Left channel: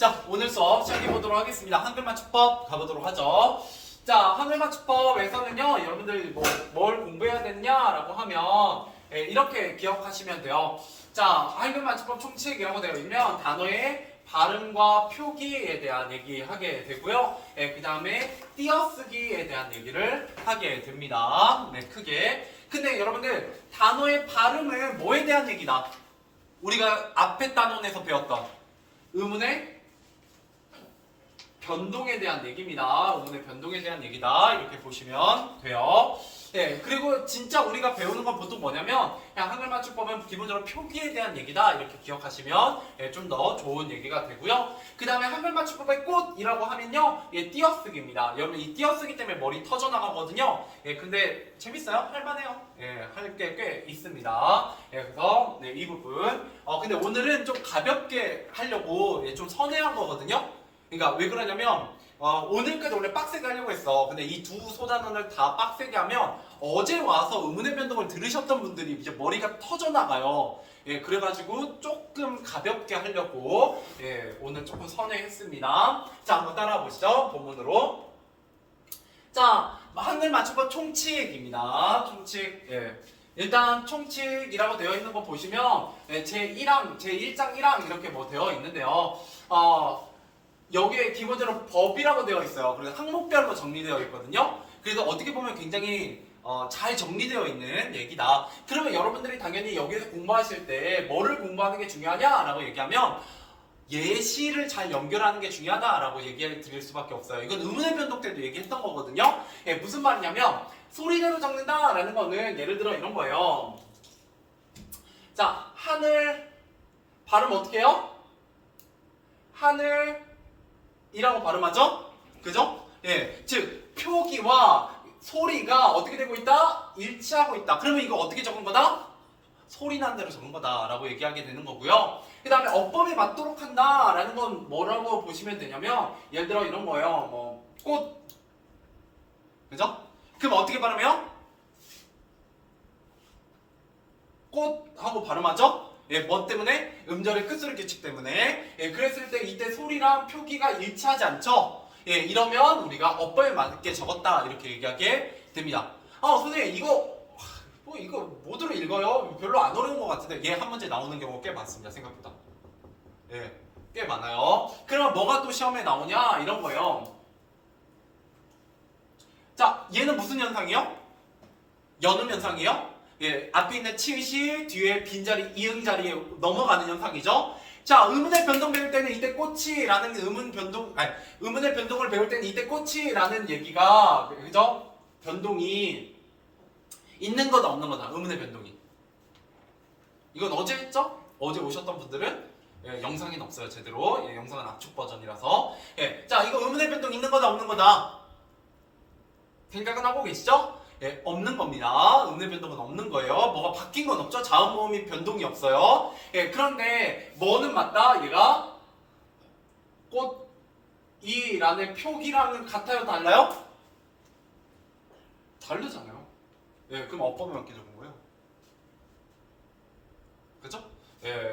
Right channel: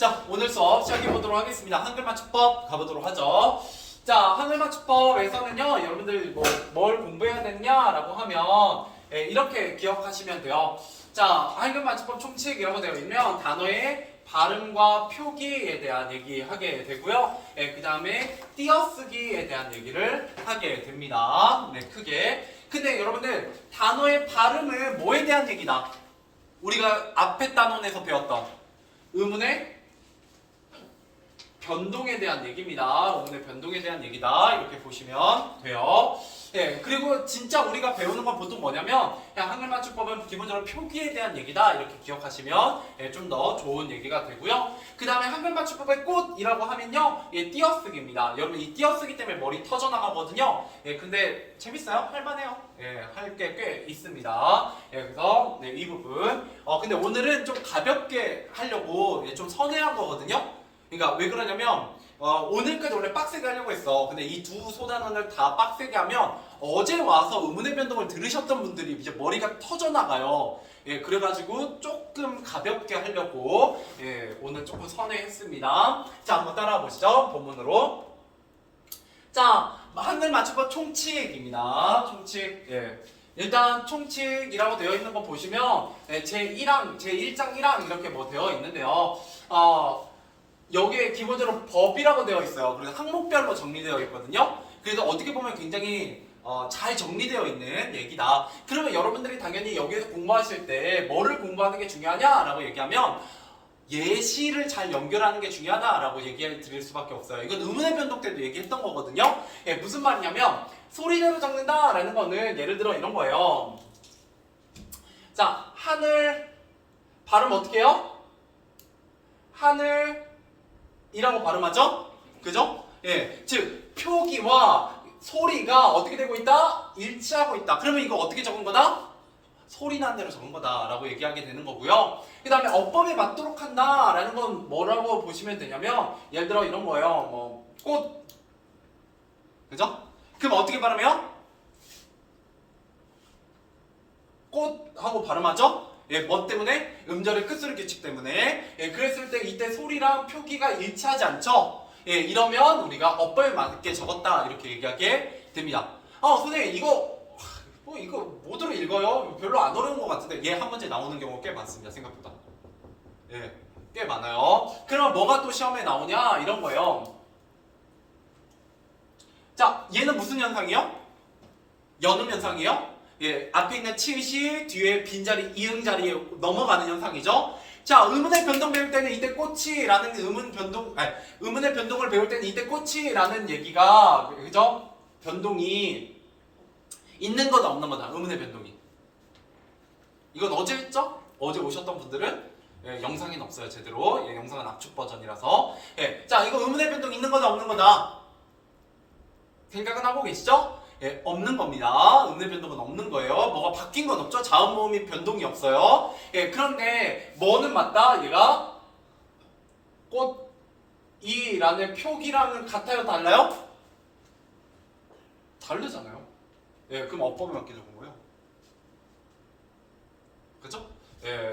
자, 오늘 수업 시작해 보도록 하겠습니다. 한글 맞춤법 가보도록 하죠. 자, 한글 맞춤법에서는요, 여러분들 뭘 공부해야 되느냐라고 하면 이렇게 기억하시면 돼요. 자, 한글 맞춤법 총칙이라고 되어 있면 단어의 발음과 표기에 대한 얘기하게 되고요. 그 다음에 띄어쓰기에 대한 얘기를 하게 됩니다. 네, 크게. 근데 여러분들 단어의 발음은 뭐에 대한 얘기다? 우리가 앞에 단원에서 배웠던 의문의 변동에 대한 얘기입니다. 의문의 변동에 대한 얘기다. 이렇게 보시면 돼요. 네, 그리고 진짜 우리가 배우는 건 보통 뭐냐면 그냥 한글 맞춤법은 기본적으로 표기에 대한 얘기다. 이렇게 기억하시면 좀 더 좋은 얘기가 되고요. 그 다음에 한글 맞춤법의 꽃이라고 하면요, 띄어쓰기입니다. 여러분 이 띄어쓰기 때문에 머리 터져나가거든요. 근데 재밌어요? 할만해요. 할 게 꽤 있습니다. 그래서 이 부분. 근데 오늘은 좀 가볍게 하려고 좀 선회한 거거든요. 그러니까 왜 그러냐면 오늘까지 원래 빡세게 하려고 했어. 근데 이 두 소단원을 다 빡세게 하면 어제 와서 의문의 변동을 들으셨던 분들이 이제 머리가 터져나가요. 그래가지고 조금 가볍게 하려고 오늘 조금 선회했습니다. 자, 한번 따라와 보시죠. 본문으로. 자, 한글 맞춤법 총칙입니다. 총칙. 일단 총칙이라고 되어 있는 거 보시면 제1항, 제1장 1항 이렇게 되어 있는데요. 여기에 기본적으로 법이라고 되어 있어요. 그래서 항목별로 정리되어 있거든요. 그래서 어떻게 보면 굉장히 잘 정리되어 있는 얘기다. 그러면 여러분들이 당연히 여기에서 공부하실 때 뭐를 공부하는 게 중요하냐라고 얘기하면 예시를 잘 연결하는 게 중요하다라고 얘기해 드릴 수밖에 없어요. 이건 의문의 변동 때도 얘기했던 거거든요. 무슨 말이냐면 소리대로 적는다라는 거는 예를 들어 이런 거예요. 자, 하늘 발음 어떻게 해요? 하늘 이라고 발음하죠? 그죠? 즉 표기와 소리가 어떻게 되고 있다? 일치하고 있다. 그러면 이거 어떻게 적은 거다? 소리 난 대로 적은 거다 라고 얘기하게 되는 거고요. 그 다음에 어법에 맞도록 한다 라는 건 뭐라고 보시면 되냐면 예를 들어 이런 거예요. 꽃, 그죠? 그럼 어떻게 발음해요? 꽃 하고 발음하죠? 뭐 때문에? 음절의 끝소리 규칙 때문에. 그랬을 때 이때 소리랑 표기가 일치하지 않죠? 이러면 우리가 어법에 맞게 적었다 이렇게 얘기하게 됩니다. 선생님 이거 뭐들어 읽어요? 별로 안 어려운 것 같은데 한 문제 나오는 경우가 꽤 많습니다. 생각보다. 꽤 많아요. 그러면 뭐가 또 시험에 나오냐? 이런 거예요. 자, 얘는 무슨 현상이요? 연음 현상이요? 앞에 있는 치읓이 뒤에 빈자리, 이응 자리에 넘어가는 현상이죠. 자, 의문의 변동 배울 때는 이때 꽃이라는 의문의 변동을 배울 때는 이때 꽃이라는 얘기가, 그죠? 변동이 있는 거다, 없는 거다, 의문의 변동이. 이건 어제 했죠? 어제 오셨던 분들은 영상에는 없어요, 제대로. 영상은 압축 버전이라서. 자, 이거 의문의 변동 있는 거다, 없는 거다. 생각은 하고 계시죠? 없는 겁니다. 의문의 변동은 없는 거예요. 뭐가 바뀐 건 없죠. 자음 모음이 변동이 없어요. 그런데 뭐는 맞다? 얘가 꽃이라는 표기랑은 같아요? 달라요? 다르잖아요. 그럼 어법에 맞게 적은 거예요. 그죠?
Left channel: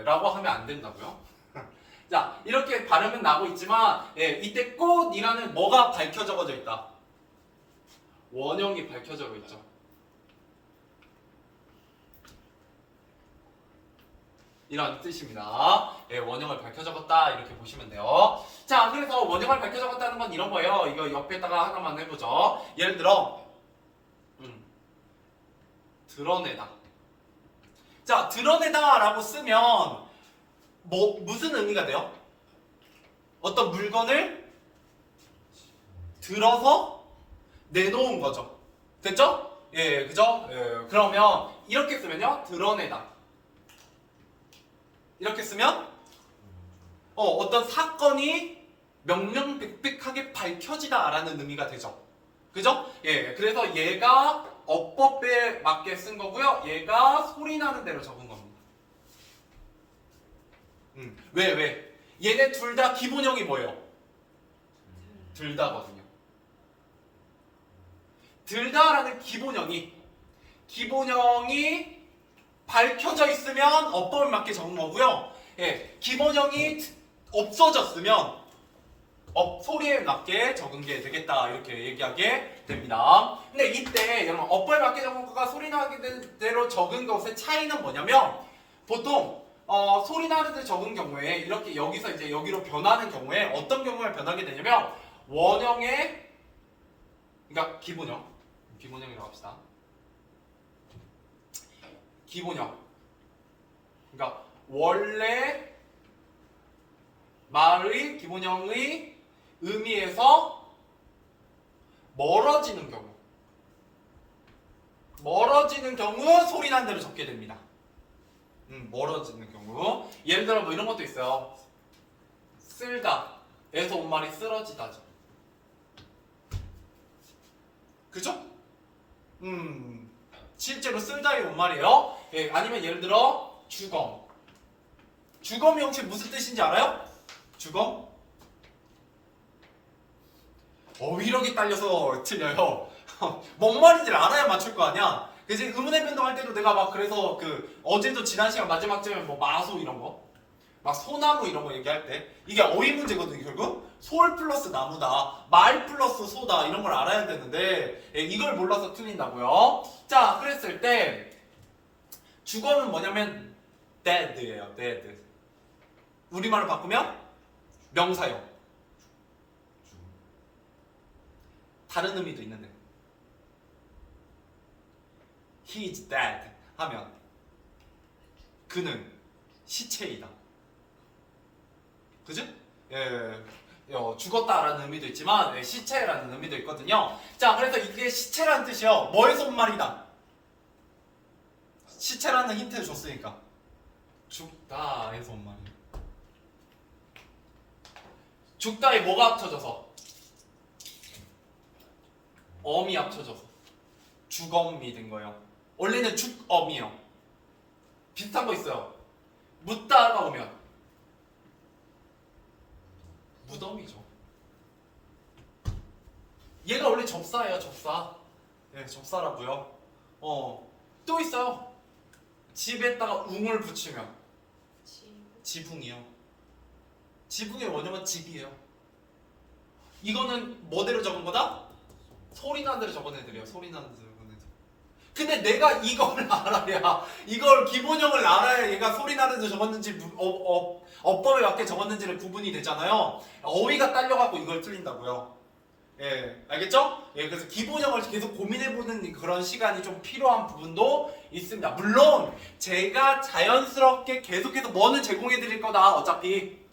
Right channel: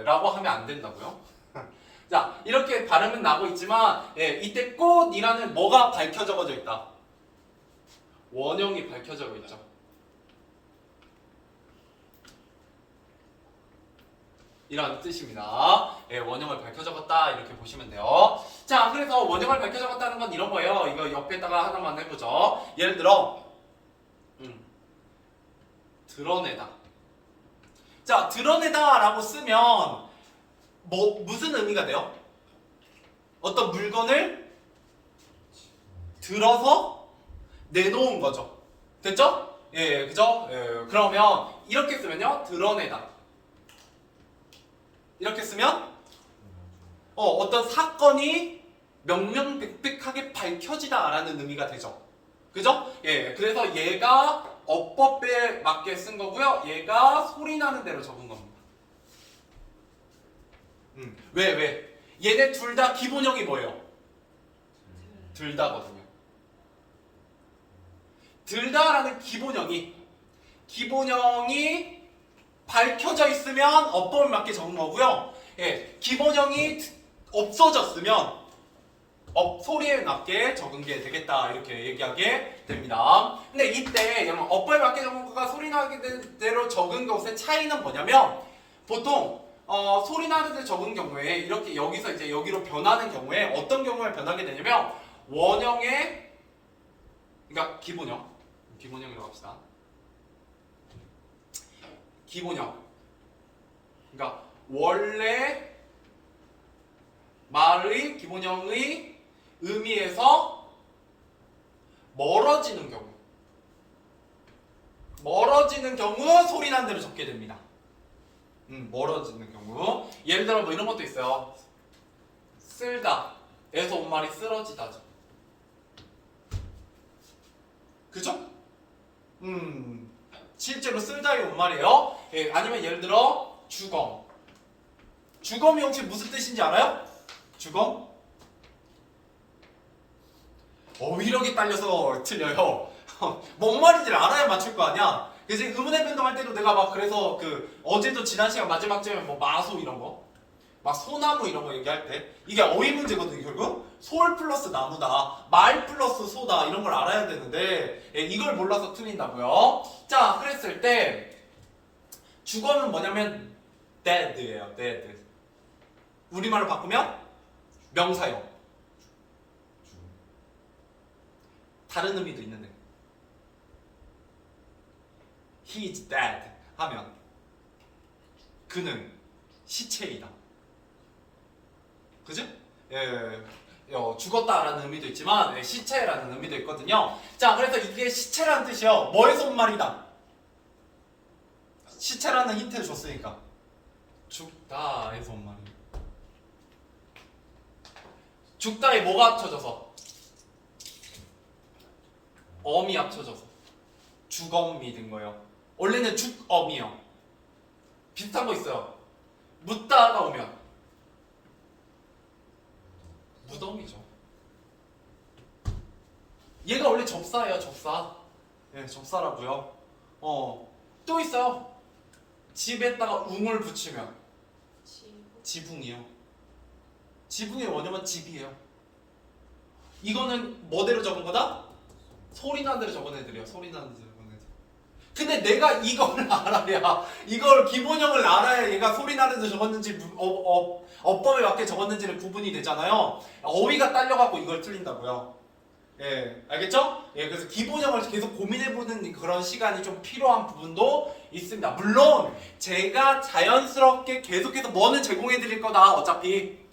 라고 하면 안 된다고요. 자, 이렇게 발음은 나고 있지만 이때 꽃이라는 뭐가 밝혀 적어져 있다? 원형이 밝혀져 있죠. 이런 뜻입니다. 원형을 밝혀 적었다 이렇게 보시면 돼요. 자, 그래서 원형을 밝혀 적었다는 건 이런 거예요. 이거 옆에다가 하나만 해보죠. 예를 들어 드러내다. 자, 드러내다 라고 쓰면 무슨 의미가 돼요? 어떤 물건을 들어서 내놓은 거죠. 됐죠? 그죠? 그러면 이렇게 쓰면요, 드러내다. 이렇게 쓰면 어떤 사건이 명명백백하게 밝혀지다라는 의미가 되죠. 그죠? 그래서 얘가 어법에 맞게 쓴 거고요. 얘가 소리 나는 대로 적은 겁니다. 왜? 얘네 둘 다 기본형이 뭐예요? 둘 다거든요. 들다라는 기본형이 밝혀져 있으면 어법에 맞게 적은 거고요. 기본형이 없어졌으면 소리에 맞게 적응게 되겠다 이렇게 얘기하게 됩니다. 근데 이때 여러분 업보에 맞게 적응과 소리 나게 된 대로 적은 것의 차이는 뭐냐면 보통 소리 나는 데 적은 경우에 이렇게 여기서 이제 여기로 변하는 경우에 어떤 경우에 변하게 되냐면 원형의 그러니까 기본형이라고 합시다. 기본형 그러니까 원래 말의 기본형의 의미에서 멀어지는 경우 소리 나는 대로 적게 됩니다. 멀어지는 경우 예를 들어 뭐 이런 것도 있어요. 쓸다 에서 온 말이 쓰러지다죠. 그죠? 실제로 쓸다에 온 말이에요. 예, 아니면 예를 들어 주검이 혹시 무슨 뜻인지 알아요? 주검? 어휘력이 딸려서 틀려요. 뭔 말인지를 알아야 맞출 거 아니야. 그래서 의문의 변동할 때도 내가 막 그래서 어제도 지난 시간 마지막쯤에 뭐 마소 이런 거, 막 소나무 이런 거 얘기할 때 이게 어휘 문제거든요. 결국 솔 플러스 나무다, 말 플러스 소다 이런 걸 알아야 되는데 이걸 몰라서 틀린다고요. 자, 그랬을 때 주검은 뭐냐면 dead예요. dead. 우리말로 바꾸면 명사형. 다른 의미도 있는데 he is dead 하면 그는 시체이다. 그지? 죽었다라는 의미도 있지만 시체라는 의미도 있거든요. 자, 그래서 이게 시체라는 뜻이요. 뭐에서 온 말이다? 시체라는 힌트를 줬으니까 죽다에서 온 말이에요. 죽다에 뭐가 합쳐져서? 엄이 합쳐져서 죽엄이 된 거예요. 원래는 죽엄이요. 비슷한 거 있어요. 묻다가 오면 무덤이죠. 얘가 원래 접사예요. 접사. 네, 접사라고요. 또 있어요. 집에다가 웅을 붙이면 지붕이요. 지붕의 원형은 집이에요. 이거는 뭐대로 적은 거다? 소리 나는 대로 적은 애들이에요. 소리 나는 대로 적은 애들. 근데 내가 이걸 알아야, 이걸 기본형을 알아야 얘가 소리 나는 대로 적었는지 어법에 맞게 적었는지를 구분이 되잖아요. 어휘가 딸려갖고 이걸 틀린다고요. 예, 알겠죠? 예, 그래서 기본형을 계속 고민해보는 그런 시간이 좀 필요한 부분도 있습니다. 물론 제가 자연스럽게 계속해서 뭐는 제공해드릴 거다. 어차피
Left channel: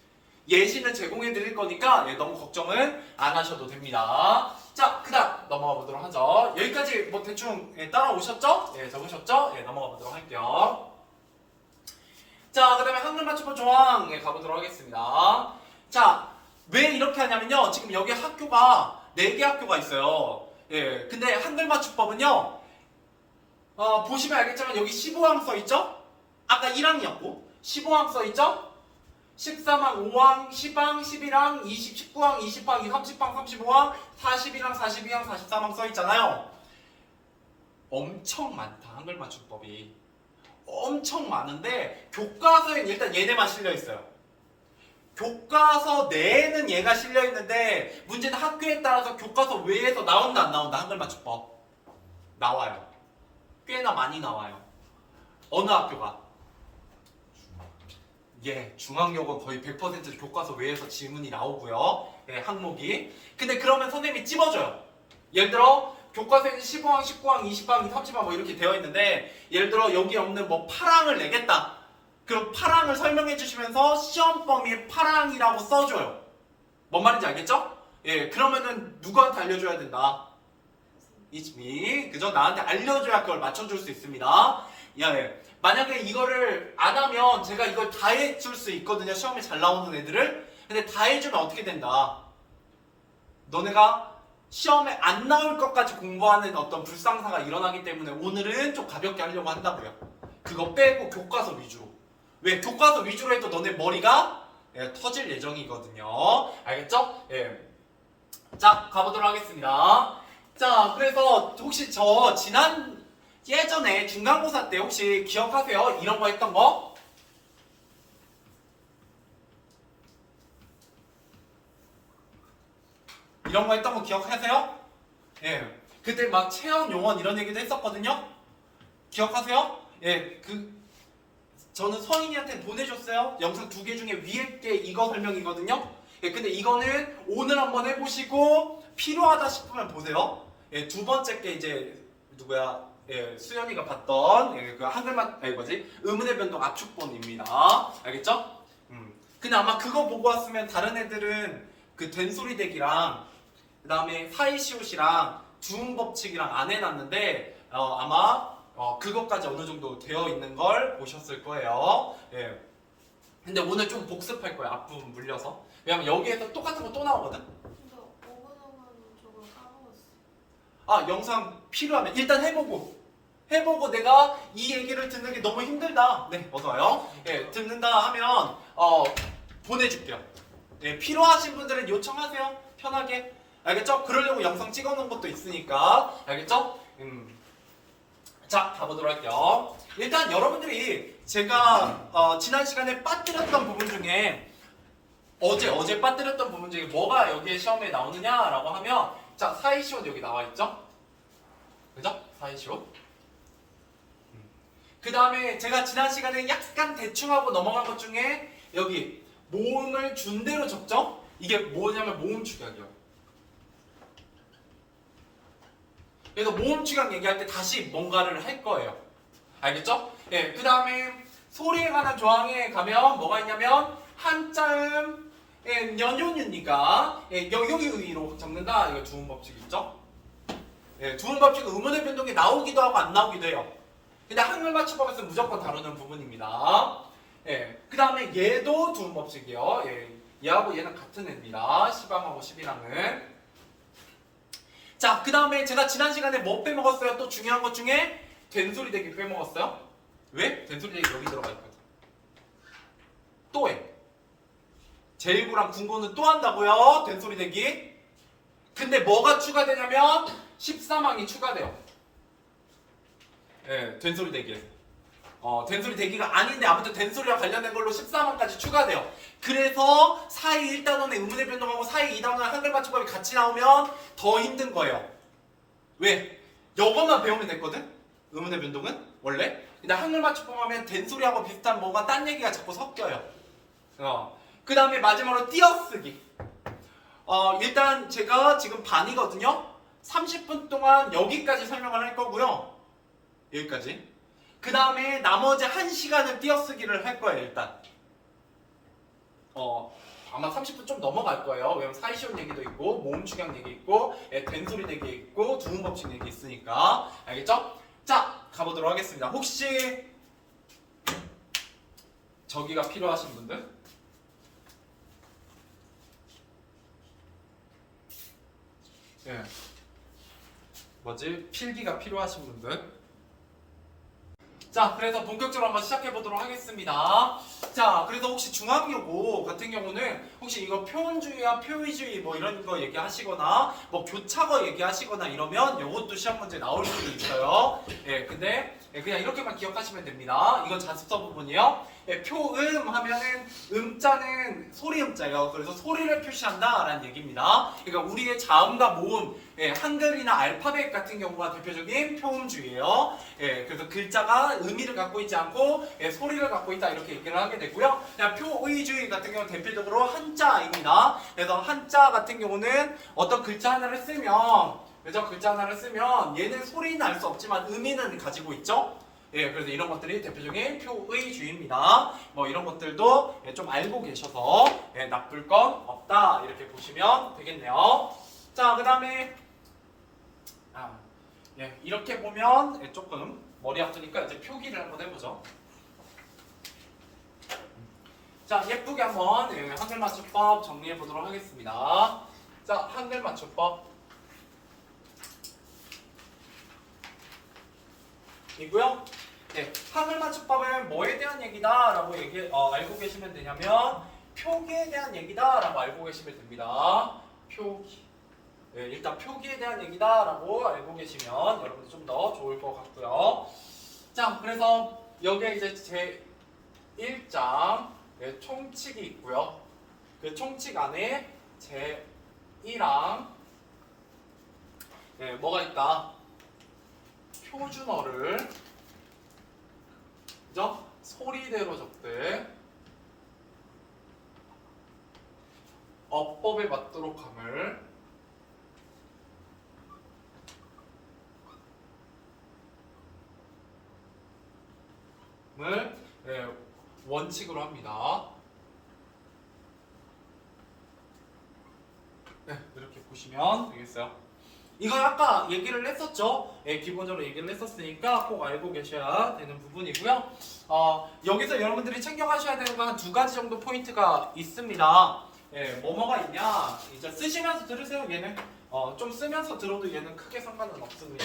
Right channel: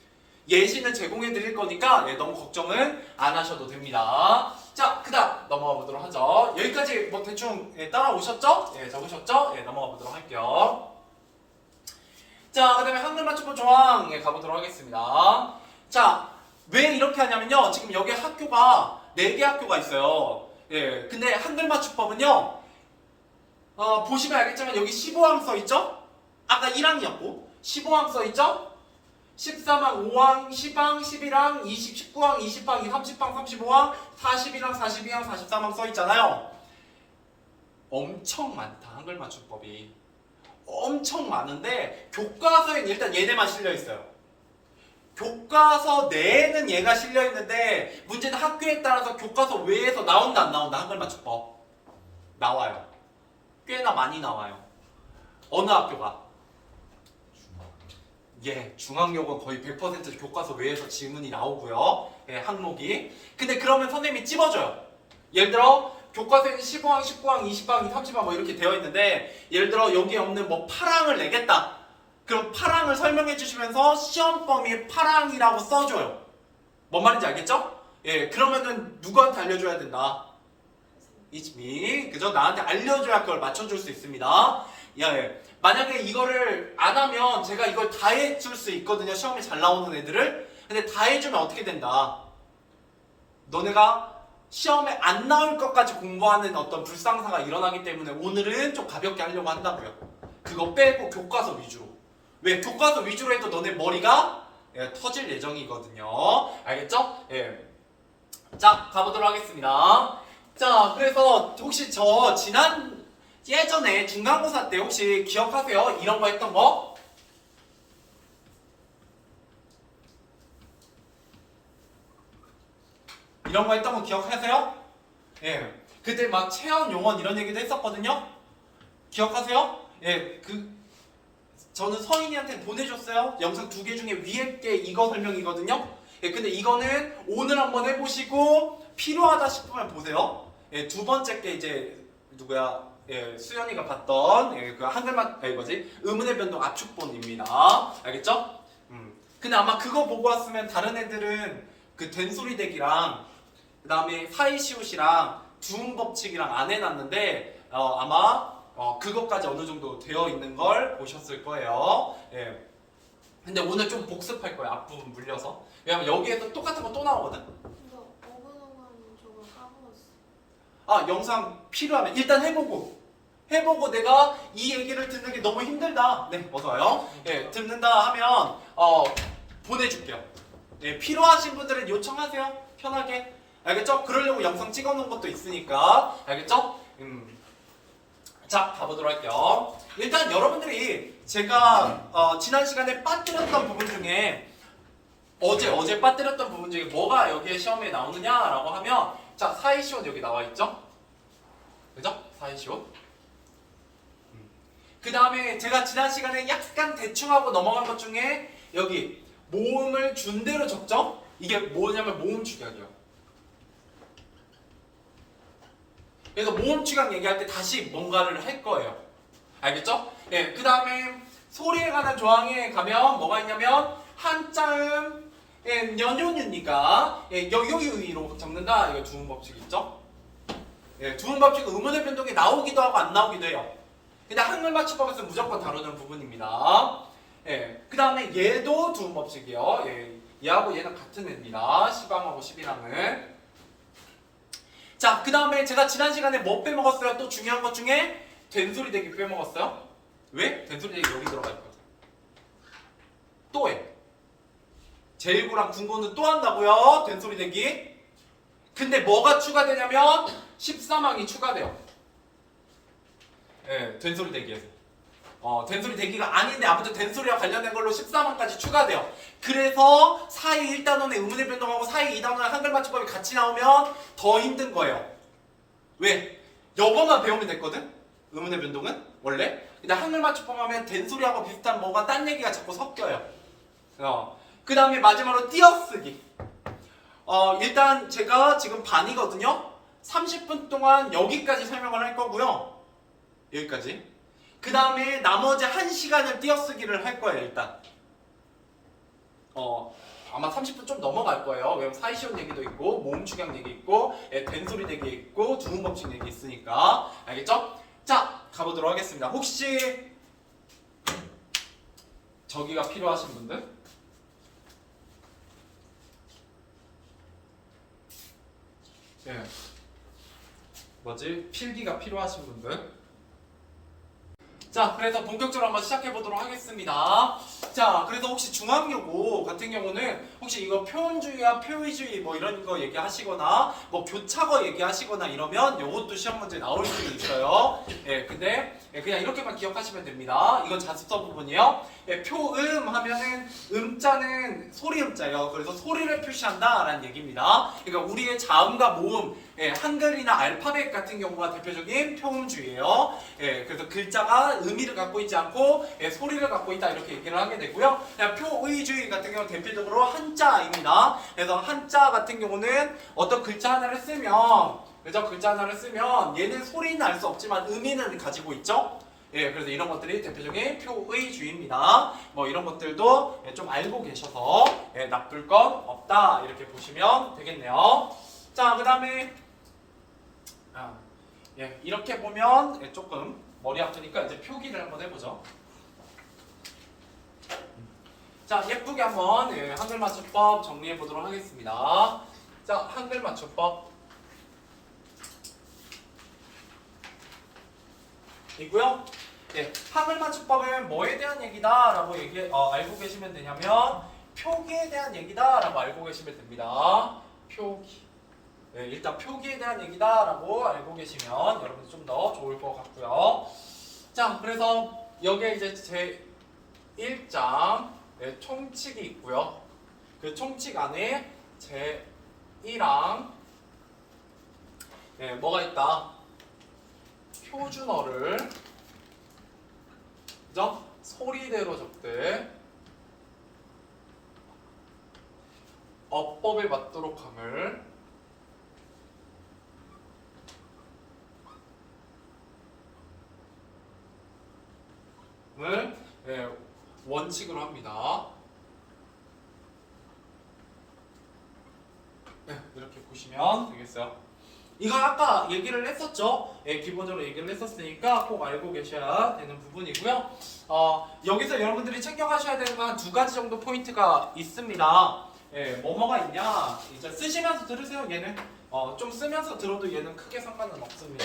예시는 제공해드릴 거니까 너무 걱정은 안 하셔도 됩니다. 자, 그 다음 넘어가 보도록 하죠. 여기까지 뭐 대충 따라오셨죠? 적으셨죠? 넘어가 보도록 할게요. 자, 그 다음에 한글 맞춤법 조항 가보도록 하겠습니다. 자, 왜 이렇게 하냐면요. 지금 여기 학교가 4개 학교가 있어요. 근데 한글 맞춤법은요. 보시면 알겠지만 여기 15항 써있죠? 아까 1항이었고 15항 써있죠? 13항, 5항, 10항, 11항, 19항, 20항, 30항, 35항, 41항, 42항, 43항 써있잖아요. 엄청 많다. 한글 맞춤법이. 엄청 많은데 교과서엔 일단 얘네만 실려있어요. 교과서 내에는 얘가 실려있는데 문제는 학교에 따라서 교과서 외에서 나온다 안 나온다. 한글 맞춤법. 나와요. 꽤나 많이 나와요. 어느 학교가? 중앙여고 거의 100% 교과서 외에서 지문이 나오고요. 항목이. 근데 그러면 선생님이 찝어줘요. 예를 들어 교과서에는 15항, 19항, 20항, 30항 뭐 이렇게 되어 있는데 예를 들어 여기 없는 뭐 8항을 내겠다. 그럼 8항을 설명해 주시면서 시험 범위에 8항이라고 써줘요. 뭔 말인지 알겠죠? 그러면은 누구한테 알려줘야 된다? It's me. 그죠? 나한테 알려줘야 그걸 맞춰줄 수 있습니다. 만약에 이거를 안 하면 제가 이걸 다 해줄 수 있거든요. 시험에 잘 나오는 애들을. 근데 다 해주면 어떻게 된다? 너네가 시험에 안 나올 것까지 공부하는 어떤 불상사가 일어나기 때문에 오늘은 좀 가볍게 하려고 한다고요. 그거 빼고 교과서 위주로. 왜? 교과서 위주로 해도 너네 머리가 터질 예정이거든요. 알겠죠? 자, 가보도록 하겠습니다. 자, 그래서 혹시 저 예전에 중간고사 때 혹시 기억하세요? 이런 거 했던 거? 이런 거 했던 거 기억하세요? 예. 그때 막 체험 용언 이런 얘기도 했었거든요. 기억하세요? 예. 저는 서인이한테 보내줬어요. 영상 2개 중에 위에 게 이거 설명이거든요. 예. 근데 이거는 오늘 한번 해보시고 필요하다 싶으면 보세요. 예. 2번째 게 이제 누구야? 예. 수연이가 봤던 예. 그 한글만 의문의 변동 압축본입니다. 알겠죠? 근데 아마 그거 보고 왔으면 다른 애들은 그 된소리 대기랑 그 다음에 사이시옷이랑 두음 법칙이랑 안 해놨는데 아마 그것까지 어느 정도 되어 있는 걸 보셨을 거예요. 예. 근데 오늘 좀 복습할 거예요. 앞부분 물려서. 왜냐면 여기에서 똑같은 거 또 나오거든. 근데 5분은 저걸 까먹었어. 아 영상 필요하면 일단 해보고 내가 이 얘기를 듣는 게 너무 힘들다. 네 어서 와요. 예 듣는다 하면 보내줄게요. 예, 필요하신 분들은 요청하세요. 편하게. 알겠죠? 그러려고 영상 찍어놓은 것도 있으니까. 알겠죠? 자, 가보도록 할게요. 일단 여러분들이 제가 지난 시간에 빠뜨렸던 부분 중에 어제 빠뜨렸던 부분 중에 뭐가 여기에 시험에 나오느냐라고 하면 자, 사이시옷 여기 나와 있죠? 그죠? 사이시옷. 그 다음에 제가 지난 시간에 약간 대충 하고 넘어간 것 중에 여기 모음을 준 대로 적죠? 이게 뭐냐면 모음 축약이요. 그래서 모음 축약 얘기할 때 다시 뭔가를 할 거예요. 알겠죠? 예, 그 다음에 소리에 관한 조항에 가면 뭐가 있냐면 한자음 예, 연요니까 예, 여기 의로 적는다. 이거 두음 법칙 있죠? 예, 두음 법칙은 의문의 변동이 나오기도 하고 안 나오기도 해요. 근데 한글 맞춤법에서 무조건 다루는 부분입니다. 예, 그 다음에 얘도 두음 법칙이요. 예, 얘하고 얘는 같은 애입니다. 10항하고 11항은. 자, 그 다음에 제가 지난 시간에 뭐 빼먹었어요? 또 중요한 것 중에 된소리 대기 빼먹었어요. 왜? 된소리 대기 여기 들어가 있거든. 또 해. 제1구랑 군고는 또 한다고요. 된소리 대기. 근데 뭐가 추가되냐면 13항이 추가돼요. 예, 된소리 대기에서. 된소리 대기가 아닌데 아무튼 된소리와 관련된 걸로 13항까지 추가돼요. 그래서 사이 1단원의 의문의 변동하고 사이 2단원의 한글 맞춤법이 같이 나오면 더 힘든 거예요. 왜? 이것만 배우면 됐거든? 의문의 변동은 원래. 근데 한글 맞춤법 하면 된소리하고 비슷한 뭐가 딴 얘기가 자꾸 섞여요. 그 다음에 마지막으로 띄어쓰기. 일단 제가 지금 반이거든요. 30분 동안 여기까지 설명을 할 거고요. 여기까지. 그 다음에 나머지 1시간을 띄어쓰기를 할 거예요. 일단 아마 30분 좀 넘어갈 거예요. 왜냐면 사이시온 얘기도 있고 모음 축약 얘기 있고 된소리 얘기 있고 두음 법칙 얘기 있으니까. 알겠죠? 자, 가보도록 하겠습니다. 혹시 저기가 필요하신 분들? 네. 필기가 필요하신 분들? 자, 그래서 본격적으로 한번 시작해 보도록 하겠습니다. 자, 그래서 혹시 중앙여고 같은 경우는 혹시 이거 표현주의와 표의주의 뭐 이런 거 얘기하시거나 뭐 교차거 얘기하시거나 이러면 이것도 시험 문제 나올 수도 있어요. 예, 근데 그냥 이렇게만 기억하시면 됩니다. 이건 자습서 부분이요. 예, 표음 하면은 음자는 소리 음자예요. 그래서 소리를 표시한다라는 얘기입니다. 그러니까 우리의 자음과 모음, 예, 한글이나 알파벳 같은 경우가 대표적인 표음주의예요. 예, 그래서 글자가 의미를 갖고 있지 않고 예, 소리를 갖고 있다 이렇게 얘기를 하게 되고요. 그냥 표의주의 같은 경우는 대표적으로 한자입니다. 그래서 한자 같은 경우는 어떤 글자 하나를 쓰면 그래서 글자 하나를 쓰면 얘는 소리는 알 수 없지만 의미는 가지고 있죠. 예, 그래서 이런 것들이 대표적인 표의주의입니다. 뭐 이런 것들도 예, 좀 알고 계셔서 예, 나쁠 건 없다 이렇게 보시면 되겠네요. 자, 그 다음에 예, 이렇게 보면 예, 조금 머리 아프니까 이제 표기를 한번 해보죠. 자, 예쁘게 한번 예, 한글 맞춤법 정리해 보도록 하겠습니다. 자, 한글 맞춤법 이고요. 네, 한글 맞춤법은 뭐에 대한 얘기다라고 알고 계시면 되냐면 표기에 대한 얘기다라고 알고 계시면 됩니다. 표기. 네, 일단 표기에 대한 얘기다라고 알고 계시면 여러분 좀 더 좋을 것 같고요. 자, 그래서 여기에 이제 제 1장 네, 총칙이 있고요. 그 총칙 안에 제 1항 뭐가 있다? 표준어를 그죠? 소리대로 적되 어법에 맞도록 함을 원칙으로 합니다. 이렇게 보시면 되겠어요. 이거 아까 얘기를 했었죠. 기본적으로 얘기를 했었으니까 꼭 알고 계셔야 되는 부분이고요. 여기서 여러분들이 챙겨가셔야 되는 건 한 두 가지 정도 포인트가 있습니다. 뭐가 있냐? 이제 쓰시면서 들으세요. 얘는 좀 쓰면서 들어도 얘는 크게 상관은 없습니다.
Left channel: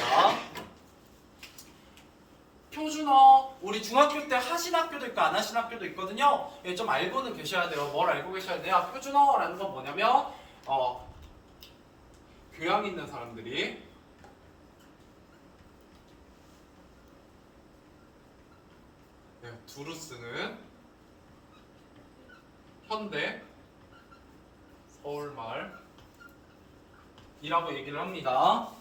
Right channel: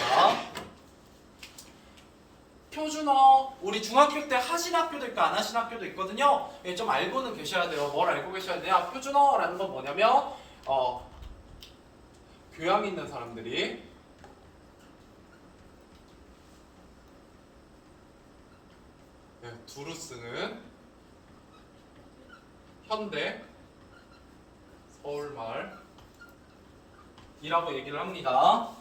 표준어 우리 중학교 때 하신 학교도 있고 안 하신 학교도 있거든요. 좀 알고는 계셔야 돼요. 뭘 알고 계셔야 돼요? 표준어라는 건 뭐냐면 교양 있는 사람들이 두루 쓰는 현대 서울말이라고 얘기를 합니다.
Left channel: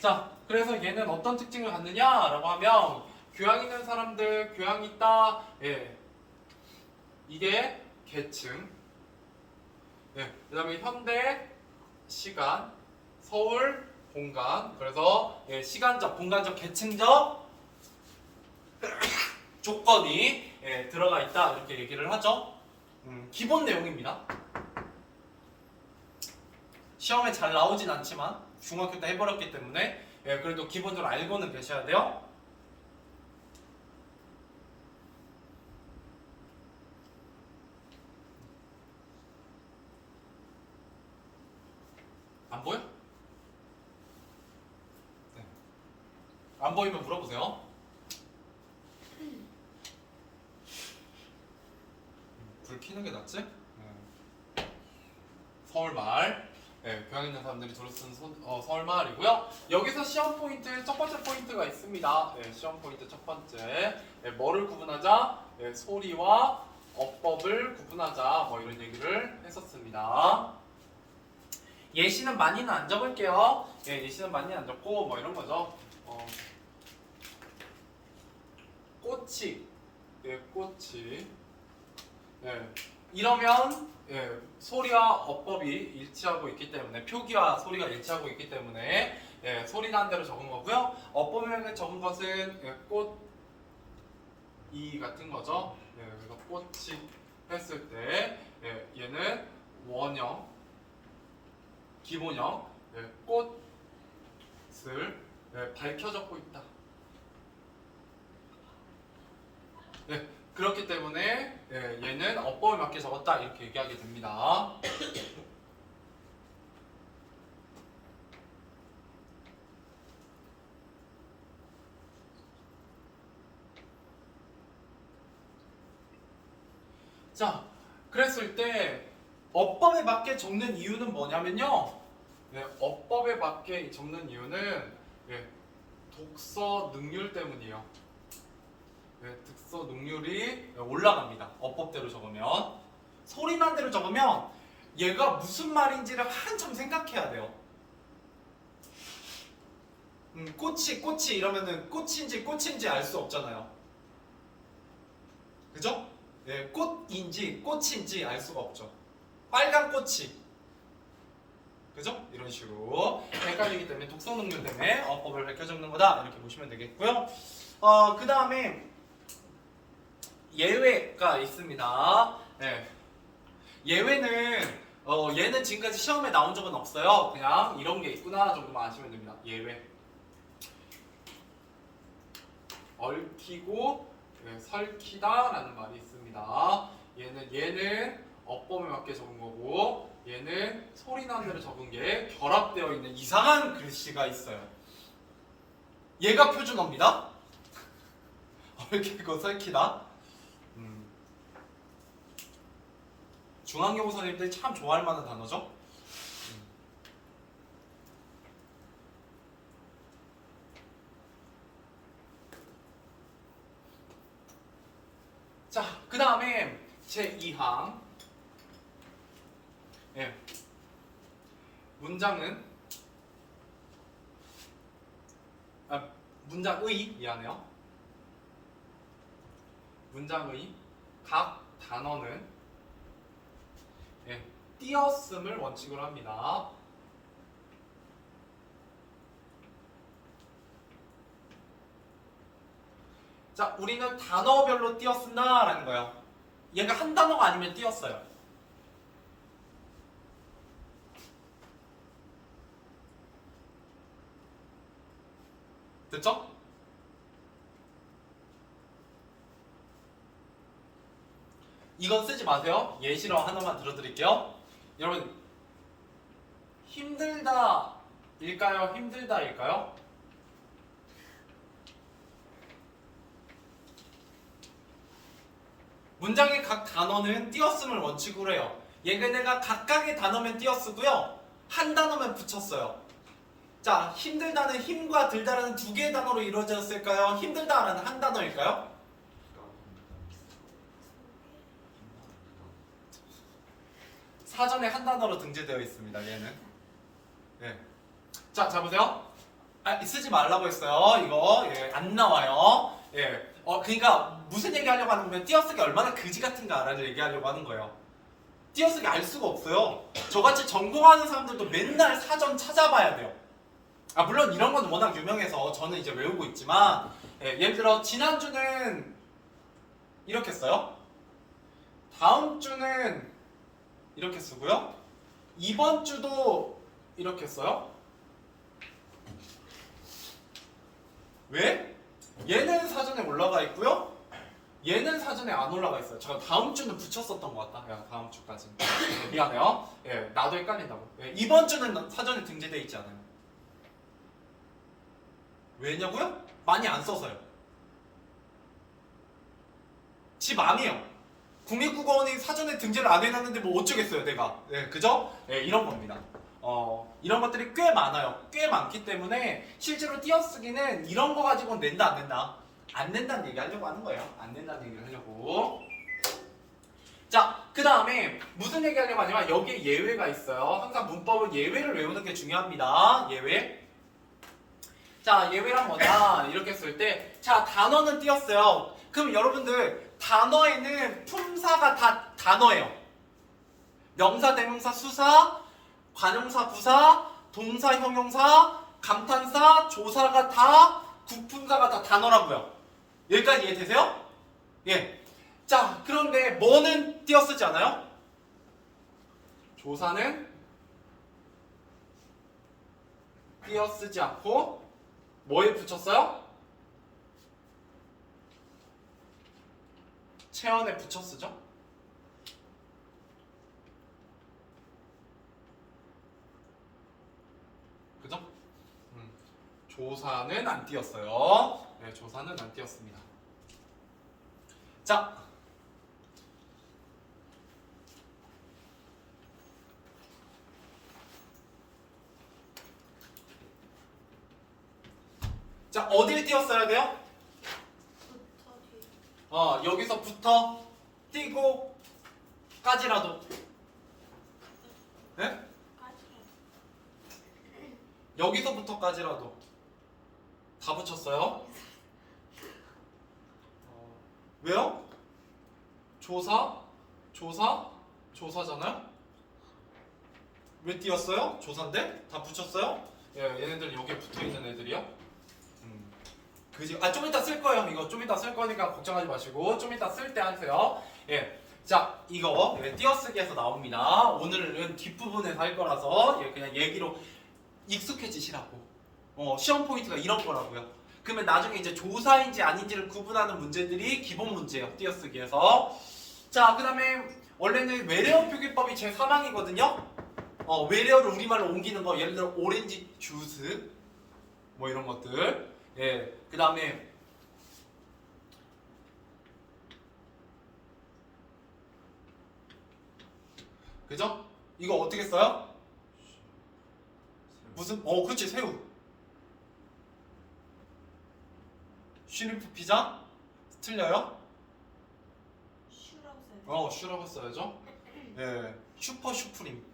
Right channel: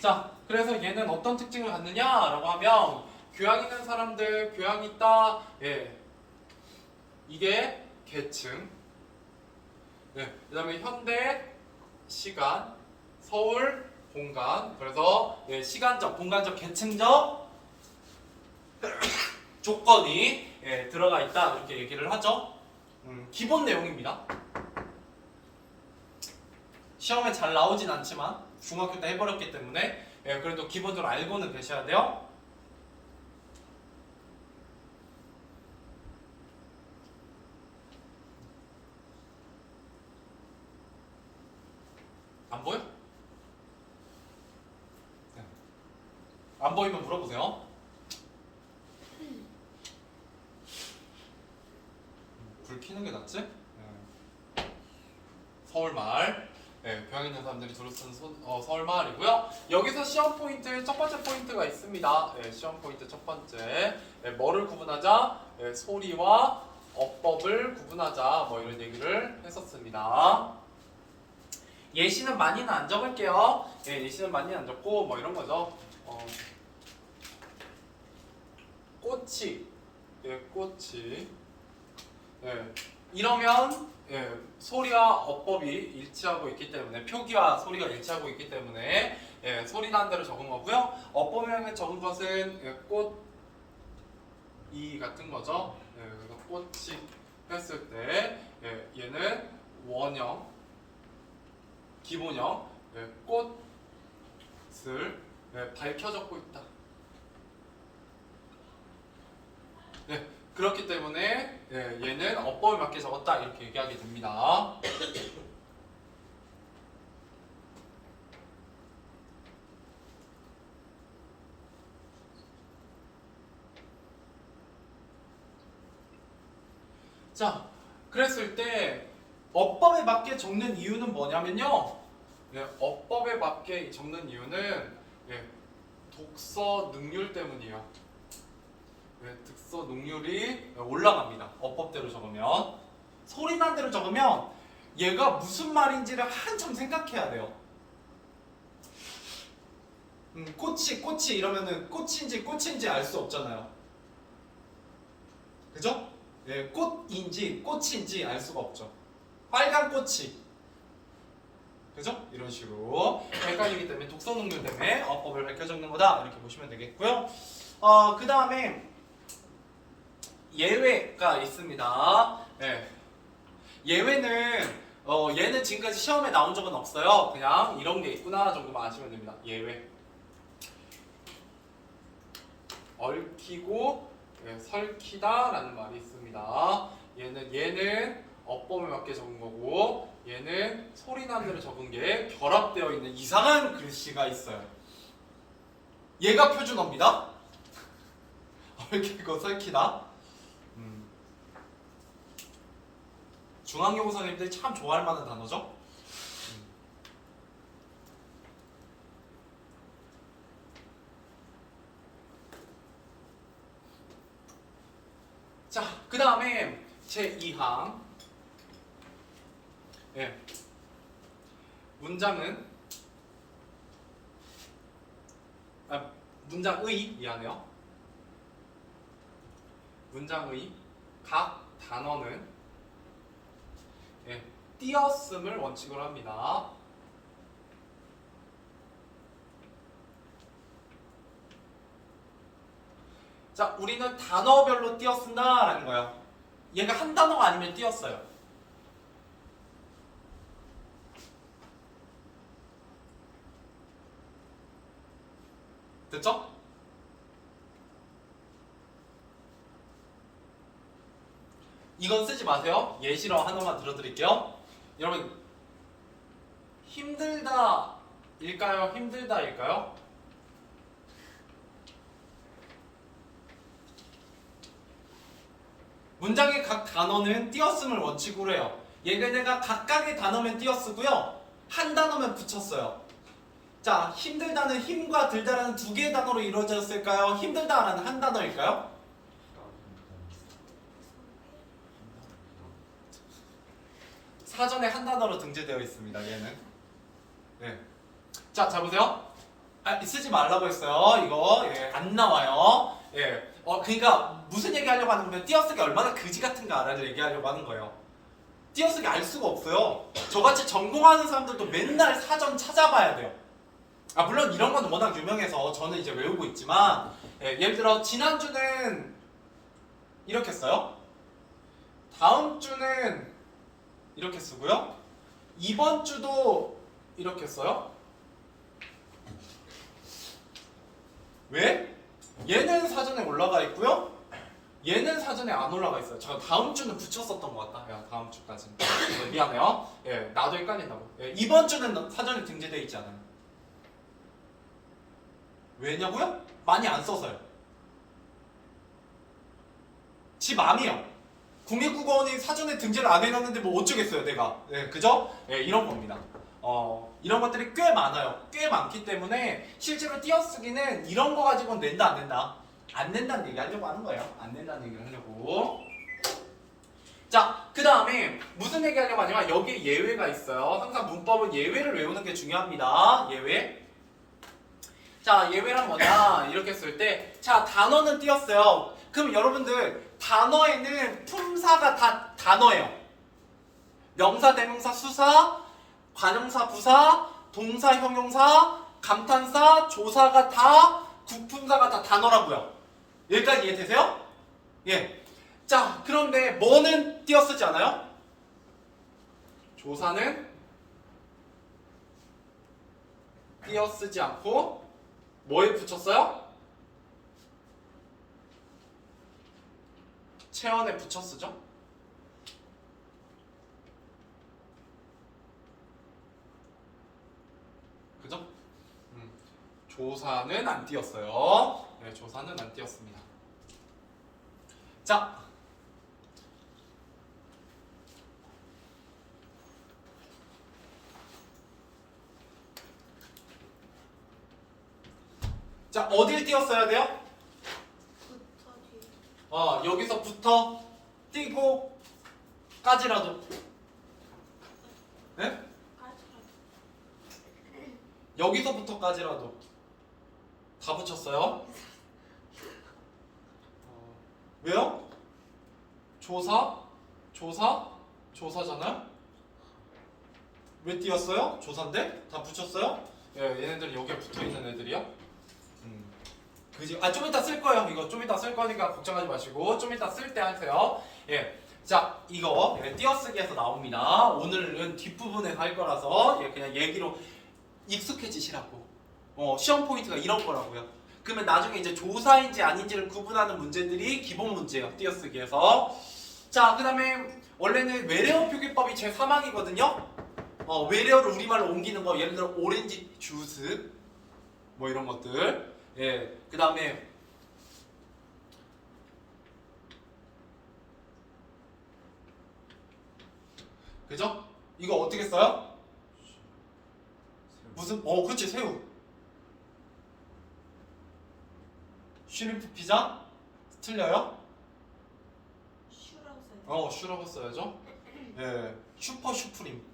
자, 그래서 얘는 어떤 특징을 갖느냐라고 하면 교양 있는 사람들, 교양 있다. 이게 계층. 그 다음에 현대, 시간, 서울, 공간. 그래서 시간적, 공간적, 계층적 조건이 들어가 있다. 이렇게 얘기를 하죠. 기본 내용입니다. 시험에 잘 나오진 않지만 중학교 때 해버렸기 때문에 그래도 기본적으로 알고는 계셔야 돼요. 안 보여? 네. 안 보이면 물어보세요. 불 켜는 게 낫지? 서울말. 교양 있는 사람들이 주로 쓰는 서울말이고요. 여기서 시험 포인트 첫 번째 포인트가 있습니다. 시험 포인트 첫 번째. 뭐를 구분하자? 소리와 어법을 구분하자. 뭐 이런 얘기를 했었습니다. 예시는 많이는 안 적을게요. 예시는 많이 안 적고 뭐 이런 거죠. 꽃이, 꽃이. 이러면 소리와 어법이 일치하고 있기 때문에 표기와 소리가 일치하고 있기 때문에 소리난 대로 적은 거고요. 어법에 적은 것은 꽃이 같은 거죠. 그래서 꽃이 했을 때 얘는 원형, 기본형, 꽃을 밝혀 적고 있다. 그렇기 때문에 얘는 어법에 맞게 적었다 이렇게 얘기하게 됩니다. 자, 그랬을 때 어법에 맞게 적는 이유는 뭐냐면요. 어법에 맞게 적는 이유는 독서 능률 때문이에요. 독서 능률이 올라갑니다. 어법대로 적으면. 소리난 대로 적으면 얘가 무슨 말인지를 한참 생각해야 돼요. 꽃이 이러면은 꽃인지 알 수 없잖아요. 그죠? 꽃인지 알 수가 없죠. 빨간 꽃이. 그죠? 이런 식으로 헷갈리기 때문에 독서 능률 때문에 어법을 밝혀 적는 거다 이렇게 보시면 되겠고요. 그 다음에 예외가 있습니다. 예외는 얘는 지금까지 시험에 나온 적은 없어요. 그냥 이런 게 있구나 정도만 아시면 됩니다. 예외. 얽히고 설키다라는 말이 있습니다. 얘는 어법에 맞게 적은 거고 얘는 소리난 대로 적은 게 결합되어 있는 이상한 글씨가 있어요. 얘가 표준어입니다. 얽히고 설키다. 중학교 선생님들이 참 좋아할 만한 단어죠. 자, 그 다음에 제2항 문장은 문장의 미안해요. 문장의 각 단어는 띄었음을 원칙으로 합니다. 자, 우리는 단어별로 띄었습니다라는 거야. 얘가 한 단어가 아니면 띄었어요. 됐죠? 이건 쓰지 마세요. 예시로 하나만 들어드릴게요. 여러분, 힘들다일까요? 힘들다일까요? 문장의 각 단어는 띄었음을 원칙으로 해요. 얘네가 각각의 단어면 띄었으고요. 한 단어면 붙였어요. 자, 힘들다는 힘과 들다라는 두 개의 단어로 이루어졌을까요? 힘들다라는 한 단어일까요? 사전에 한 단어로 등재되어 있습니다. 얘는. 예. 자, 자 보세요. 쓰지 말라고 했어요. 이거 안 나와요. 예. 그러니까 무슨 얘기하려고 하는 거면 띄어쓰기 얼마나 그지 같은가라는 얘기하려고 하는 거예요. 띄어쓰기 알 수가 없어요. 저같이 전공하는 사람들도 맨날 사전 찾아봐야 돼요. 물론 이런 건 워낙 유명해서 저는 이제 외우고 있지만 예를 들어 지난주는 이렇게 써요. 다음 주는 이렇게 쓰고요. 이번 주도 이렇게 써요. 왜? 얘는 사전에 올라가 있고요. 얘는 사전에 안 올라가 있어요. 저 다음 주는 붙였었던 것 같다. 야, 다음 주까지. 미안해요. 나도 헷갈린다고. 이번 주는 사전에 등재되어 있지 않아요. 왜냐고요? 많이 안 써서요. 지 맘이요. 국립국어원이 사전에 등재를 안 해놨는데 뭐 어쩌겠어요, 내가. 그죠? 이런 겁니다. 이런 것들이 꽤 많아요. 꽤 많기 때문에 실제로 띄어쓰기는 이런 거 가지고는 낸다, 안 낸다? 안 낸다는 얘기 하려고 하는 거예요. 안 낸다는 얘기를 하려고. 자, 그 다음에 무슨 얘기 하려고 하냐면 여기에 예외가 있어요. 항상 문법은 예외를 외우는 게 중요합니다. 예외. 자, 예외란 뭐냐? 이렇게 쓸 때, 자, 단어는 띄었어요. 그럼 여러분들, 단어에는 품사가 다 단어예요. 명사, 대명사, 수사, 관용사, 부사, 동사, 형용사, 감탄사, 조사가 다, 구품사가 다 단어라고요. 여기까지 이해되세요? 예. 자, 그런데 뭐는 띄어쓰지 않아요? 조사는 띄어쓰지 않고 뭐에 붙였어요? 체언에 붙여 쓰죠? 그죠? 조사는 안 띄었어요. 네, 조사는 안 띄었습니다. 자, 자, 어딜 띄었어야 돼요? 여기서부터 띄고 까지라도. 네? 여기서부터까지라도 다 붙였어요. 왜요? 조사잖아요? 왜 띄었어요? 조사인데? 다 붙였어요? 얘네들 여기에 붙어있는 애들이야. 그지? 좀 이따 쓸 거예요. 이거 좀 이따 쓸 거니까 걱정하지 마시고 좀 이따 쓸 때 하세요. 자, 이거 띄어쓰기에서 나옵니다. 오늘은 뒷부분에서 할 거라서 그냥 얘기로 익숙해지시라고. 시험 포인트가 이런 거라고요. 그러면 나중에 이제 조사인지 아닌지를 구분하는 문제들이 기본 문제예요. 띄어쓰기에서. 자, 그 다음에 원래는 외래어 표기법이 제3항이거든요. 외래어를 우리말로 옮기는 거, 예를 들어 오렌지 주스 뭐 이런 것들. 그 다음에 그죠? 이거 어떻게 써요? 무슨? 그치, 새우. 쉬림프 피자? 틀려요? 슈라세. 슈라고 써야죠. 슈퍼 슈프림.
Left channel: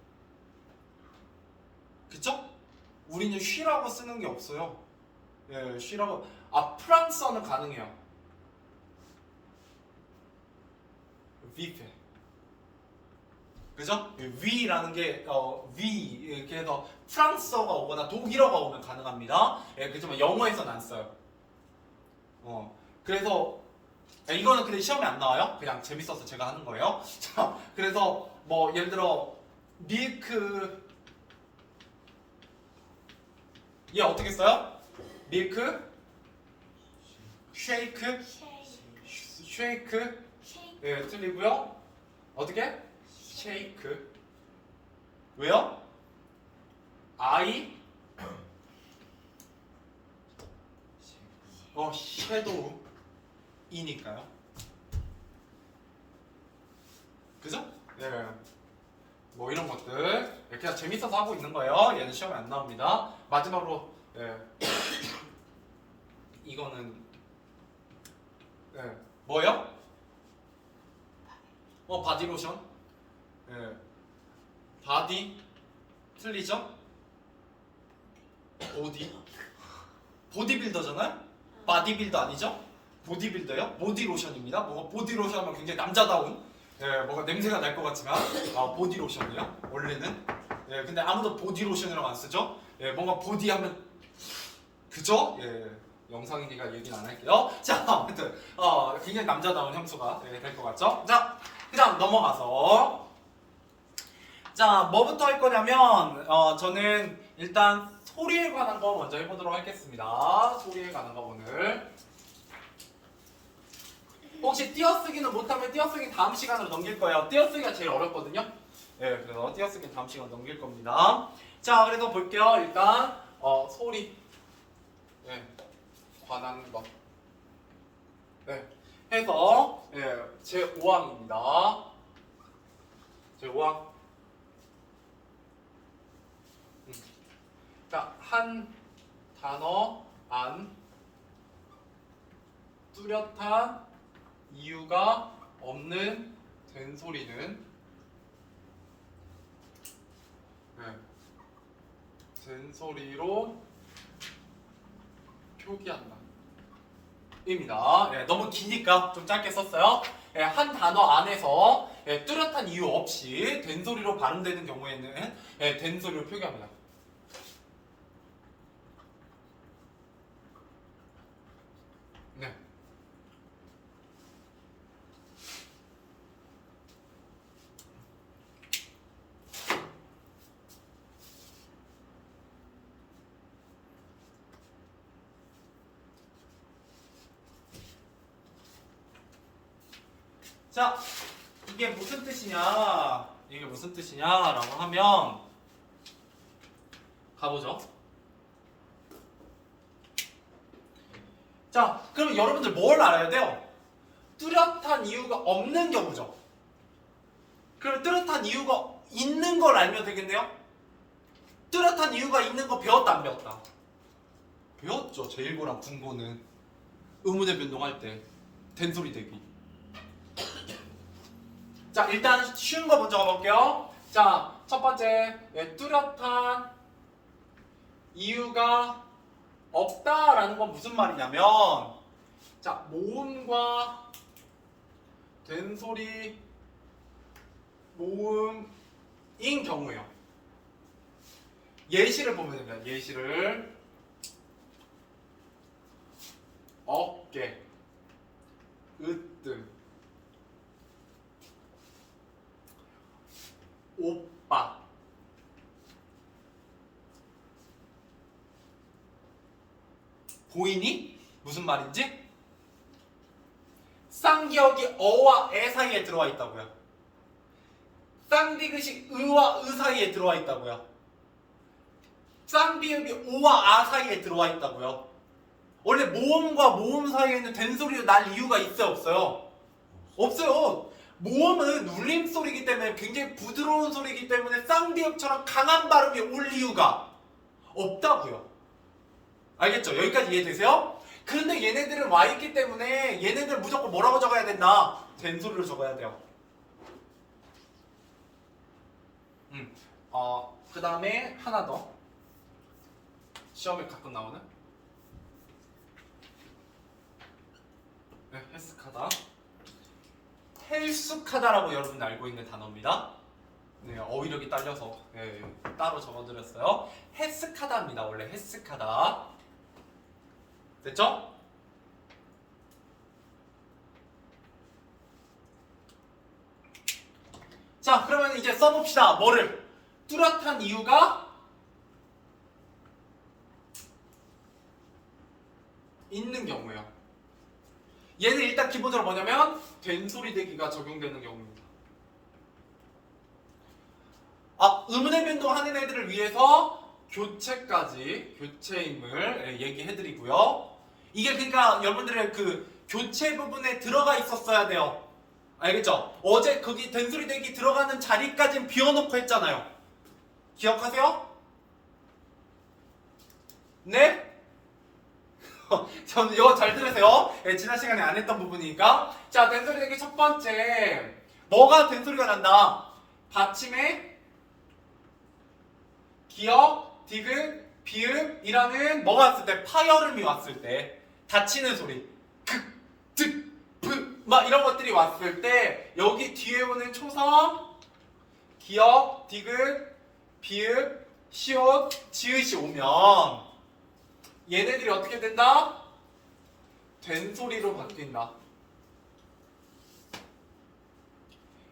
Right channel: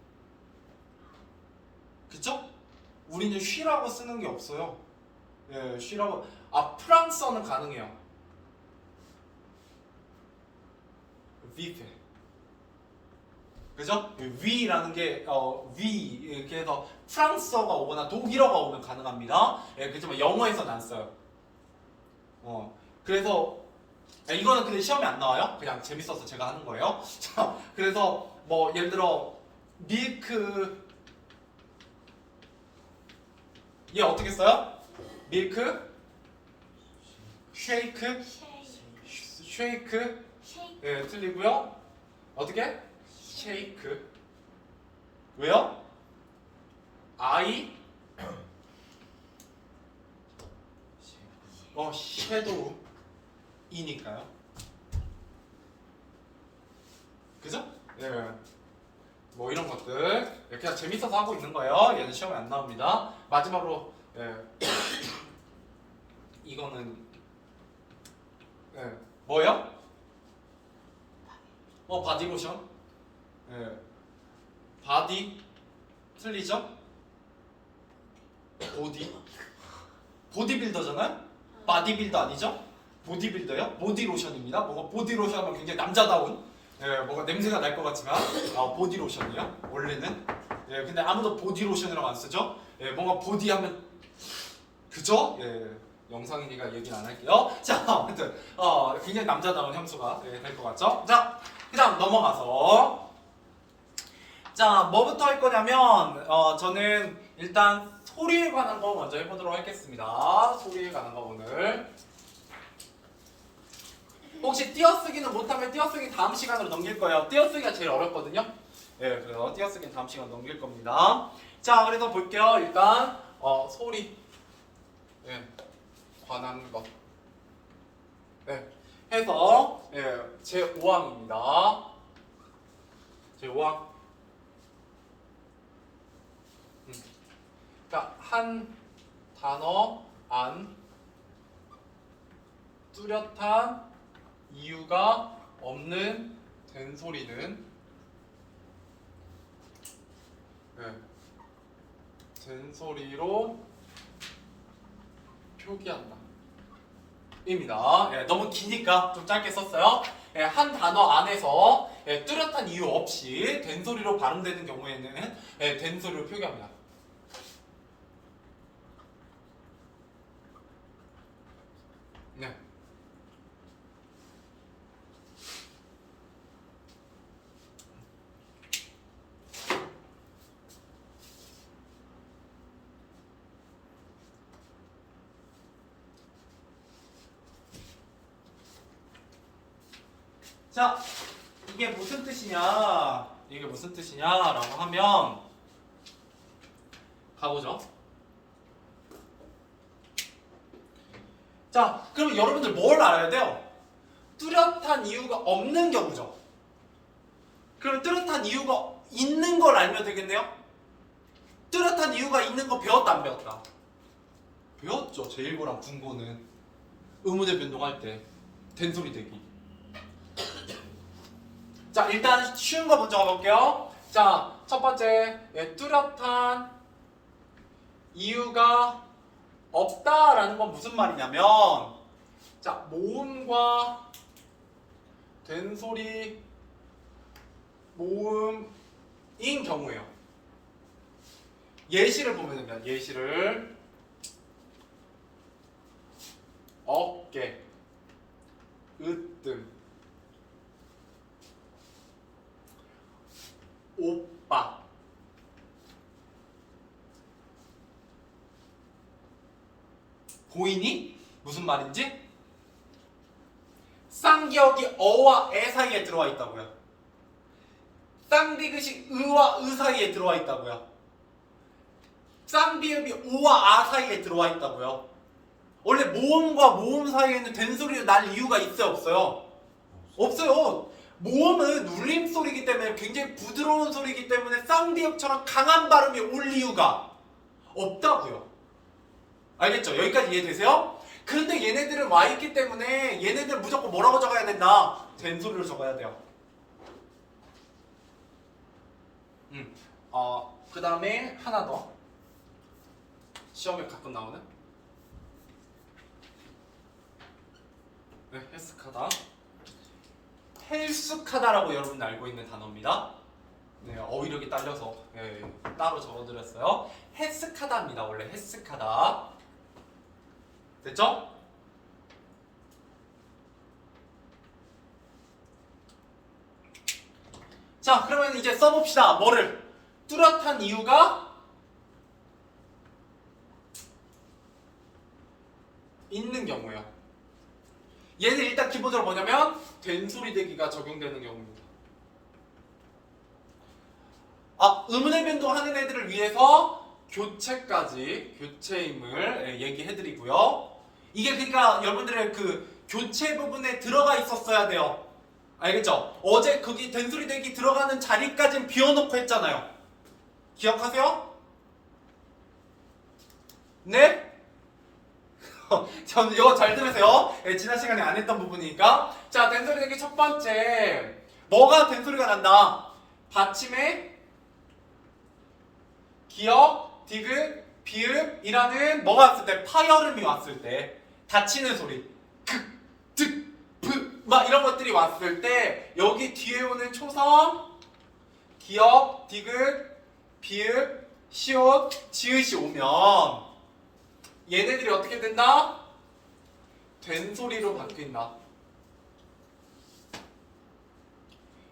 그쵸? 우리는 쉬라고 쓰는 게 없어요. 예, 쉬라고. 아, 프랑스어는 가능해요. vivre. 그죠? 위라는 게 위 이렇게 해서 프랑스어가 오거나 독일어가 오면 가능합니다. 예, 그렇지만 영어에서는 안 써요. 그래서 이거는 근데 시험에 안 나와요. 그냥 재밌어서 제가 하는 거예요. 자, 그래서 뭐 예를 들어 밀크 얘 어떻게 써요? 밀크, 쉐이크, 쉐이크. 쉐이크. 예, 틀리고요. 어떻게? 쉐이크. 왜요? 아이 섀도우 이니까요. 그죠? 예. 뭐 이런 것들 그냥 재밌어서 하고 있는 거예요. 얘는 시험에 안 나옵니다. 마지막으로 예. 이거는 예. 뭐예요? 바디로션. 예. 바디 틀리죠? 보디빌더잖아요? 바디빌더 아니죠? 보디빌더요? 보디로션입니다. 뭐가 보디로션은 굉장히 남자다운 뭐가 냄새가 날 것 같지만 보디로션이요? 원래는 근데 아무도 보디로션이라고 안 쓰죠? 뭔가 보디하면 그죠? 영상이니까 얘기는 안 할게요. 자, 아무튼 굉장히 남자다운 향수가 될 것 같죠? 자, 그 다음 넘어가서 자, 뭐부터 할 거냐면 저는 일단 소리에 관한 거 먼저 해보도록 하겠습니다. 소리에 관한 거 오늘 혹시 띄어쓰기는 못하면 띄어쓰기 다음 시간으로 넘길 거예요. 띄어쓰기가 제일 어렵거든요. 그래서 띄어쓰기는 다음 시간 넘길 겁니다. 자, 그래서 볼게요. 일단 소리 관한 것 해서 제 5항입니다. 제 5항 자, 한 단어 안 뚜렷한 이유가 없는 된소리는 된소리로 표기한다 입니다. 너무 기니까 좀 짧게 썼어요. 한 단어 안에서 뚜렷한 이유 없이 된소리로 발음되는 경우에는 된소리로 표기합니다. 네. 자, 이게 무슨 뜻이냐? 이게 무슨 뜻이냐라고 하면 가보죠. 자, 그럼 여러분들 뭘 알아야 돼요? 뚜렷한 이유가 없는 경우죠. 그럼 뚜렷한 이유가 있는 걸 알면 되겠네요? 뚜렷한 이유가 있는 거 배웠다 안 배웠다? 배웠죠. 제1고랑 분고는 의문의 변동할 때 된소리 대기. 자, 일단 쉬운 거 먼저 가볼게요. 자, 첫 번째 뚜렷한 이유가 없다라는 건 무슨 말이냐면 자, 모음과 된소리 모음인 경우예요. 예시를 보면 됩니다. 예시를 어깨, 으뜸, 오빠, 보이니? 무슨 말인지? 쌍기역이 어와 애 사이에 들어와 있다고요. 쌍비긋이 으와 으 사이에 들어와 있다고요. 쌍비읍이 오와 아 사이에 들어와 있다고요. 원래 모음과 모음 사이에는 된소리를 날 이유가 있어요, 없어요? 없어요. 모음은 울림소리이기 때문에 굉장히 부드러운 소리이기 때문에 쌍비읍처럼 강한 발음이 올 이유가 없다고요. 알겠죠? 여기까지 이해되세요? 그런데 얘네들은 와 있기 때문에 얘네들 무조건 뭐라고 적어야 된다? 된소리로 적어야 돼요. 그 다음에 하나 더. 시험에 가끔 나오는 네, 헬스카다. 헬스카다라고 여러분 알고 있는 단어입니다. 네, 어휘력이 딸려서 네, 따로 적어드렸어요. 헬스카다입니다. 원래 헬스카다. 됐죠? 자, 그러면 이제 써봅시다. 뭐를? 뚜렷한 이유가 있는 경우예요. 얘는 일단 기본적으로 뭐냐면 된소리 대기가 적용되는 경우입니다. 의문의 변동하는 애들을 위해서 교체임을 얘기해드리고요. 이게 그러니까 여러분들의 그 교체 부분에 들어가 있었어야 돼요. 알겠죠? 어제 거기 된소리 대기 들어가는 자리까지는 비워놓고 했잖아요. 기억하세요? 네? 저는 이거 잘 들으세요. 네, 지난 시간에 안 했던 부분이니까. 자, 된소리 대기 첫 번째. 뭐가 된소리가 난다? 받침에 기역, 디귿, 비읍이라는 뭐가 왔을 때 파열음이 왔을 때 닫히는 소리 극, 득, 브, 막 이런 것들이 왔을 때 여기 뒤에 오는 초성 기역, 디귿, 비읍, 시옷, 지읒이 오면 얘네들이 어떻게 된다? 된소리로 바뀐다.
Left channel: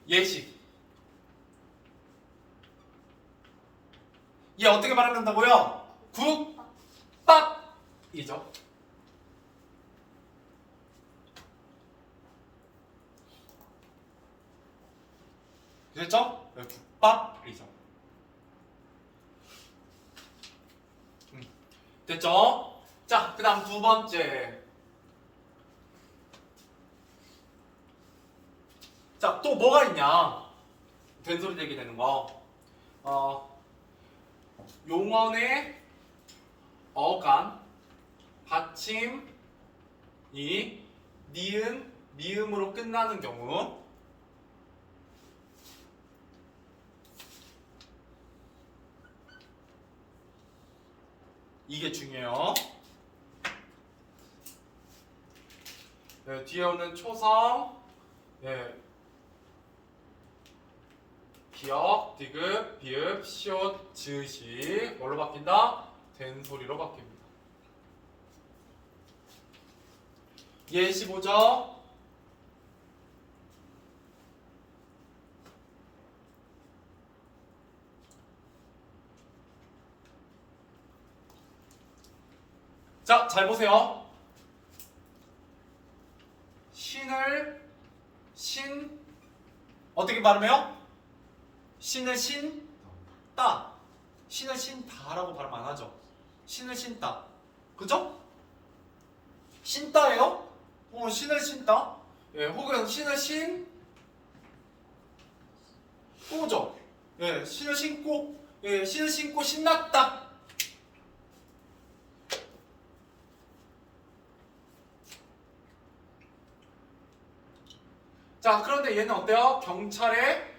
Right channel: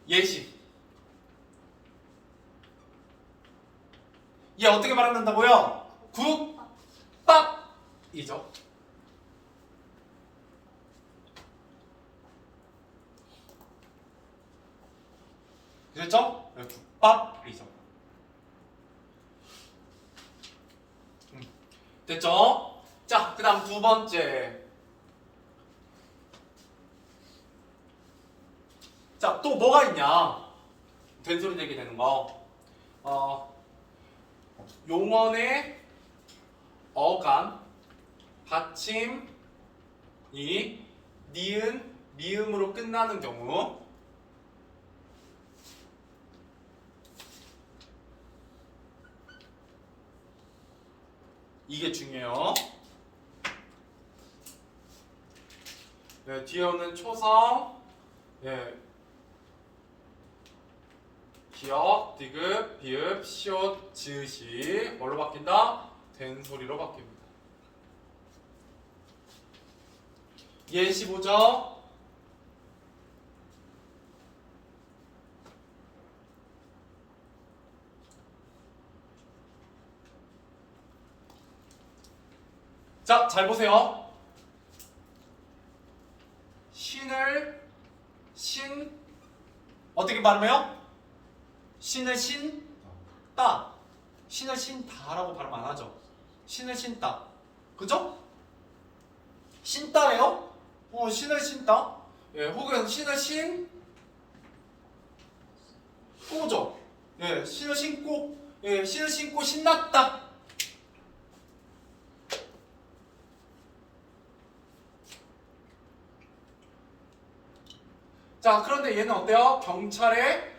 예시. 얘 어떻게 말한다고요? 국밥이죠. 됐죠? 국밥이죠. 됐죠? 자, 그 다음 두 번째. 자, 또 뭐가 있냐? 된소리 얘기 되는 거. 용언의 어감, 받침이 니은, 미음으로 끝나는 경우. 이게 중요해요. 네, 뒤에 오는 초성, 네, 기역, 디귿, 비읍, 시옷, 지읒이 뭘로 바뀐다? 된소리로 바뀝니다. 예시 보죠. 자, 잘 보세요. 신을 신 어떻게 발음해요? 신을 신따. 신을 신다라고 발음 안 하죠. 신을 신따. 그죠? 신따예요? 신을 신따. 예, 혹은 신을 신꼬죠. 예, 신을 신고. 예, 신을 신고 신났다. 자, 그런데 얘는 어때요? 경찰에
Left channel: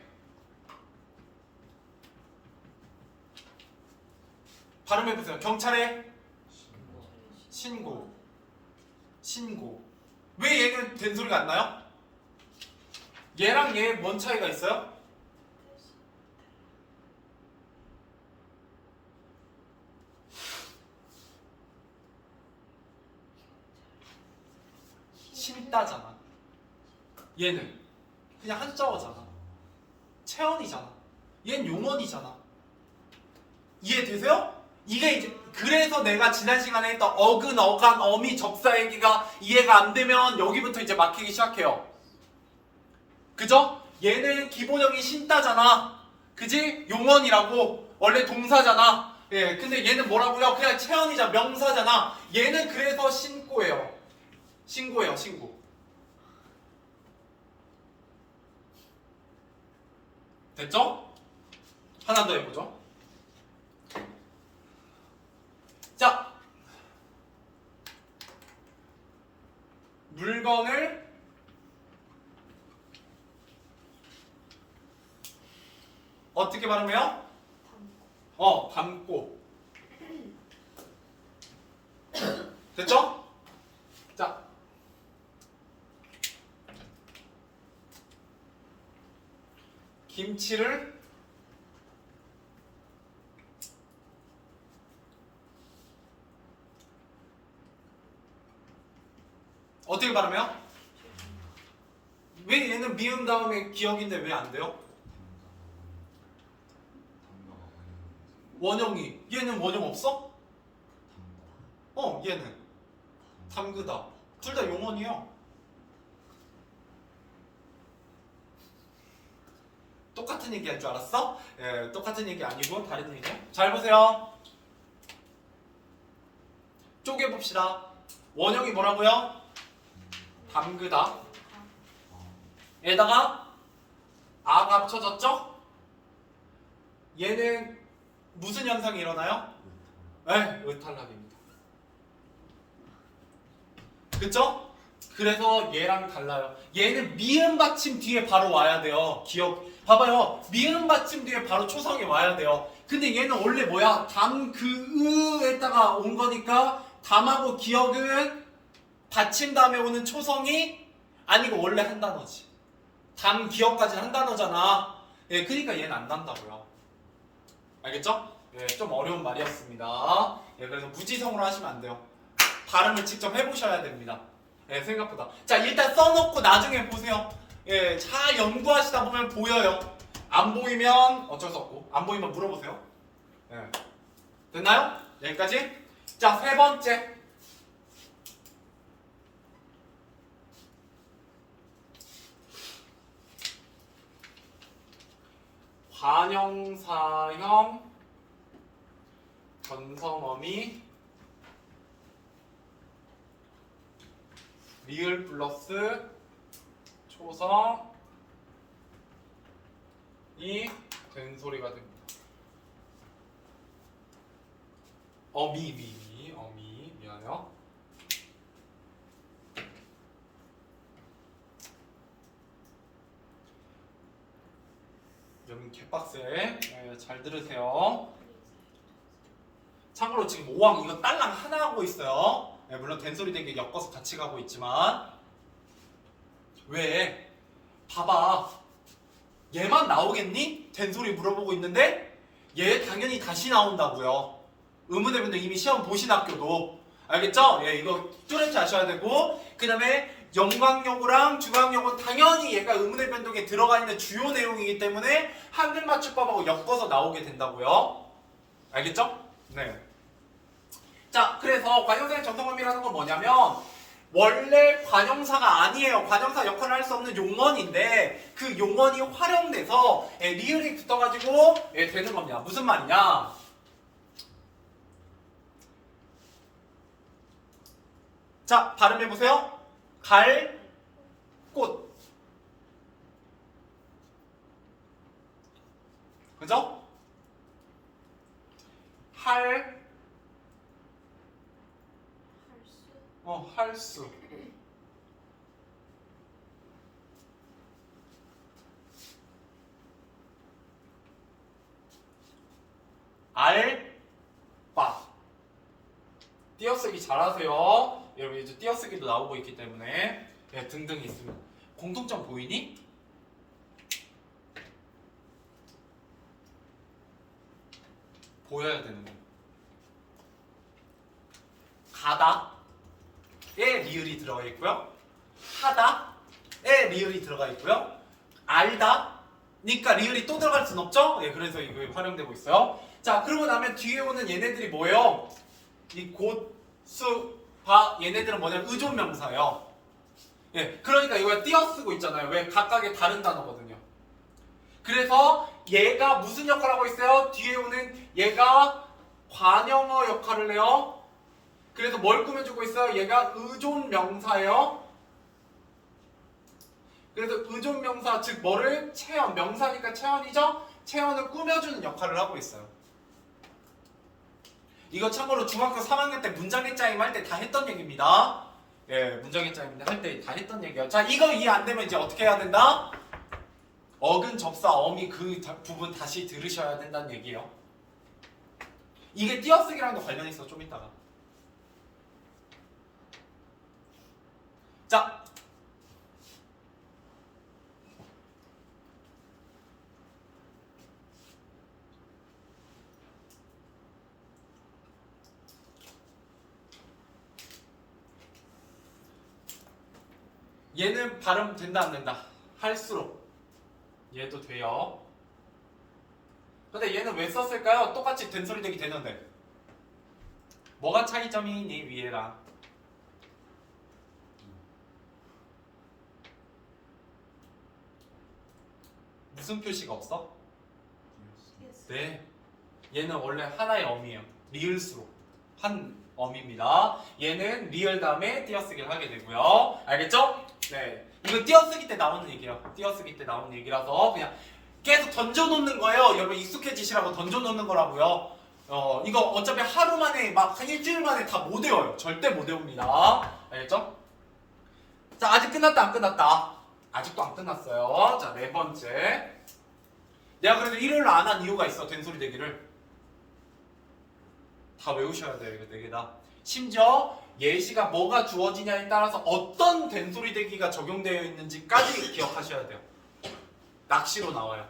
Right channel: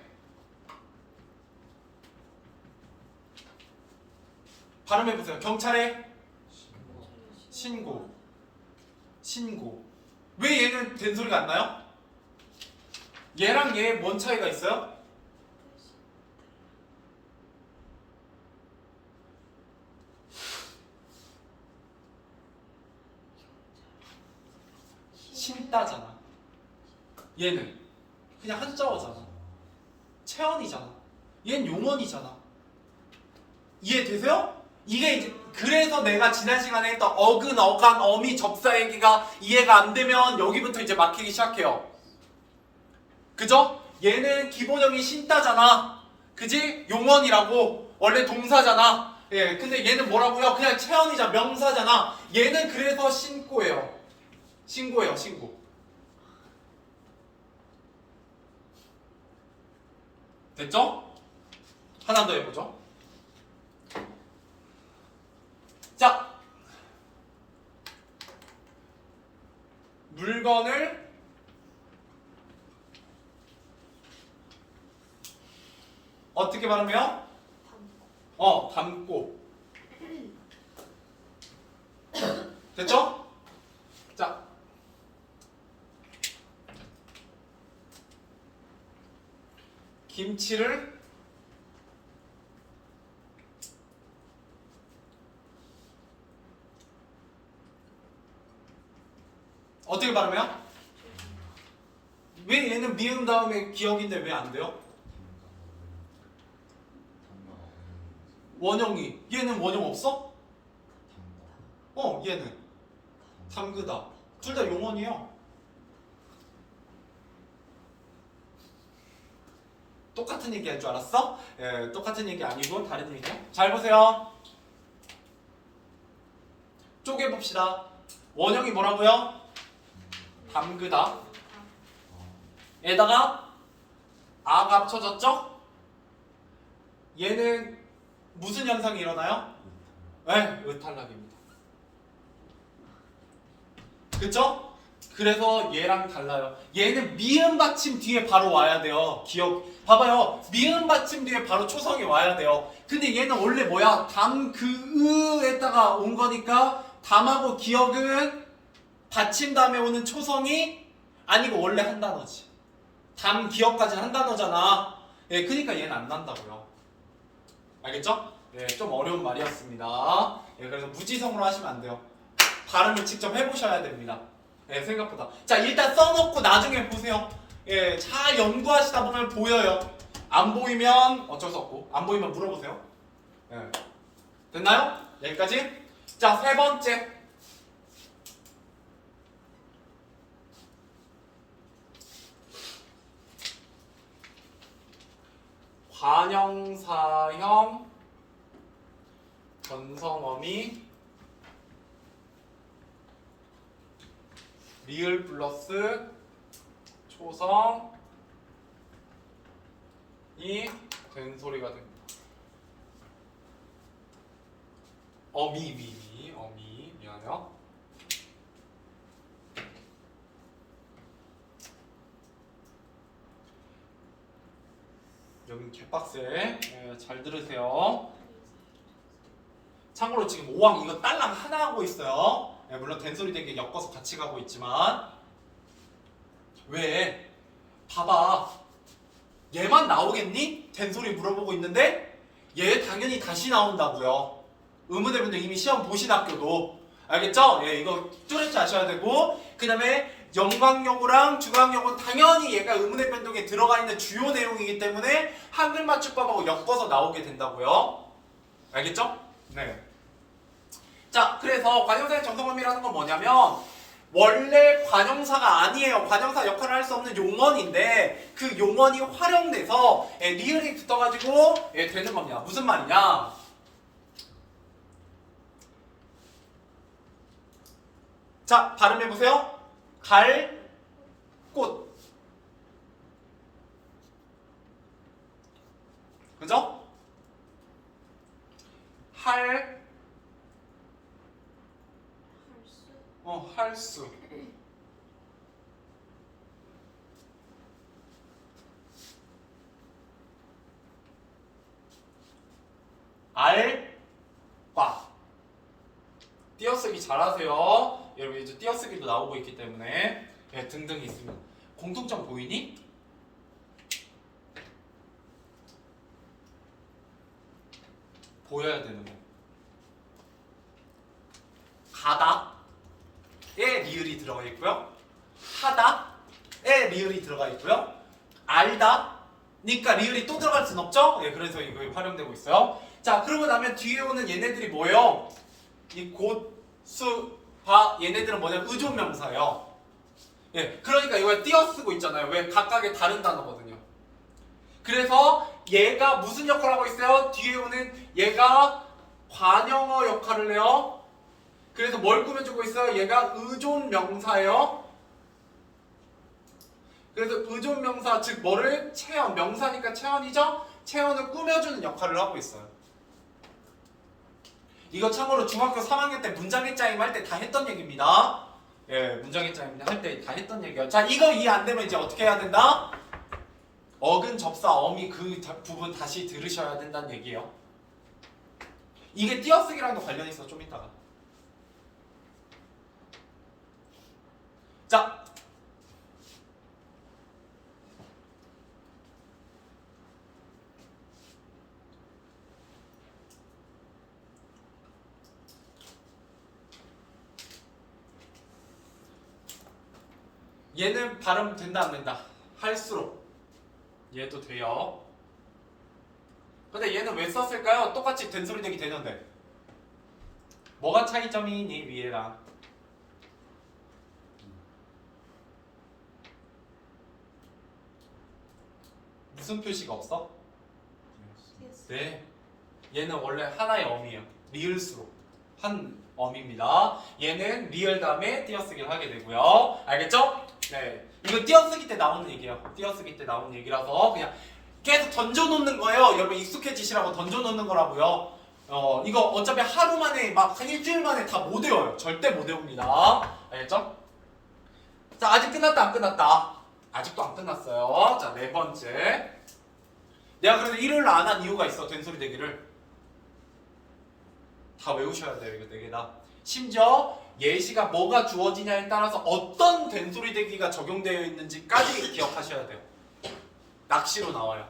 발음해보세요. 경찰에 신고. 왜 얘는 된소리가 안 나요? 얘랑 얘 뭔 차이가 있어요? 신따잖아. 얘는 그냥 한자어잖아. 체언이잖아. 얘는 용언이잖아. 이해되세요? 이게 이제 그래서 내가 지난 시간에 했던 어근, 어간, 어미, 접사 얘기가 이해가 안 되면 여기부터 이제 막히기 시작해요. 그죠? 얘는 기본형이 신따잖아. 그지? 용언이라고. 원래 동사잖아. 예, 근데 얘는 뭐라고요? 그냥 체언이자 명사잖아. 얘는 그래서 신고예요. 신고예요, 신고. 됐죠? 하나 더 해보죠. 자, 물건을 어떻게 발음해요? 담고. 됐죠? 자, 김치를 어떻게 발음해요? 왜 얘는 미음 다음에 기억인데 왜 안 돼요? 원형이. 얘는 원형 없어? 얘는 담그다. 둘 다 용언이에요. 똑같은 얘기 할 줄 알았어? 예, 똑같은 얘기 아니고 다른 얘기야. 잘 보세요. 쪼개봅시다. 원형이 뭐라고요? 담그다. 에다가 아가 합쳐졌죠? 얘는 무슨 현상이 일어나요? 네, 의탈락입니다. 그쵸? 그래서 얘랑 달라요. 얘는 미음 받침 뒤에 바로 와야 돼요. 기억. 봐봐요. 미음 받침 뒤에 바로 초성이 와야 돼요. 근데 얘는 원래 뭐야? 담, 그, 으에다가 온 거니까 담하고 기억은 받침 다음에 오는 초성이 아니고 원래 한 단어지. 담, 기억까지는 한 단어잖아. 예, 그러니까 얘는 안 난다고요. 알겠죠? 예, 좀 어려운 말이었습니다. 예, 그래서 무지성으로 하시면 안 돼요. 발음을 직접 해보셔야 됩니다. 예, 생각보다. 자, 일단 써놓고 나중에 보세요. 예, 잘 연구하시다 보면 보여요. 안 보이면 어쩔 수 없고, 안 보이면 물어보세요. 예. 됐나요? 여기까지? 자, 세 번째. 관형사형 변성어미 리을 플러스 초성이 된 소리가 됩니다. 어미 미안해요. 여기 갯박스에 잘 들으세요. 참고로 지금 5항 이거 딸랑 하나 하고 있어요. 물론 된소리 되게 엮어서 같이 가고 있지만 왜? 봐봐. 얘만 나오겠니? 된소리 물어보고 있는데 얘 당연히 다시 나온다고요. 의문대분들 이미 시험 보신 학교도 알겠죠? 예, 이거 뚜렷이 아셔야 되고 그 다음에 영광용어랑 중앙용어는 당연히 얘가 의문의 변동에 들어가 있는 주요 내용이기 때문에 한글 맞춤법하고 엮어서 나오게 된다고요. 알겠죠? 네. 자, 그래서 관형사의 정성범위라는 건 뭐냐면 원래 관형사가 아니에요. 관형사 역할을 할 수 없는 용언인데 그 용언이 활용돼서 리을이 붙어가지고 되는 겁니다. 무슨 말이냐? 자, 발음해보세요. 갈, 꽃. 그죠? 할, 할수. 알, 바. 띄어쓰기 잘하세요. 여러분 이제 띄어쓰기도 나오고 있기 때문에 등등이 있습니다. 공통점 보이니? 보여야 되는 거. 가다에 리을이 들어가 있고요. 하다에 리을이 들어가 있고요. 알다니까 리을이 또 들어갈 순 없죠? 그래서 이거 활용되고 있어요. 자, 그러고 나면 뒤에 오는 얘네들이 뭐예요? 이 곧, 수, 바 얘네들은 뭐냐면 의존명사예요. 그러니까 이걸 띄어쓰고 있잖아요. 왜? 각각의 다른 단어거든요. 그래서 얘가 무슨 역할을 하고 있어요? 뒤에 오는 얘가 관형어 역할을 해요. 그래서 뭘 꾸며주고 있어요? 얘가 의존명사예요. 그래서 의존명사 즉 뭐를? 체언. 명사니까 체언이죠? 체언을 꾸며주는 역할을 하고 있어요. 이거 참고로 중학교 3학년 때 문장의 짜임 할 때 다 했던 얘기입니다. 문장의 짜임 할 때 다 했던 얘기예요. 자, 이거 이해 안 되면 이제 어떻게 해야 된다? 어근, 접사, 어미 그 부분 다시 들으셔야 된다는 얘기예요. 이게 띄어쓰기랑도 관련이 있어 좀 이따가. 자, 얘는 발음 된다 안 된다? 할수록 얘도 돼요. 근데 얘는 왜 썼을까요? 똑같이 된소리 되기 되는데 뭐가 차이점이니 위에랑? 무슨 표시가 없어? 네, 얘는 원래 하나의 어미예요. 리을수록 한 어미입니다. 얘는 리을 다음에 띄어쓰기를 하게 되고요. 알겠죠? 네, 이거 띄어쓰기 때 나오는 얘기예요. 띄어쓰기 때 나오는 얘기라서 그냥 계속 던져놓는 거예요. 여러분 익숙해지시라고 던져놓는 거라고요. 이거 어차피 하루 만에 막 한 일주일 만에 다 못 외워요. 절대 못 외웁니다. 알겠죠? 자, 아직 끝났다 안 끝났다? 아직도 안 끝났어요. 자, 네 번째. 내가 그래도 일요일 안 한 이유가 있어. 된소리 대기를 다 외우셔야 돼요. 이거 네 개 다. 심지어 예시가 뭐가 주어지냐에 따라서 어떤 된소리 대기가 적용되어 있는지까지 기억하셔야 돼요. 낚시로 나와요.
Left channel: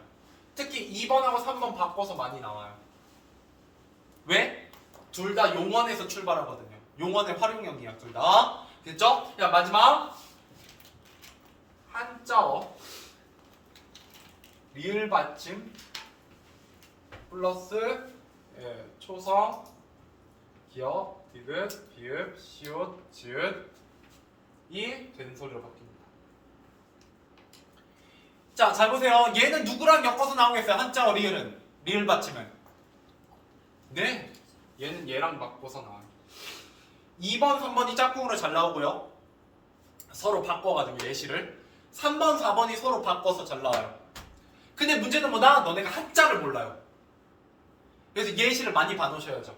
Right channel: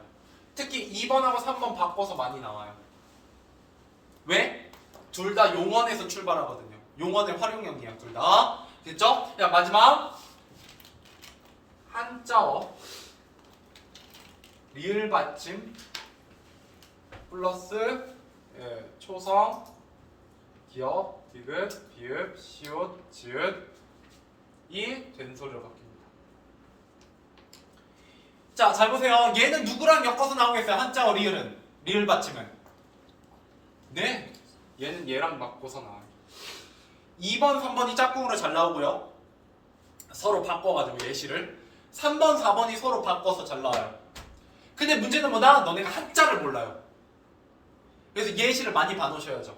특히 2번하고 3번 바꿔서 많이 나와요. 왜? 둘 다 용언에서 출발하거든요. 용언의 활용형이야, 둘 다. 됐죠? 자, 마지막 한자어 리을 받침 플러스 초성 기역 디귿 비읍 시옷 지읒 이 된소리로 바뀝니다. 자, 잘 보세요. 얘는 누구랑 엮어서 나오겠어요? 한자어 리을은 리을 받침은 네, 얘는 얘랑 바꿔서 나와요. 2번, 3번이 짝꿍으로 잘 나오고요. 서로 바꿔가지고 예시를 3번, 4번이 서로 바꿔서 잘 나와요. 근데 문제는 뭐다? 너네가 한자를 몰라요. 그래서 예시를 많이 봐놓으셔야죠.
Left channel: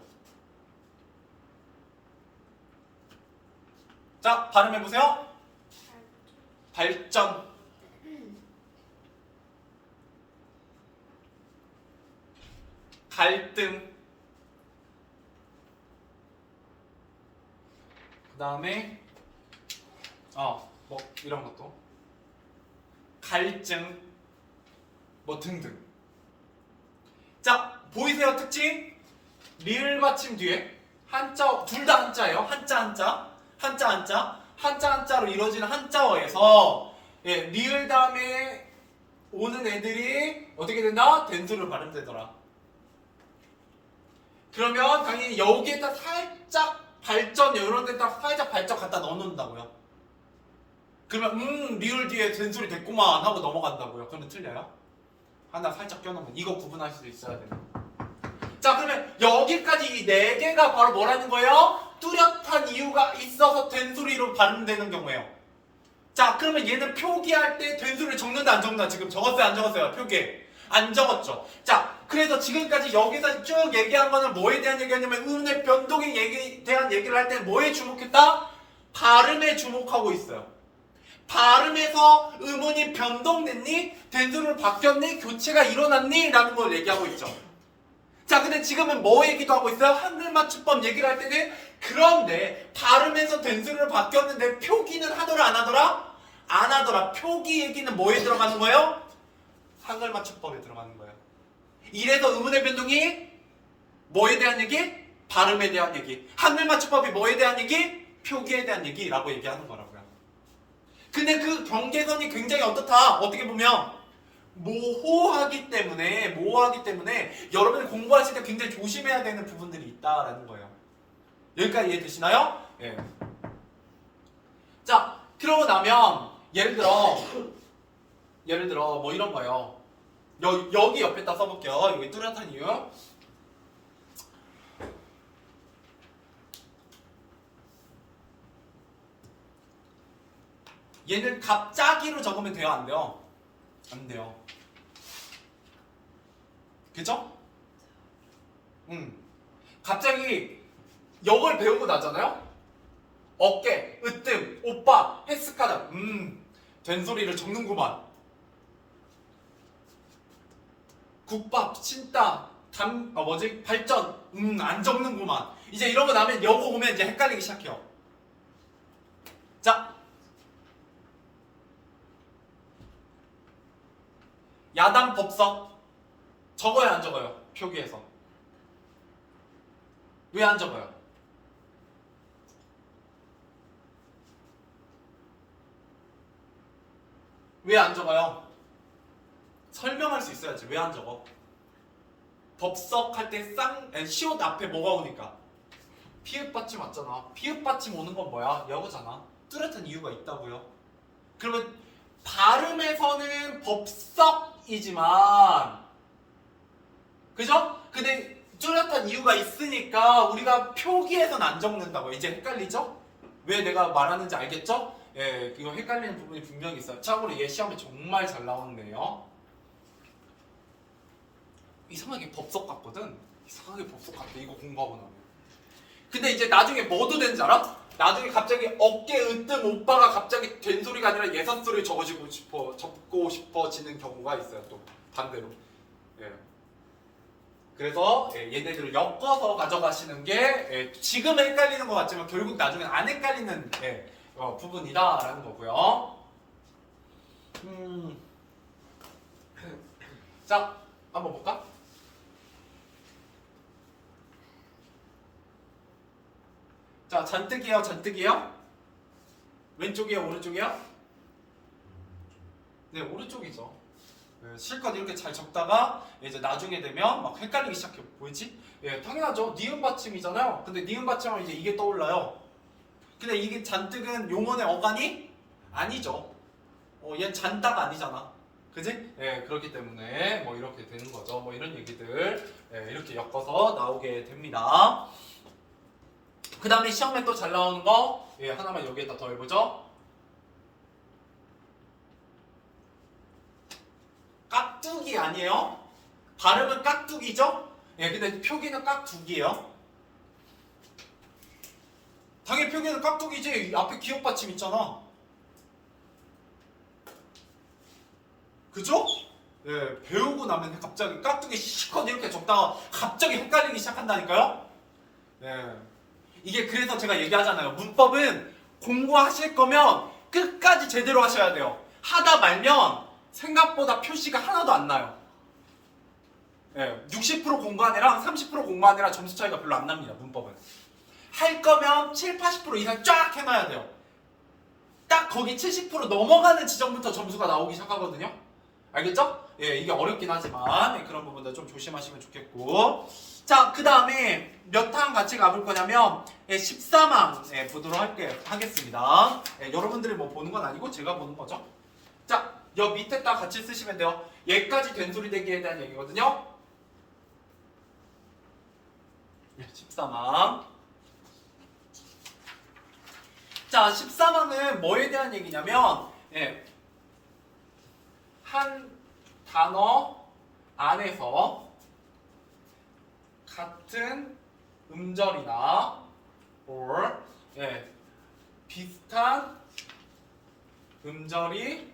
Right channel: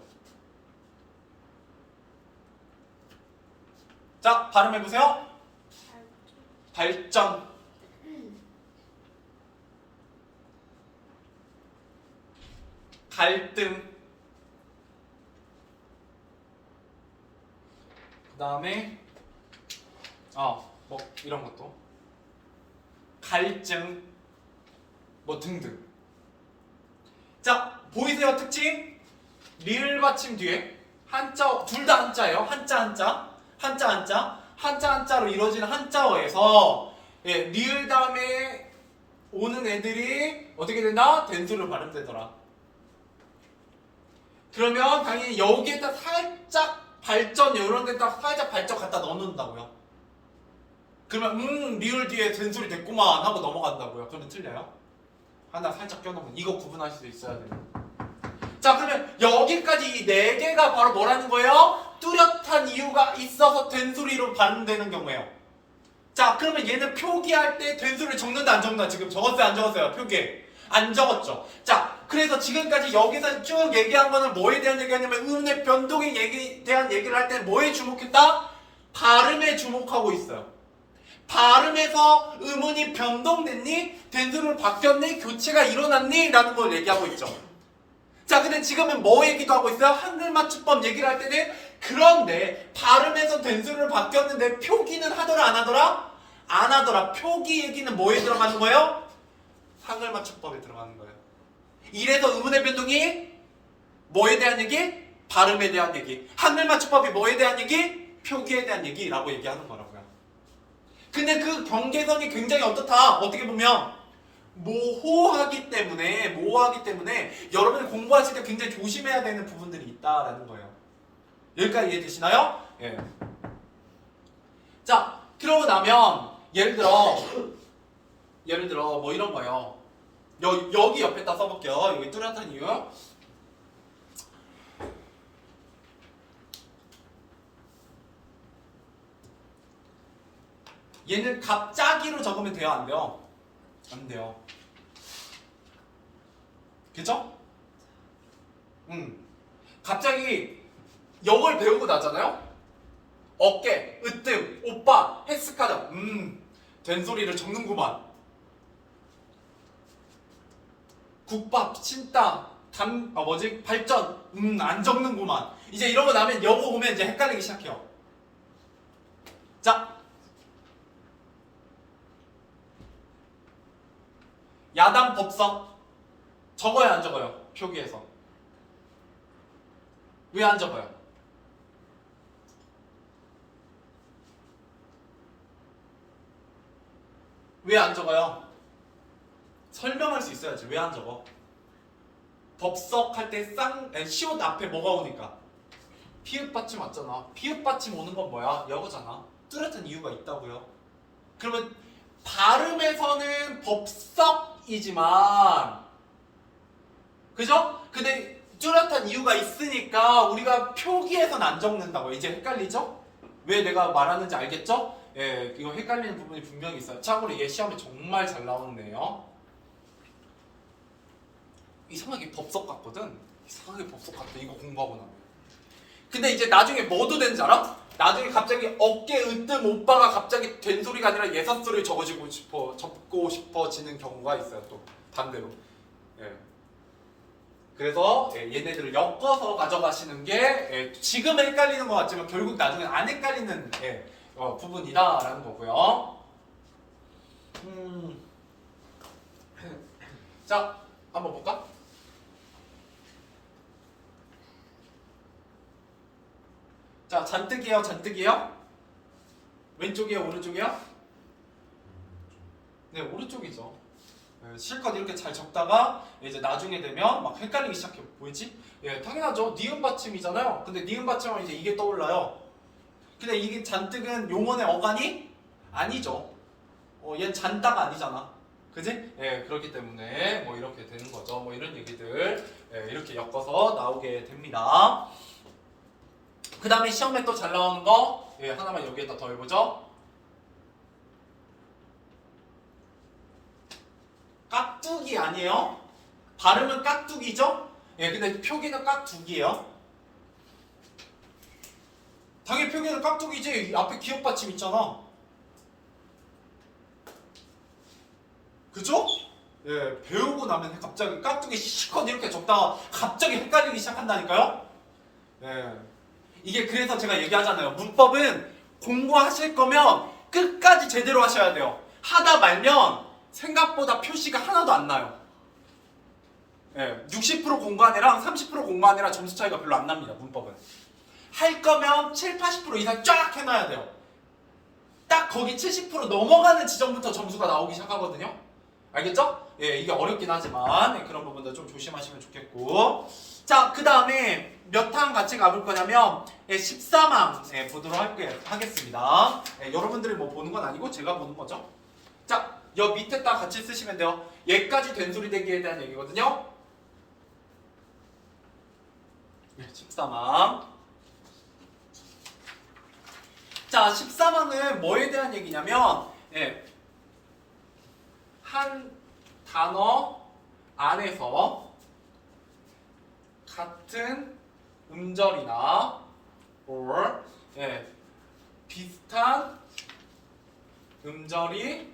자, 발음해보세요. 발전 갈등 그 다음에 뭐 이런 것도 갈증 뭐 등등. 자, 보이세요 특징? 리을 받침 뒤에 한자 둘 다 한자예요. 한자로 이루어지는 한자어에서 리을 다음에 오는 애들이 어떻게 된다? 된소리로 발음되더라. 그러면 당연히 여기에다 살짝 발전 이런 데다 살짝 발전 갖다 넣어놓는다고요. 그러면 리을 뒤에 된소리 됐구만 하고 넘어간다고요. 그러면 틀려요? 하나 살짝 껴놓으면 이거 구분하실 수 있어야 돼요. 자, 그러면 여기까지 이 네 개가 바로 뭐라는 거예요? 뚜렷한 이유가 있어서 된소리로 발음되는 경우예요. 자, 그러면 얘는 표기할 때 된소리를 적는다 안 적는다? 지금 적었어요 안 적었어요? 표기에 안 적었죠. 자, 그래서 지금까지 여기서 쭉 얘기한 거는 뭐에 대한 얘기냐면 음의 변동에 대한 얘기를 할 때 뭐에 주목했다? 발음에 주목하고 있어요. 발음에서 음운이 변동됐니? 된소리로 바뀌었니? 교체가 일어났니? 라는 걸 얘기하고 있죠. 자, 근데 지금은 뭐 얘기도 하고 있어요? 한글 맞춤법 얘기를 할 때는 그런데 발음에서 된소리로 바뀌었는데 표기는 하더라 안 하더라? 안 하더라. 표기 얘기는 뭐에 들어가는 거예요? 한글 맞춤법에 들어가는 거예요. 이래서 음운의 변동이 뭐에 대한 얘기? 발음에 대한 얘기. 한글 맞춤법이 뭐에 대한 얘기? 표기에 대한 얘기라고 얘기하는 거라고요. 근데 그 경계선이 굉장히 어떻다? 어떻게 보면 모호하기 때문에 여러분이 공부하실 때 굉장히 조심해야 되는 부분들이 있다라는 거예요. 여기까지 이해되시나요? 예. 자, 그러고 나면 예를 들어 뭐 이런 거예요. 여기 옆에다 써볼게요. 여기 뚜렷한 이유. 얘는 갑자기로 적으면 돼요, 안 돼요? 안 돼요. 그죠? 갑자기 영어를 배우고 나잖아요? 어깨, 으뜸, 오빠, 헬스카자. 된소리를 적는구만. 국밥, 친땀, 발전. 안 적는구만. 이제 이런 거 나면 영어 오면 이제 헷갈리기 시작해요. 자, 야당 법석 적어요 안 적어요? 표기에서 왜 안 적어요? 왜 안 적어요? 설명할 수 있어야지. 왜 안 적어? 법석 할 때 시옷 앞에 뭐가 오니까? 피읍 받침 왔잖아. 피읍 받침 오는 건 뭐야? 여거잖아. 뚜렷한 이유가 있다고요. 그러면 발음에서는 법석이지만 그죠? 근데 뚜렷한 이유가 있으니까 우리가 표기에선 안 적는다고. 이제 헷갈리죠? 왜 내가 말하는지 알겠죠? 예, 이거 헷갈리는 부분이 분명히 있어요. 참고로 이게 시험에 정말 잘 나오는데요. 이상하게 법석 같거든? 이상하게 법석 같아. 이거 공부하고 나면. 근데 이제 나중에 뭐도 되는지 알아? 나중에 갑자기 어깨 으뜸 오빠가 갑자기 된 소리가 아니라 예사소리를 적고 싶어지는 경우가 있어요. 또 반대로. 예. 그래서 얘네들을 엮어서 가져가시는 게 지금은 헷갈리는 것 같지만 결국 나중에 안 헷갈리는 부분이다라는 거고요. 자, 한번 볼까? 자, 잔뜩이에요, 잔뜩이에요? 왼쪽이에요, 오른쪽이에요? 네, 오른쪽이죠. 네, 실컷 이렇게 잘 적다가 이제 나중에 되면 막 헷갈리기 시작해. 뭐지? 예, 당연하죠. 니은 받침이잖아요. 근데 니은 받침하면 이제 이게 떠올라요. 근데 이게 잔뜩은 용언의 어간이 아니죠. 얘는 잔따가 아니잖아. 그지? 예, 그렇기 때문에 뭐 이렇게 되는 거죠. 뭐 이런 얘기들 이렇게 엮어서 나오게 됩니다. 그 다음에 시험에 또 잘 나오는 거 하나만 여기에다 더 해보죠. 깍두기 아니에요? 발음은 깍두기죠? 예, 근데 표기는 깍두기예요. 당연히 표기는 깍두기지. 앞에 기억 받침 있잖아. 그죠? 예, 배우고 나면 갑자기 깍두기 시컷 이렇게 적다가 갑자기 헷갈리기 시작한다니까요? 예. 이게 그래서 제가 얘기하잖아요. 문법은 공부하실 거면 끝까지 제대로 하셔야 돼요. 하다 말면 생각보다 표시가 하나도 안 나요. 예, 60% 공부한 애랑 30% 공부한 애랑 점수 차이가 별로 안 납니다. 문법은. 할 거면 7, 80% 이상 쫙 해놔야 돼요. 딱 거기 70% 넘어가는 지점부터 점수가 나오기 시작하거든요. 알겠죠? 예, 이게 어렵긴 하지만 그런 부분도 좀 조심하시면 좋겠고. 자, 그 다음에 몇 항 같이 가볼 거냐면 13항 보도록 하겠습니다. 여러분들이 뭐 보는 건 아니고 제가 보는 거죠. 자, 여 밑에다 같이 쓰시면 돼요. 얘까지 된소리 대기에 대한 얘기거든요. 13항. 자, 13항은 뭐에 대한 얘기냐면 한 단어 안에서 같은 음절이나 or 비슷한 음절이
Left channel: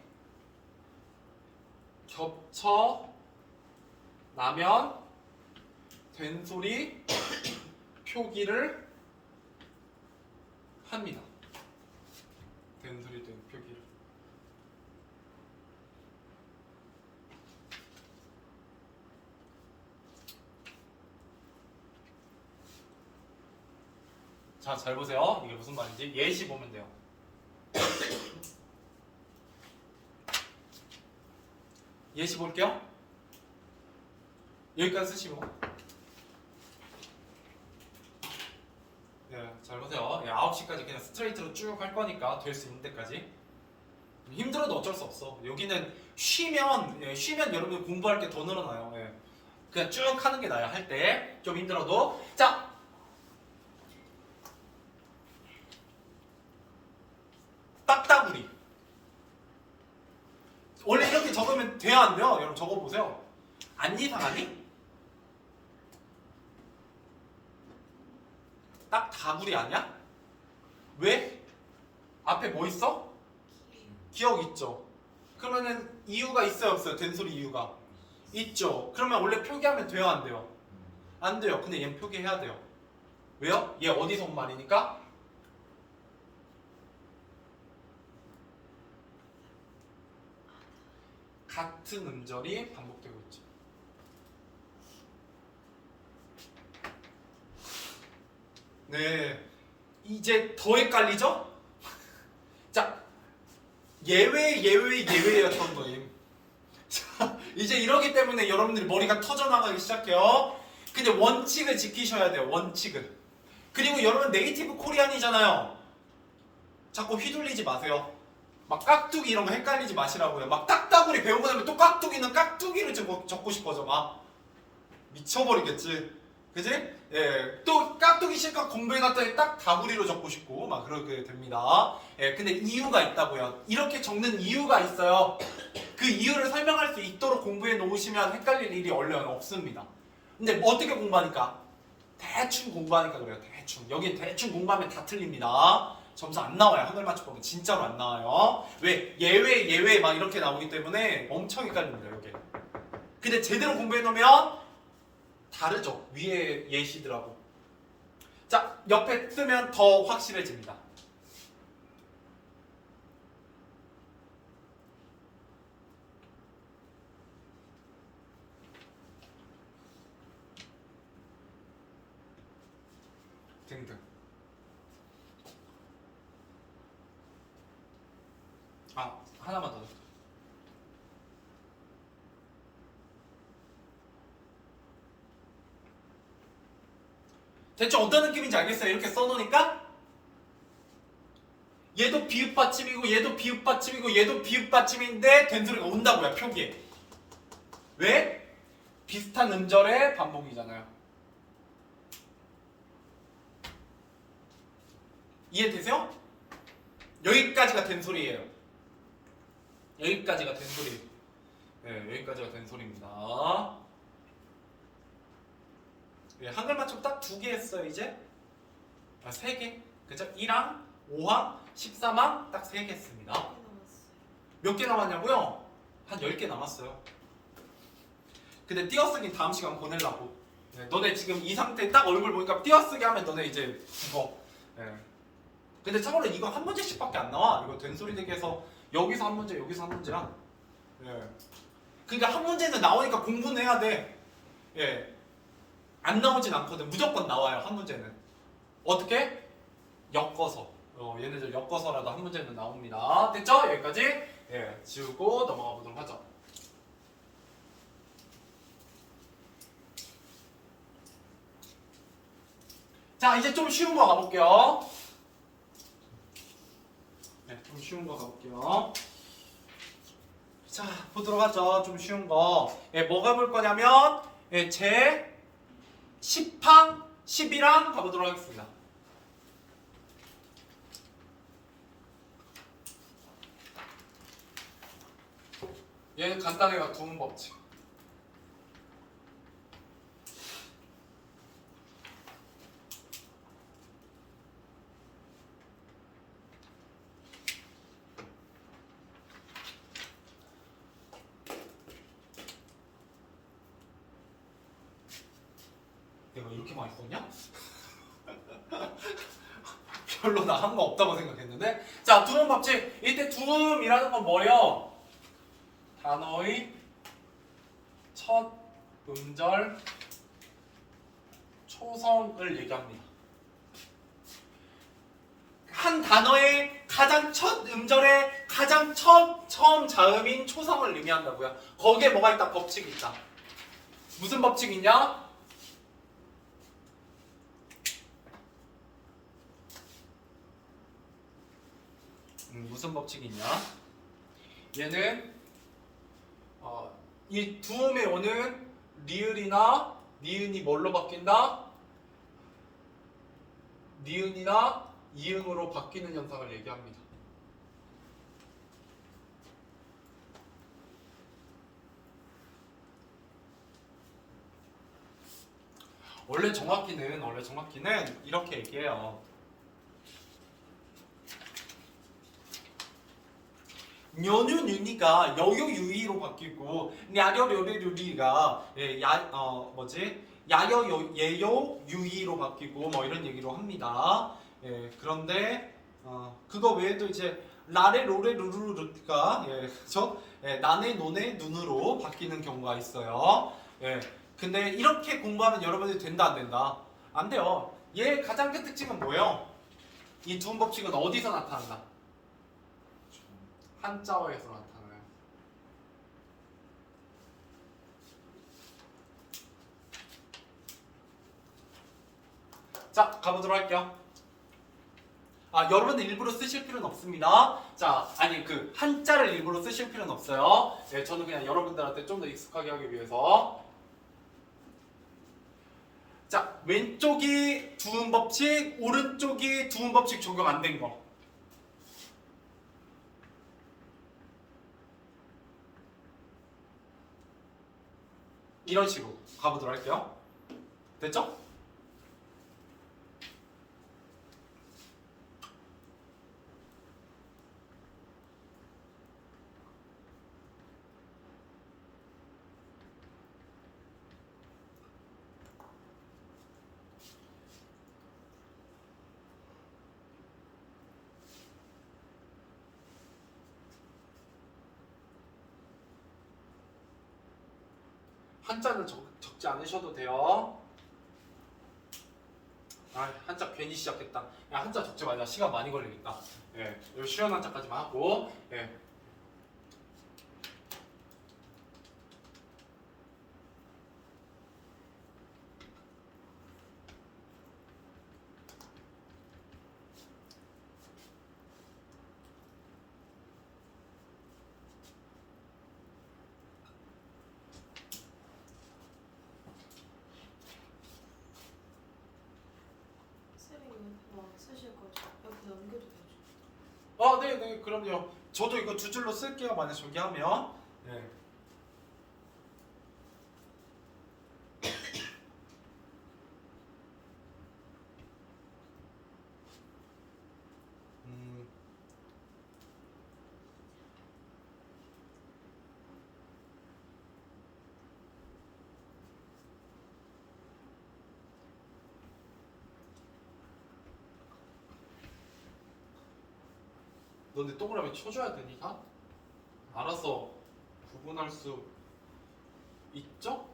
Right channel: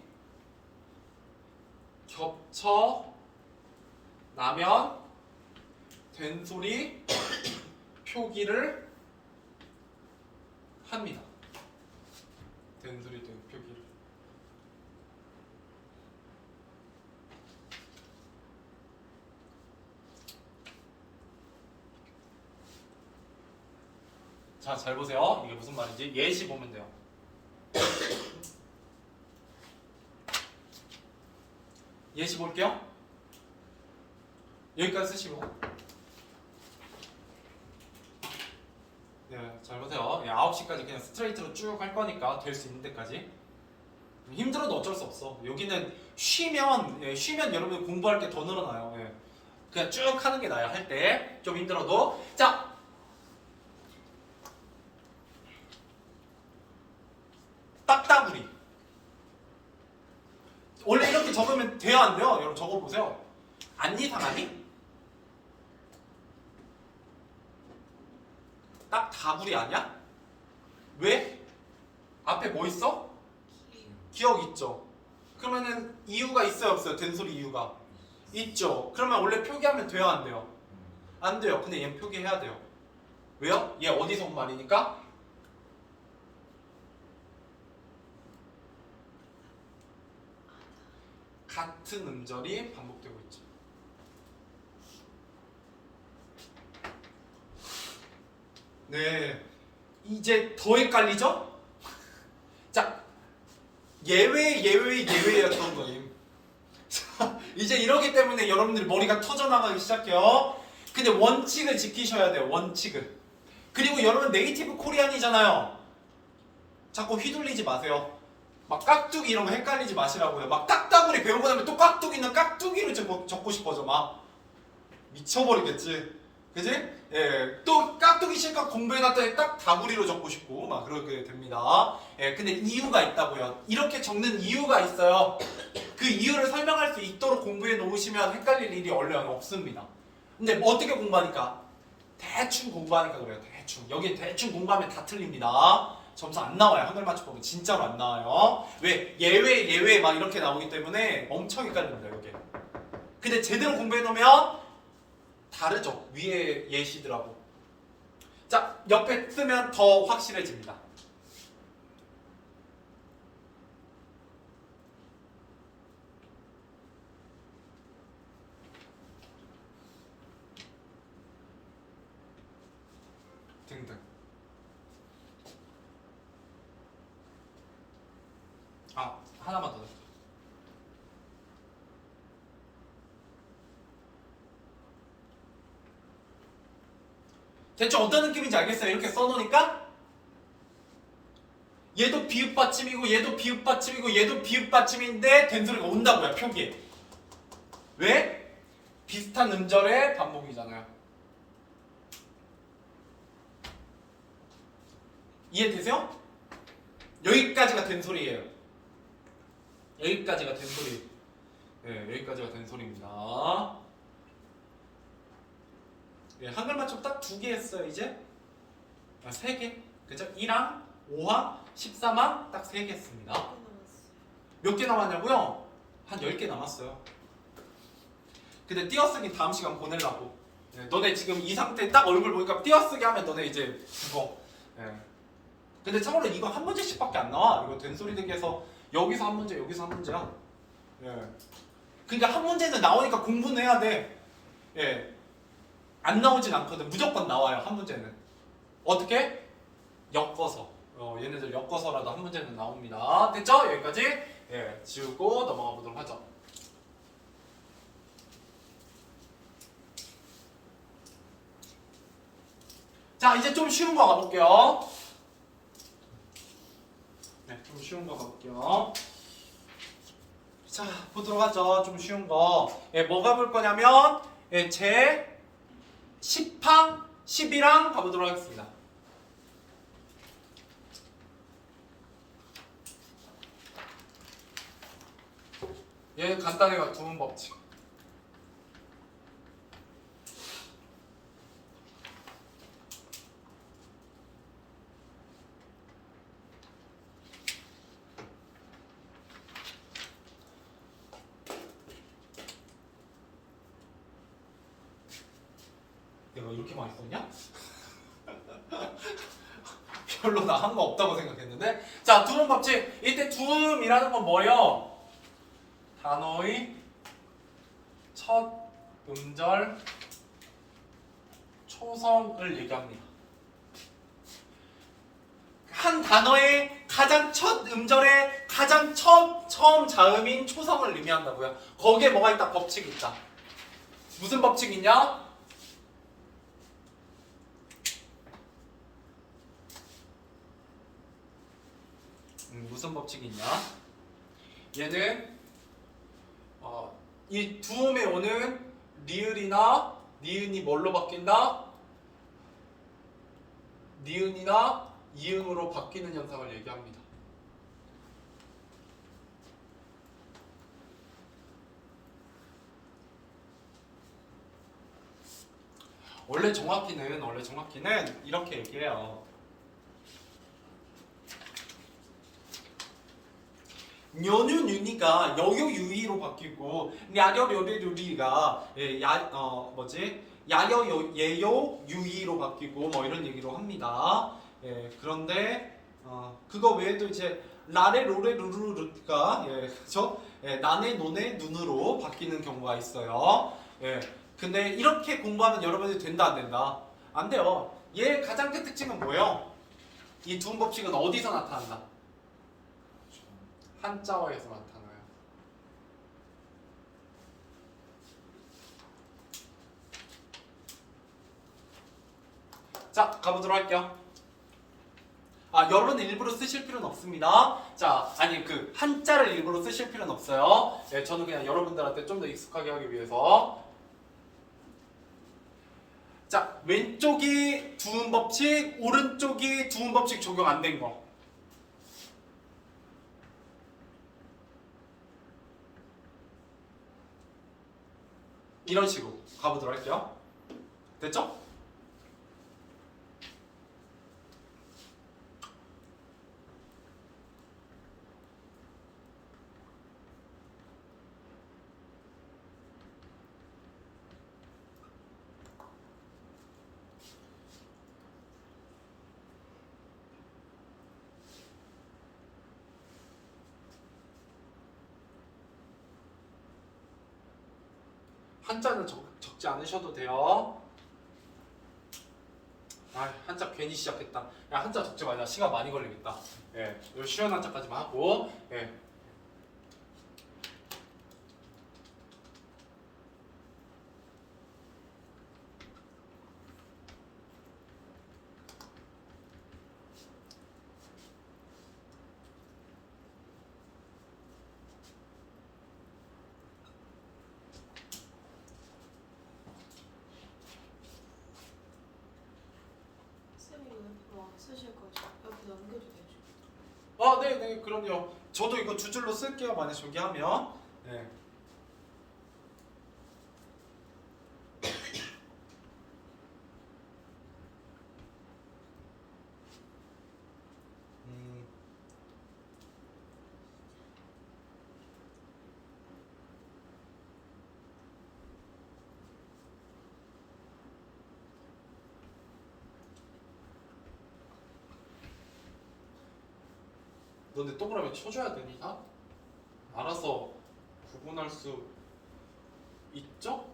겹쳐 나면 된소리 표기를 합니다. 된소리 된 표기를. 자, 잘 보세요. 이게 무슨 말인지 예시 보면 돼요. 예시 볼게요. 여기까지 쓰시고. 네, 잘 보세요. 9시까지 그냥 스트레이트로 쭉 할 거니까 될 수 있는 데까지. 힘들어도 어쩔 수 없어. 여기는 쉬면 여러분 공부할 게 더 늘어나요. 그냥 쭉 하는 게 나아요. 할 때 좀 힘들어도. 자, 딱따구리. 원래 이렇게 적으면 돼요, 안 돼요? 여러분 적어보세요. 안 이상하니? 딱따구리 아니야? 왜? 앞에 뭐 있어? 기억 있죠? 그러면은 이유가 있어요, 없어요? 된소리 이유가 있죠? 그러면 원래 표기하면 돼요, 안 돼요? 안 돼요. 근데 얘는 표기해야 돼요. 왜요? 얘 어디서 온 말이니까? 같은 같은 음절이 반복되고 있죠. 네, 이제 더 헷갈리죠? 자, 예외였던 거예요. 자, 이제 이러기 때문에 여러분들이 머리가 터져나가기 시작해요. 근데 원칙을 지키셔야 돼요. 원칙을. 그리고 여러분 네이티브 코리안이잖아요. 자꾸 휘둘리지 마세요. 막 깍두기 이런 거 헷갈리지 마시라고요. 막 딱따구리 배우고 나면 또 깍두기는 깍두기를 적고 싶어져. 막 미쳐버리겠지. 그지? 예, 또 깍두기 실컷 공부해놨더니 딱 다구리로 적고 싶고 막 그렇게 됩니다. 예, 근데 이유가 있다고요. 이렇게 적는 이유가 있어요. 그 이유를 설명할 수 있도록 공부해 놓으시면 헷갈릴 일이 얼른 없습니다. 근데 뭐 어떻게 공부하니까? 대충 공부하니까 그래요. 대충. 여기 대충 공부하면 다 틀립니다. 점수 안 나와요. 한글 맞춤법은 진짜로 안 나와요. 왜? 예외 막 이렇게 나오기 때문에 엄청 헷갈립니다. 여기. 근데 제대로 공부해 놓으면 다르죠. 위에 예시들하고. 자, 옆에 쓰면 더 확실해집니다. 등등. 아, 하나만 더 넣을게요. 대충 어떤 느낌인지 알겠어요? 이렇게 써놓으니까 얘도 비읍 받침이고 얘도 비읍 받침이고 얘도 비읍 받침인데 된 소리가 온다고요. 표기에. 왜? 비슷한 음절의 반복이잖아요. 이해되세요? 여기까지가 된 소리예요. 여기까지가 된 소리. 네, 여기까지가 된 소리입니다. 예, 한글 맞춤 딱 2개 했어요, 이제. 아, 3개. 그죠? 1항, 5항, 13항 딱 3개 했습니다. 몇 개 남았냐고요? 한 10개 남았어요. 근데 띄어쓰기 다음 시간 보내려고. 네, 너네 지금 이 상태 딱 얼굴 보니까 띄어쓰기 하면 너네 이제 죽어. 네. 근데 참고로 이거 한 문제씩밖에 안 나와. 이거 된소리 되게 해서 여기서 한 문제, 여기서 한 문제야. 예. 그러니까 한 문제는 나오니까 공부는 해야 돼. 예. 안 나오진 않거든. 무조건 나와요. 한 문제는. 어떻게? 엮어서. 얘네들 엮어서라도 한 문제는 나옵니다. 됐죠? 여기까지. 예. 지우고 넘어가 보도록 하죠. 자, 이제 좀 쉬운 거 가볼게요. 네, 좀 쉬운 거 가볼게요. 자, 보도록 하죠. 좀 쉬운 거. 예, 뭐 가볼 거냐면, 예, 제 10항, 11항 가보도록 하겠습니다. 얘 간단해요. 두문 법칙. 내가 이렇게 많이 썼냐? 별로 나 한 거 없다고 생각했는데. 자, 두음 법칙. 이때 두음이라는 건 뭐예요? 단어의 첫 음절 초성을 얘기합니다. 한 단어의 가장 첫 음절의 가장 처음 자음인 초성을 의미한다고요. 거기에 뭐가 있다? 법칙이 있다. 무슨 법칙이 있냐? 무슨 법칙이 있냐? 얘는 이 두음에 오는 리을이나 니은이 뭘로 바뀐다? 니은이나 이응으로 바뀌는 현상을 얘기합니다. 원래 정확히는 이렇게 얘기해요. 녀뉴뉴니가 여요유이로 바뀌고 야려려려유리가 야여 예요 유이로 바뀌고 뭐 이런 얘기로 합니다. 예, 그런데 그거 외에도 이제 라레 로레 루루루가 예, 그렇죠? 예, 나네, 노네, 눈으로 바뀌는 경우가 있어요. 예, 근데 이렇게 공부하면 여러분들이 된다 안 된다? 안 돼요. 얘 가장 큰 특징은 뭐예요? 이 두음 법칙은 어디서 나타난다? 한자어에서 나타나요. 자, 가보도록 할게요. 여러분은 일부러 쓰실 필요는 없습니다. 자, 아니 그 한자를 일부러 쓰실 필요는 없어요. 네, 저는 그냥 여러분들한테 좀 더 익숙하게 하기 위해서. 자, 왼쪽이 두음 법칙, 오른쪽이 두음 법칙 적용 안 된 거. 이런 식으로 가보도록 할게요. 됐죠? 한자는 적지 않으셔도 돼요. 한자 괜히 시작했다. 야, 한자 적지 마자. 시간 많이 걸리겠다. 예, 요 쉬운 한자까지만 하고. 예. 쌤이 뭐 쓰실 거죠? 여기 넘겨도 되죠? 네네, 그럼요. 저도 이거 두 줄로 쓸게요. 만약 저기 하면. 네. 음. 너네 동그라미 쳐줘야 되니 다? 알아서 구분할 수 있죠?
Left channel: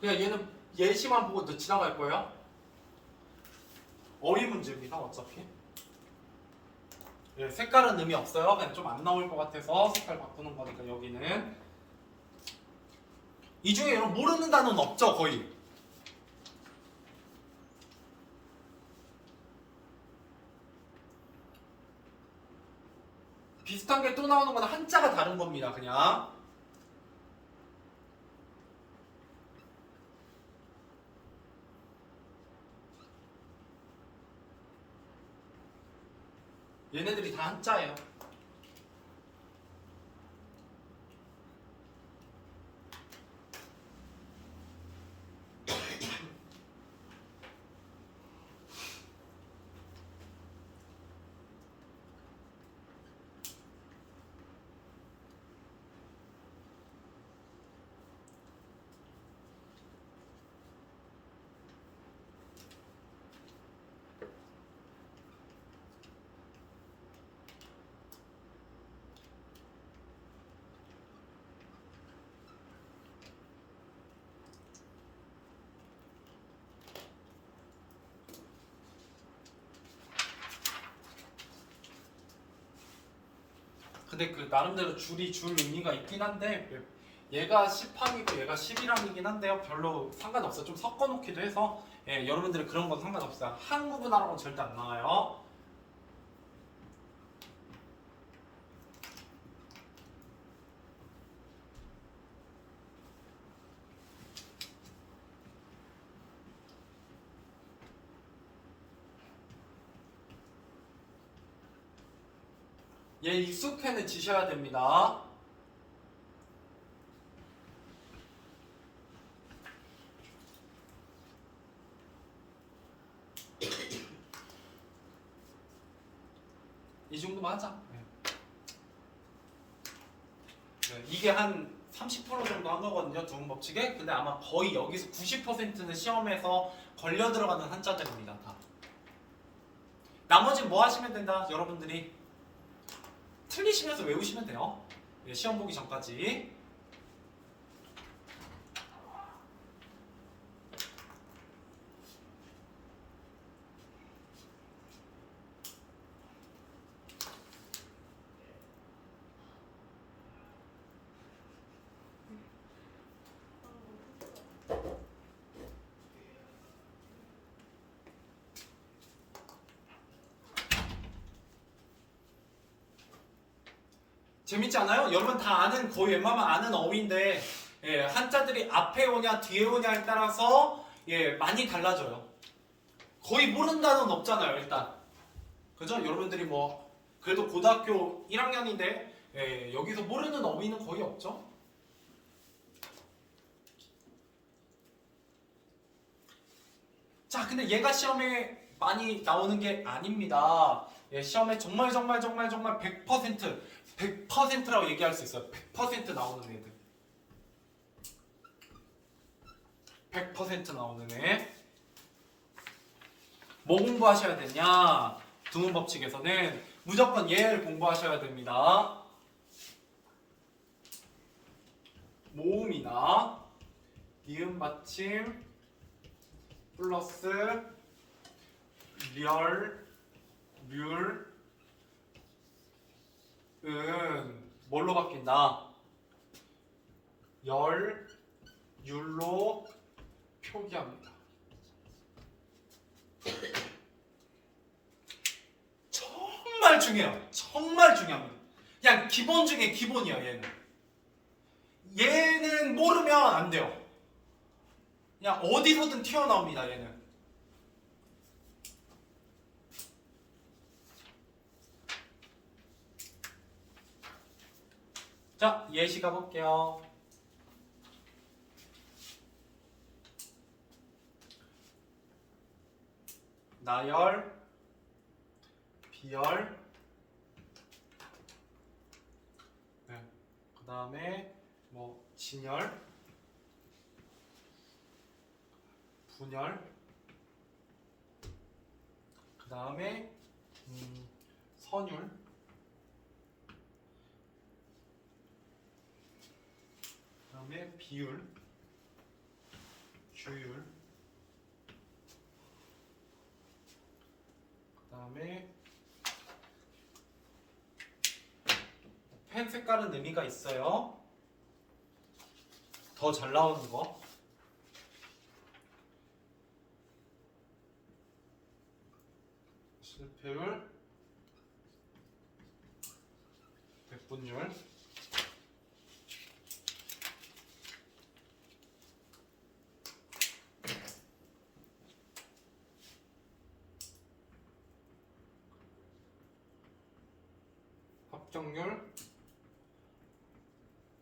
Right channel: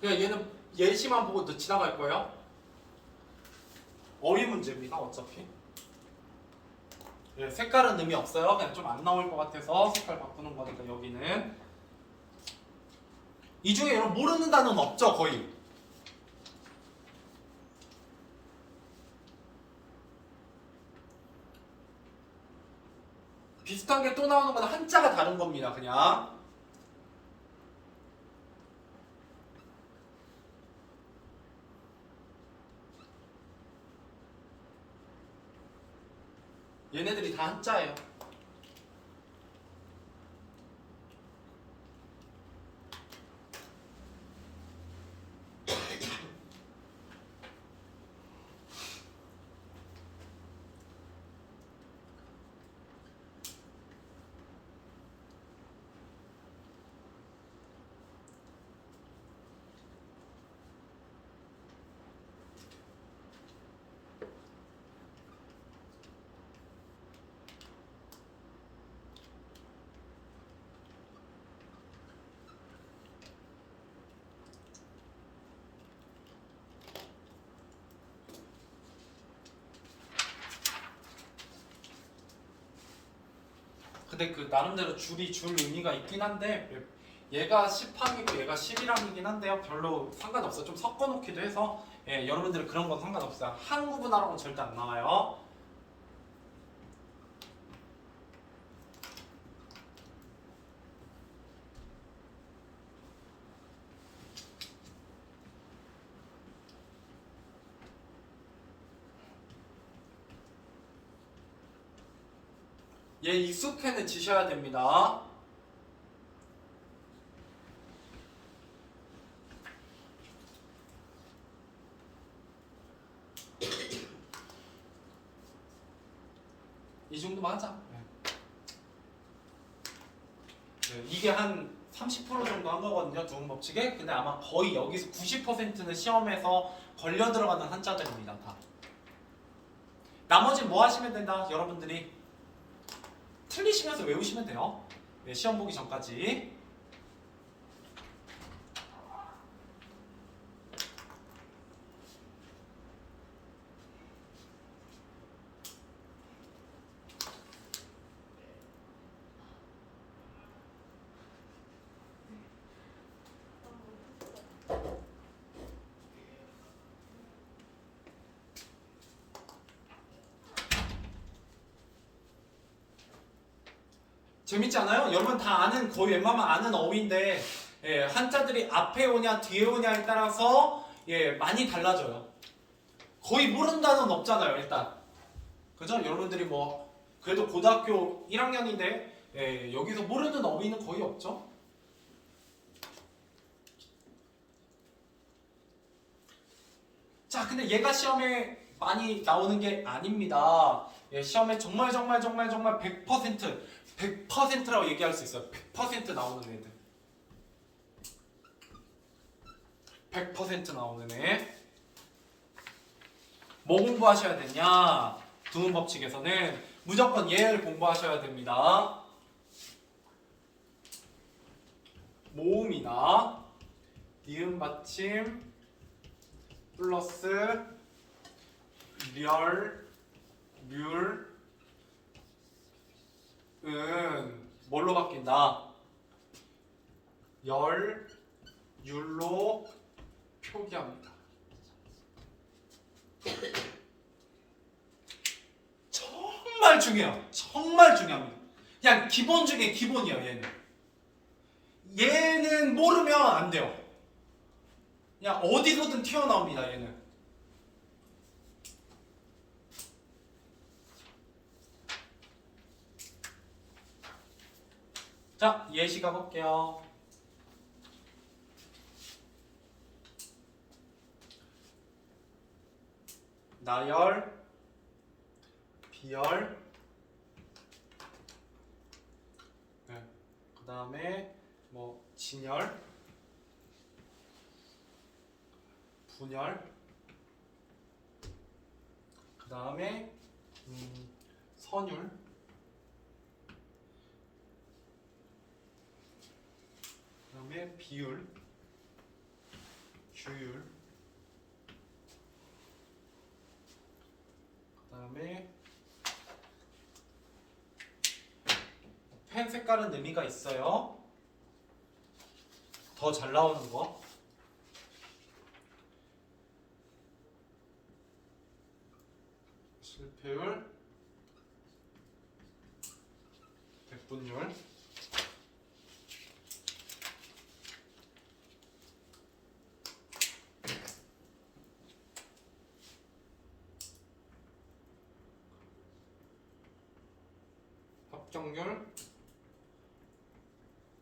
그냥 얘는 예시만 보고 또 지나갈 거예요. 어휘 문제입니다. 어차피. 네, 색깔은 의미 없어요. 그냥 좀 안 나올 것 같아서 색깔 바꾸는 거니까 여기는. 이 중에 여러분 모르는 단어는 없죠, 거의. 비슷한 게 또 나오는 건 한자가 다른 겁니다, 그냥. 얘네들이 다 한자예요. 근데 그 나름대로 줄이 줄 의미가 있긴 한데 얘가 10항이고 얘가 11항이긴 한데요. 별로 상관없어요. 좀 섞어놓기도 해서 여러분들은 그런 건 상관없어요. 항 구분하라고는 절대 안 나와요. 얘 익숙해지셔야 됩니다. 이 정도만 하자. 네, 이게 한 30% 정도 한 거거든요, 두음 법칙에. 근데 아마 거의 여기서 90%는 시험에서 걸려 들어가는 한자들입니다, 다. 나머지는 뭐 하시면 된다, 여러분들이 틀리시면서 외우시면 돼요. 네, 시험 보기 전까지. 재밌지 않아요? 여러분 다 아는, 거의 웬만하면 아는 어휘인데, 예, 한자들이 앞에 오냐 뒤에 오냐에 따라서 예, 많이 달라져요. 거의 모르는 단어는 없잖아요, 일단. 그죠? 여러분들이 뭐 그래도 고등학교 1학년인데 예, 여기서 모르는 어휘는 거의 없죠? 자, 근데 얘가 시험에 많이 나오는 게 아닙니다. 예, 시험에 정말 100%라고 얘기할 수 있어요. 100% 나오는 애들. 100% 나오는 애. 뭐 공부하셔야 되냐? 두음 법칙에서는 무조건 얘를 공부하셔야 됩니다. 모음이나 니은 받침 플러스 렬, 률, 은 뭘로 바뀐다? 열, 율로 표기합니다. 정말 중요해요. 정말 중요합니다. 그냥 기본 중에 기본이에요, 얘는. 얘는 모르면 안 돼요. 그냥 어디서든 튀어나옵니다, 얘는. 자, 예시 가볼게요. 나열, 비열, 네. 그 다음에 뭐 진열, 분열, 그 다음에 선율, 그 다음에 비율, 규율, 그 다음에 펜 색깔은 의미가 있어요. 더 잘 나오는 거. 실패율, 백분율, 합격률,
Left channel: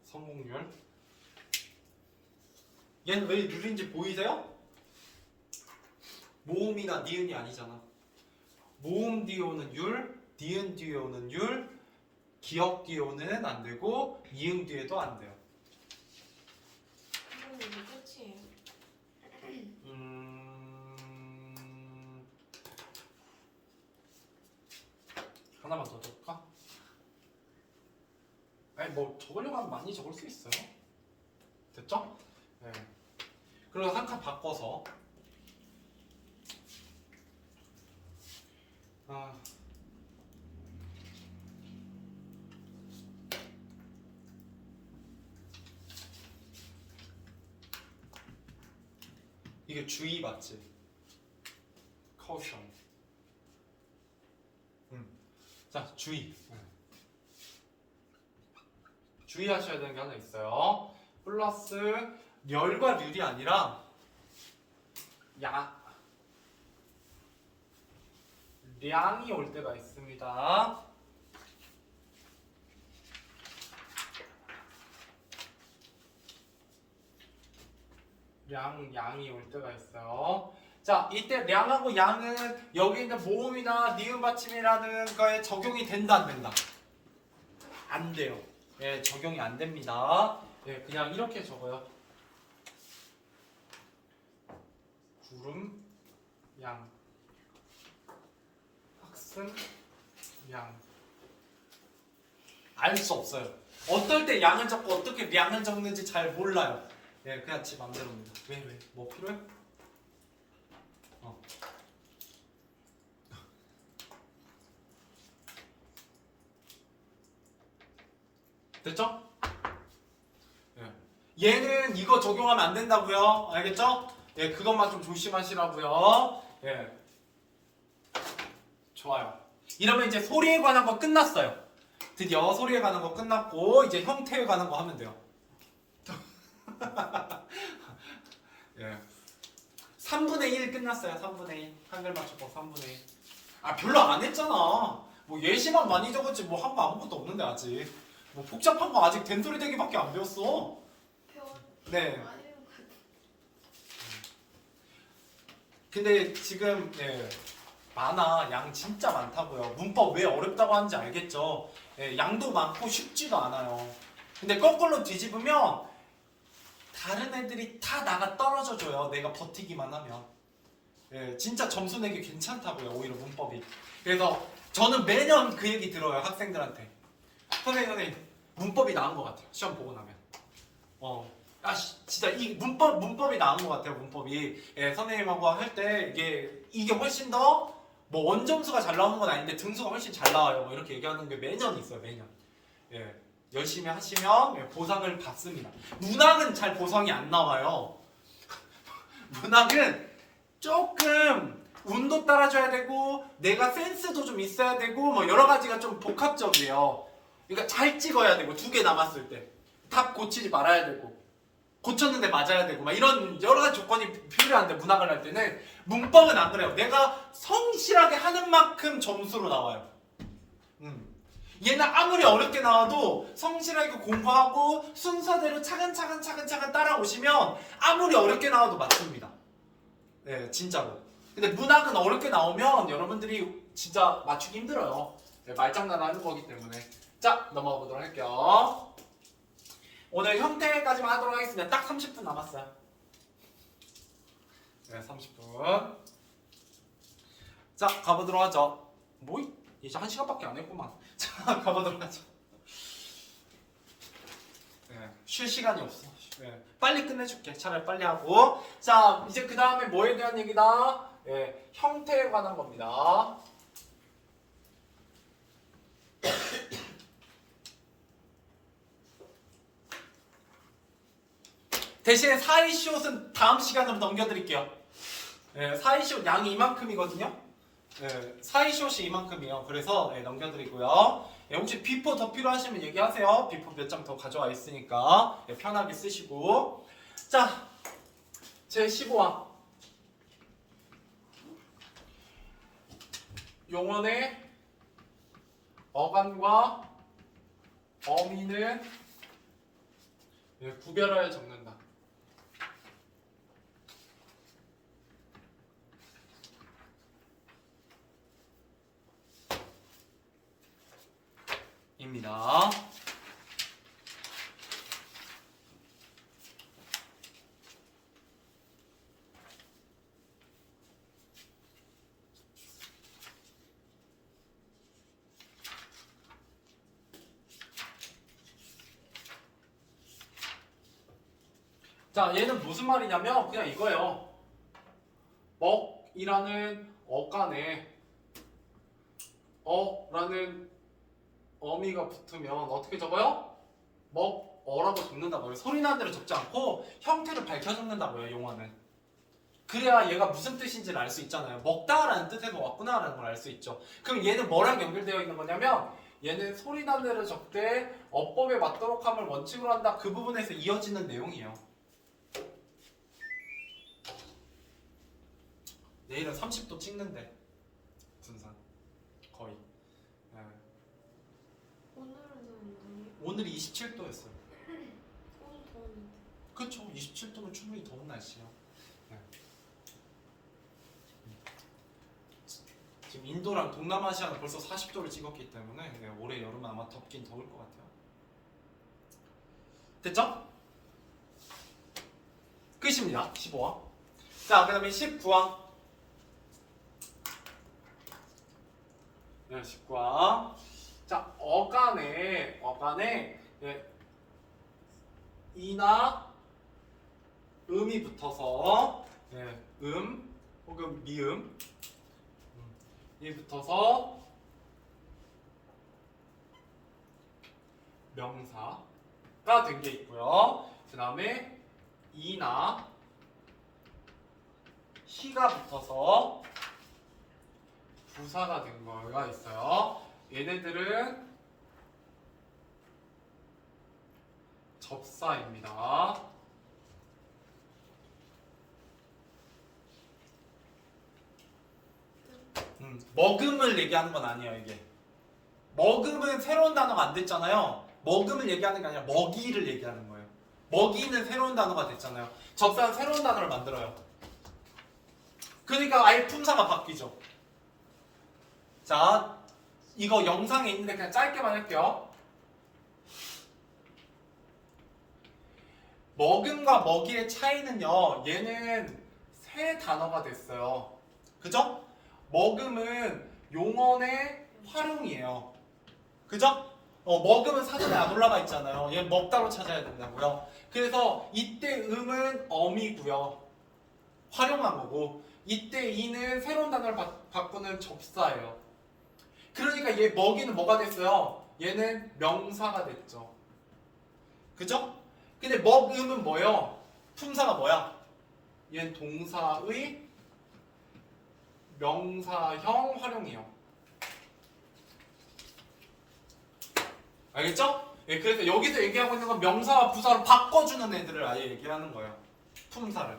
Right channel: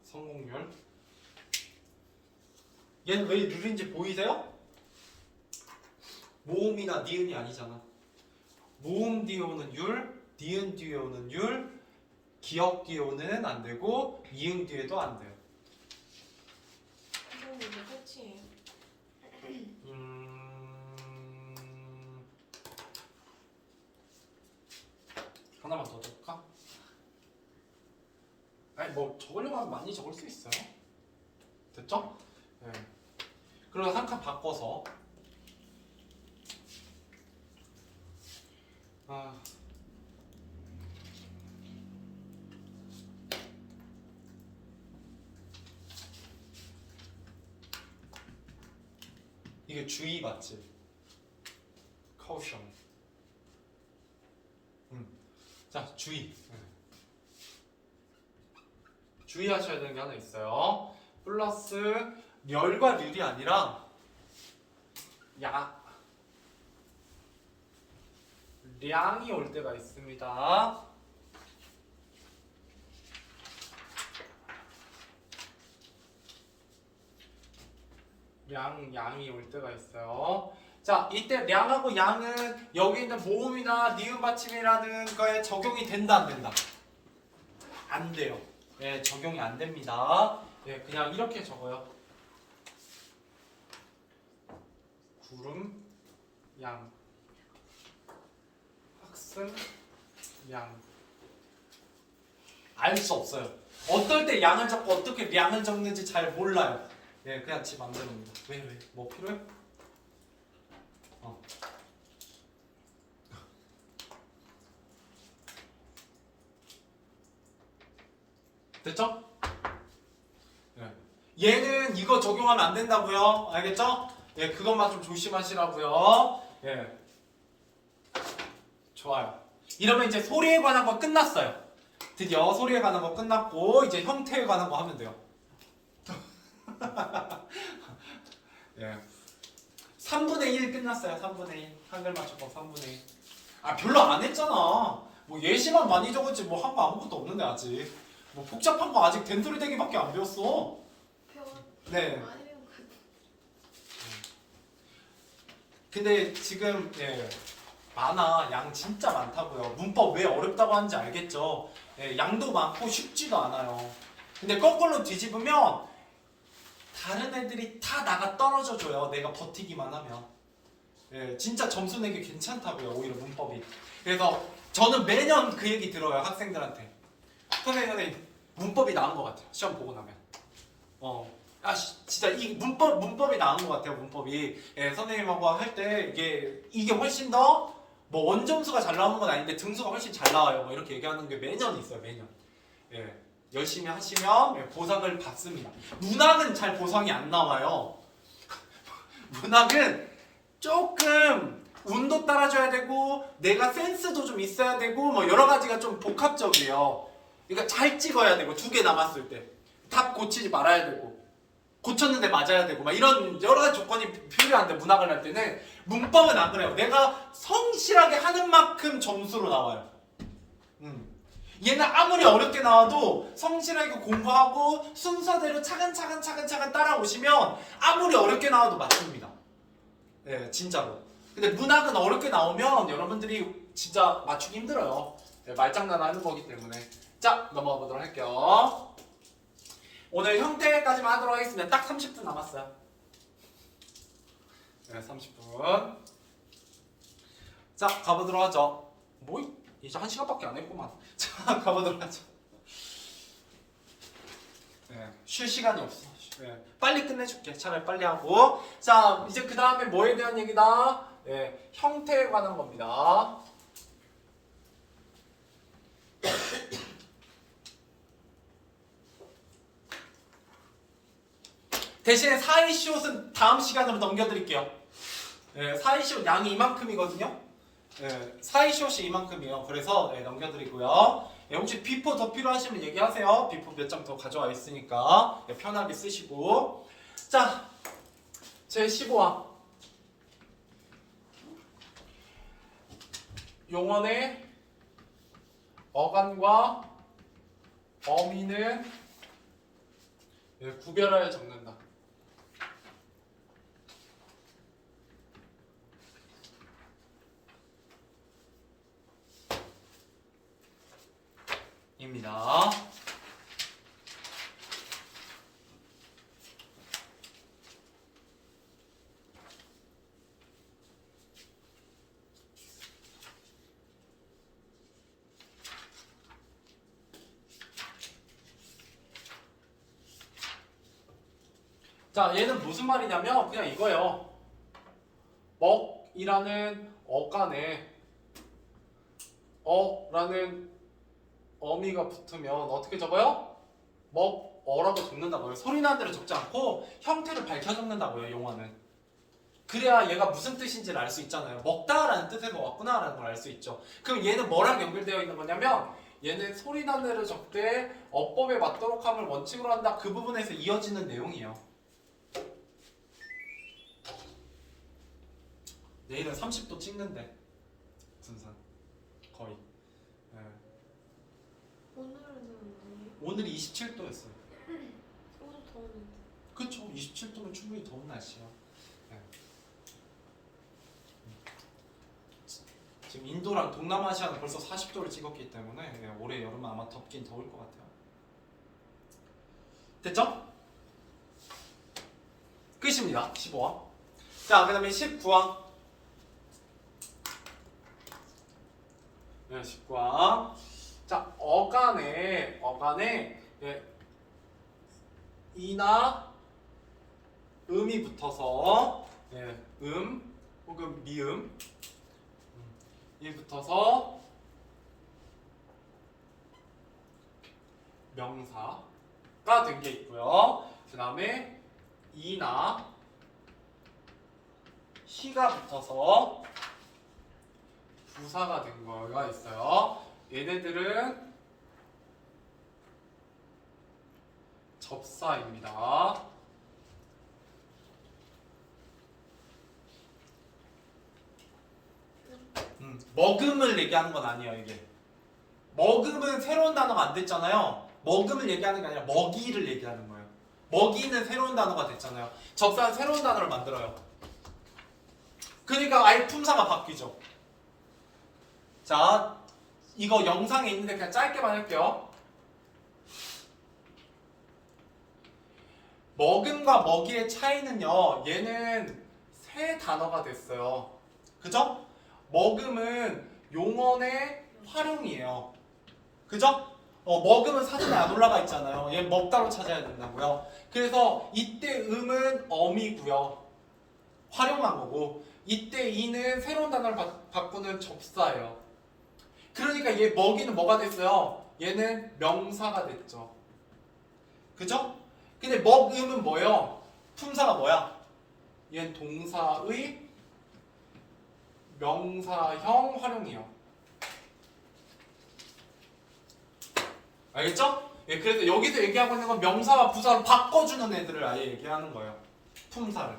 성공률. 얘는 왜 룰인지 보이세요? 모음이나 니은이 아니잖아. 모음 뒤에 오는 율, 니은 뒤에 오는 율, 기역 뒤에 오는 안 되고 이응 뒤에도 안 돼요. 선생님 이제 끝이에요. 하나만 더 적을까? 아니 뭐 적으려고 하면 많이 적을 수 있어요. 됐죠? 네. 그리고 한 칸 바꿔서 이게 주의 맞지? caution. 자, 주의. 주의하셔야 되는 게 하나 있어요. 플러스 렬과 률이 아니라 량이 올 때가 있습니다. 양이 올 때가 있어요. 자, 이때 량하고 양은 여기 있는 모음이나 니은 받침이라는 거에 적용이 된다, 안 된다? 안 돼요. 예, 적용이 안 됩니다. 예, 그냥 이렇게 적어요. 구름, 양, 학생, 양. 알 수 없어요. 어떨 때 양을 적고 어떻게 양을 적는지 잘 몰라요. 예, 그냥 지 맘대로입니다. 왜? 뭐 필요해? 됐죠? 예. 얘는 이거 적용하면 안 된다고요. 알겠죠? 예, 그것만 좀 조심하시라고요. 예. 좋아요. 이러면 이제 소리에 관한 거 끝났어요. 드디어 소리에 관한 거 끝났고 이제 형태에 관한 거 하면 돼요. 예. 3분의 1 끝났어요. 3분의 1. 한글 맞춤법 3분의 1. 아, 별로 안 했잖아. 뭐 예시만 많이 적었지 뭐 한 거 아무것도 없는데 아직. 뭐 복잡한 거 아직 된소리 대기밖에 안 배웠어. 네. 근데 지금 예, 많아. 양 진짜 많다고요. 문법 왜 어렵다고 하는지 알겠죠? 예, 양도 많고 쉽지도 않아요. 근데 거꾸로 뒤집으면 다른 애들이 다 나가 떨어져 줘요. 내가 버티기만 하면. 예, 진짜 점수 내기 괜찮다고요. 오히려 문법이. 그래서 저는 매년 그 얘기 들어요. 학생들한테. 선생님 문법이 나은 것 같아요. 시험 보고 나면. 진짜 이 문법이 나은 것 같아요. 문법이. 예, 선생님하고 할 때 이게 훨씬 더 뭐 원점수가 잘 나오는 건 아닌데 등수가 훨씬 잘 나와요. 뭐 이렇게 얘기하는 게 매년 있어요. 매년. 예, 열심히 하시면 예, 보상을 받습니다. 문학은 잘 보상이 안 나와요. 문학은 조금 운도 따라줘야 되고 내가 센스도 좀 있어야 되고 뭐 여러 가지가 좀 복합적이에요. 그러니까 잘 찍어야 되고 2개 남았을 때 답 고치지 말아야 되고 고쳤는데 맞아야 되고 막 이런 여러 가지 조건이 필요한데 문학을 할 때는 문법은 안 그래요. 내가 성실하게 하는 만큼 점수로 나와요. 얘는 아무리 어렵게 나와도 성실하게 공부하고 순서대로 차근차근 따라오시면 아무리 어렵게 나와도 맞춥니다. 네, 진짜로. 근데 문학은 어렵게 나오면 여러분들이 진짜 맞추기 힘들어요. 네, 말장난 하는 거기 때문에. 자, 넘어가 보도록 할게요. 오늘 형태까지만 하도록 하겠습니다. 딱 30분 남았어요. 네, 30분. 자, 가보도록 하죠. 뭐? 이제 1시간밖에 안 했구만. 자, 가보도록 하죠. 네, 쉴 시간이 없어. 네, 빨리 끝내줄게. 차라리 빨리 하고. 자, 이제 그 다음에 뭐에 대한 얘기다? 네, 형태에 관한 겁니다. 대신에 사이시옷은 다음 시간으로 넘겨드릴게요. 네, 사이시옷 양이 이만큼이거든요. 네, 사이시옷이 이만큼이에요. 그래서 네, 넘겨드리고요. 네, 혹시 비포 더 필요하시면 얘기하세요. 비포 몇 장 더 가져와 있으니까 네, 편하게 쓰시고. 자, 제 15화 용언의 어간과 어미는 네, 구별하여 적는다. 입니다. 자, 얘는 무슨 말이냐면 그냥 이거예요. 먹이라는 어간에 어라는 어미가 붙으면 어떻게 적어요? 먹어라고 적는다고요. 소리 나는 대로 적지 않고 형태를 밝혀 적는다고요. 용어는. 그래야 얘가 무슨 뜻인지를 알 수 있잖아요. 먹다라는 뜻에서 왔구나라는 걸 알 수 있죠. 그럼 얘는 뭐랑 연결되어 있는 거냐면 얘는 소리 나는 대로 적되 어법에 맞도록 함을 원칙으로 한다. 그 부분에서 이어지는 내용이에요. 내일은 30도 찍는데 분산 거의. 네. 오늘이 27도였어요. 오늘 더운데. 그렇죠. 27도면 충분히 더운 날씨요. 네. 지금 인도랑 동남아시아는 벌써 40도를 찍었기 때문에 예, 올해 여름은 아마 덥긴 더울 것 같아요. 됐죠? 끝입니다. 15항. 자, 그 다음에 19항. 네, 19항. 자, 어간에 예, 이나 음이 붙어서 예, 혹은 미음 이 붙어서 명사가 된 게 있고요. 그 다음에 이나 희가 붙어서 부사가 된 거가 있어요. 얘네들은 접사입니다. 먹음을 얘기하는 건 아니에요. 이게 먹음은 새로운 단어가 안 됐잖아요. 먹음을 얘기하는 게 아니라 먹이를 얘기하는 거예요. 먹이는 새로운 단어가 됐잖아요. 접사는 새로운 단어를 만들어요. 그러니까 아예 품사가 바뀌죠. 자, 이거 영상에 있는데 그냥 짧게만 할게요. 먹음과 먹이의 차이는요, 얘는 새 단어가 됐어요. 그죠? 먹음은 용언의 활용이에요. 그죠? 먹음은 사전에 안 올라가 있잖아요. 얘 먹다로 찾아야 된다고요. 그래서 이때 음은 어미고요. 활용한 거고, 이때 이는 새로운 단어를 바꾸는 접사예요. 그러니까 얘 먹이는 뭐가 됐어요? 얘는 명사가 됐죠. 그죠? 근데 먹음은 뭐예요? 품사가 뭐야? 얘는 동사의 명사형 활용이에요. 알겠죠? 예, 그래서 여기서 얘기하고 있는 건 명사와 부사를 바꿔주는 애들을 아예 얘기하는 거예요. 품사를.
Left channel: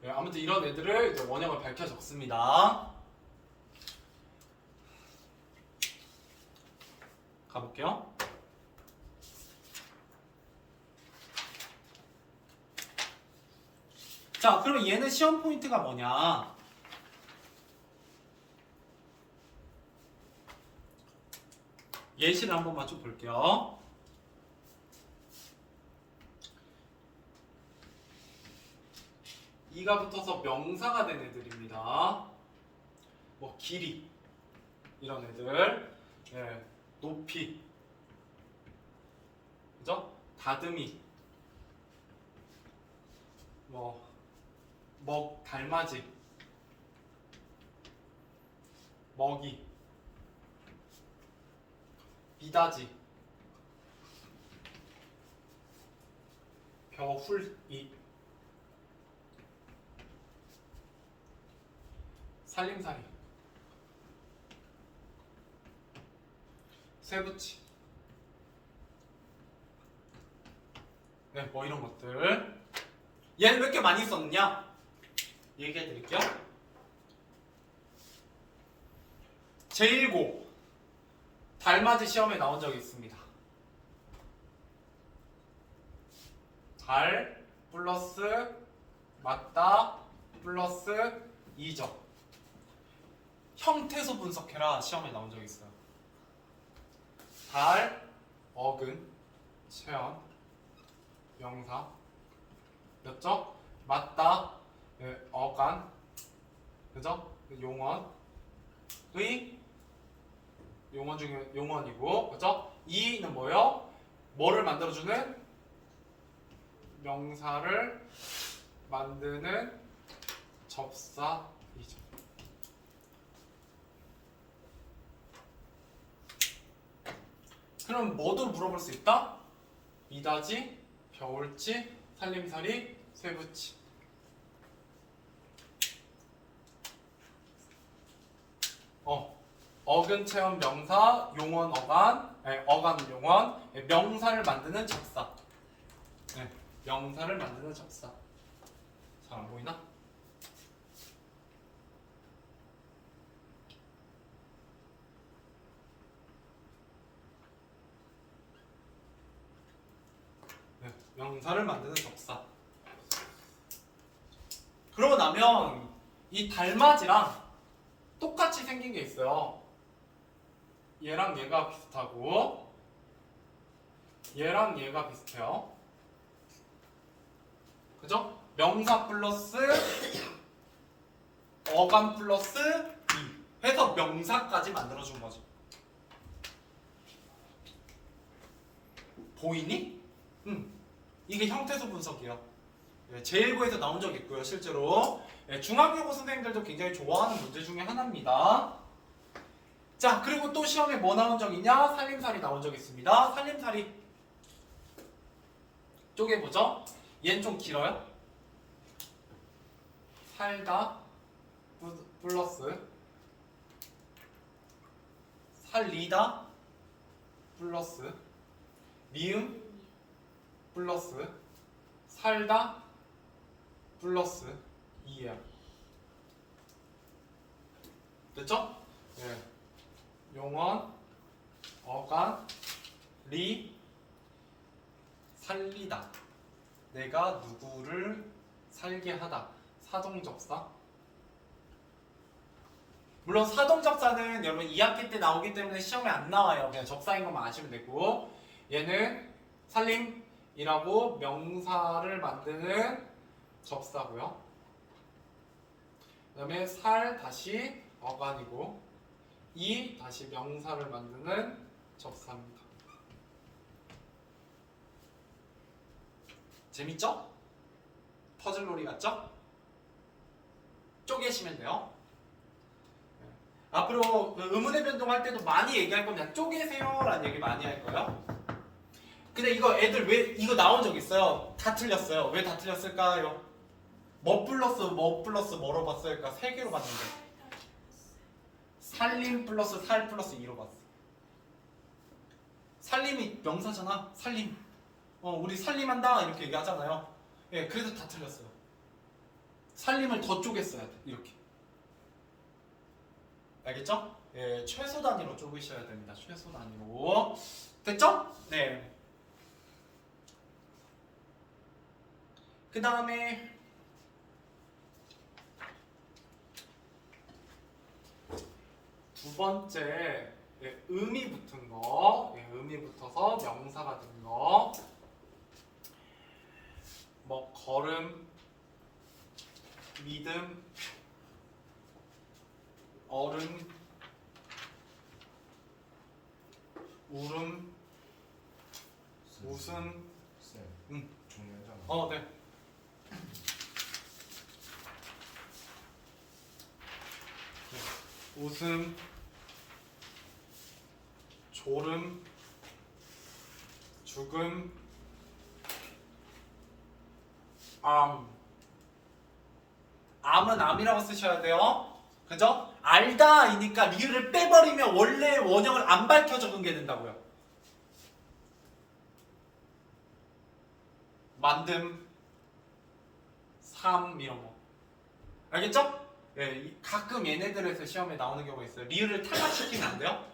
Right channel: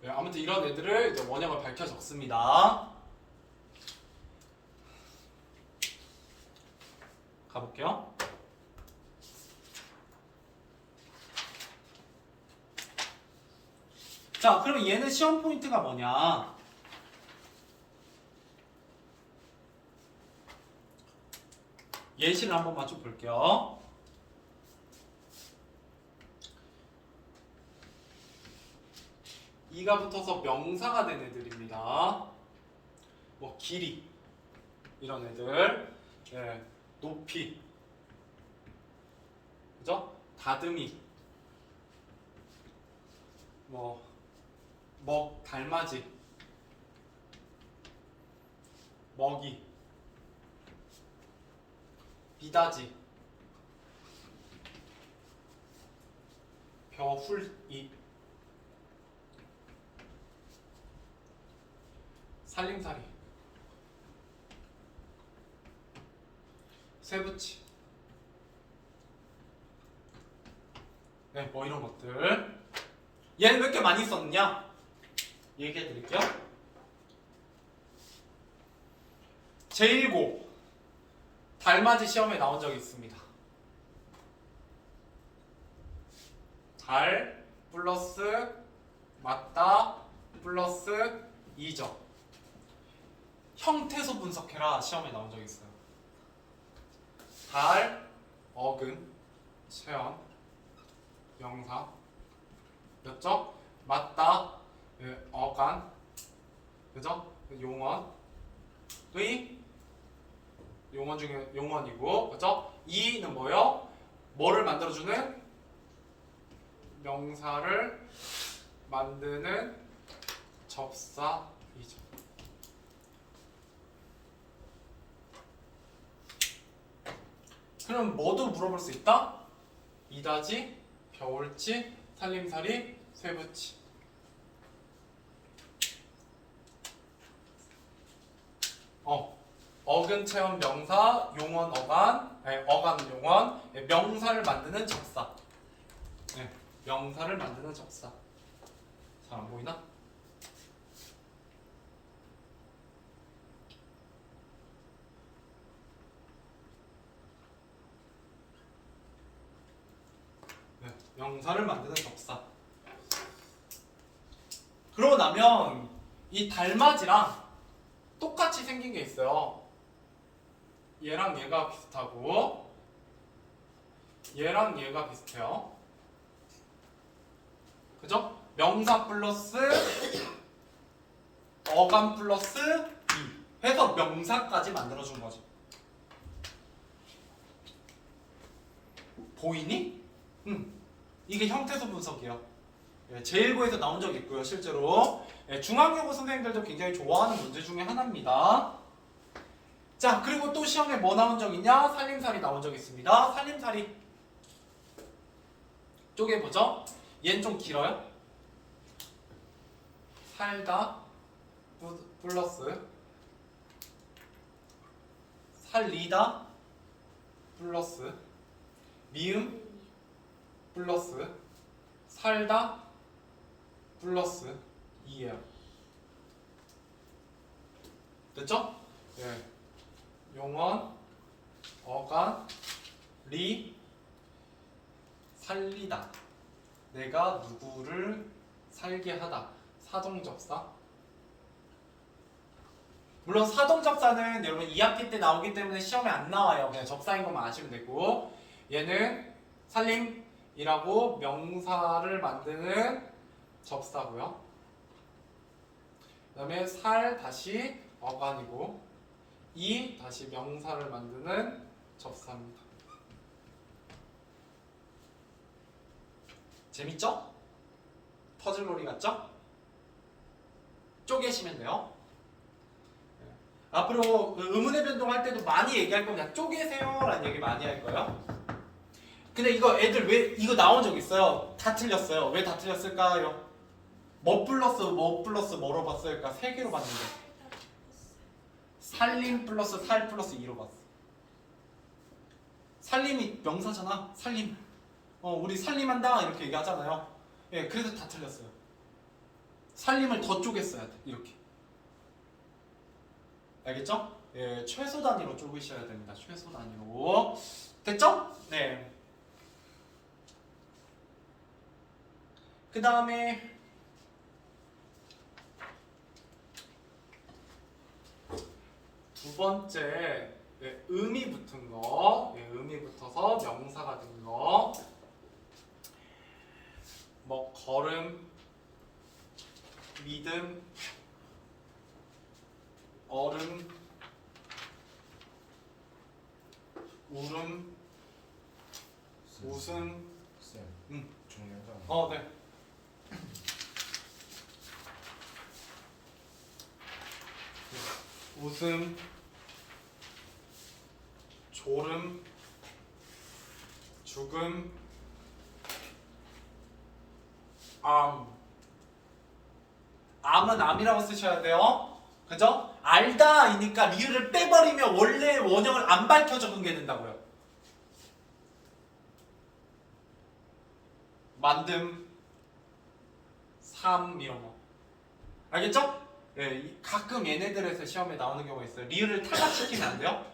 네, 아무튼 이런 애들을 이제 원형을 밝혀 적습니다. 가볼게요. 자, 그럼 얘는 시험 포인트가 뭐냐? 예시를 한번만 좀 볼게요. 이가 붙어서 명사가 된 애들입니다. 뭐 길이 이런 애들, 네, 높이, 그죠? 다듬이, 달맞이, 먹이, 비다지, 벼훌이, 살림살이, 쇠붙이, 네, 뭐 이런 것들. 얘는 왜 이렇게 많이 썼느냐? 얘기해 드릴게요. 제1고 달맞이 시험에 나온 적이 있습니다. 달 플러스 맞다 플러스 이적. 형태소 분석해라 시험에 나온 적이 있어요. 달, 어근, 체험, 명사, 였죠? 맞다, 어간, 그죠? 용언, 용언 중에 용언이고, 그죠? 이는 뭐요? 뭐를 만들어주는? 명사를 만드는 접사이죠. 그럼 뭐도 물어볼 수 있다? 이다지, 겨울치, 살림살이, 쇠붙이. 어근 체험 명사, 용언 어간, 어간 용언, 명사를 만드는 접사. 명사를 만드는 접사. 잘 안 보이나? 명사를 만드는 접사. 그러고 나면 이 달맞이랑 똑같이 생긴 게 있어요. 얘랑 얘가 비슷하고 얘랑 얘가 비슷해요. 그죠? 명사 플러스 어감 플러스 이 해서 명사까지 만들어준 거죠. 보이니? 이게 형태소 분석이에요. 제1부에서 나온 적 있고요, 실제로. 중앙여고 선생님들도 굉장히 좋아하는 문제 중에 하나입니다. 자, 그리고 또 시험에 뭐 나온 적 있냐? 살림살이 나온 적 있습니다. 살림살이 쪼개보죠. 얘는 좀 길어요. 살다 플러스 살리다 플러스 미음 플러스 살다 플러스 2예요. 됐죠? 네. 용언, 어간, 리, 살리다. 내가 누구를 살게 하다. 사동접사. 물론 사동접사는 여러분 2학기 때 나오기 때문에 시험에 안 나와요. 그냥 접사인 것만 아시면 되고, 얘는 살림이라고 명사를 만드는 접사고요. 그 다음에 살 다시 어간이고, 이 다시 명사를 만드는 접사입니다. 재밌죠? 퍼즐놀이 같죠? 쪼개시면 돼요. 앞으로 의문의 변동할 때도 많이 얘기할 거면 그냥 쪼개세요 라는 얘기 많이 할 거예요. 근데 이거 애들 왜 이거 나온 적 있어요? 다 틀렸어요. 왜 다 틀렸을까요? 뭐 플러스 뭐로 봤을까? 세 개로 봤는데 살림 플러스 살 플러스 2로 봤어. 살림이 명사잖아. 살림. 우리 살림한다 이렇게 얘기하잖아요. 예, 그래서 다 틀렸어요. 살림을 더 쪼갰어야 돼. 이렇게. 알겠죠? 예, 최소 단위로 쪼개셔야 됩니다. 최소 단위로. 됐죠? 네. 그 다음에 두 번째 의미 붙은 거, 의미 붙어서 명사가 된 거, 뭐 걸음, 믿음, 얼음, 울음, 웃음, 중요하잖아. 네. 웃음, 졸음, 죽음, 암은 암이라고 쓰셔야 돼요. 그죠? 알다이니까 리을을 빼버리면 원래 원형을 안 밝혀 적응게 된다고요. 만듦, 삶 이런 거. 알겠죠? 예, 가끔 얘네들에서 시험에 나오는 경우가 있어요. 리을을 탈락시키면 안 돼요?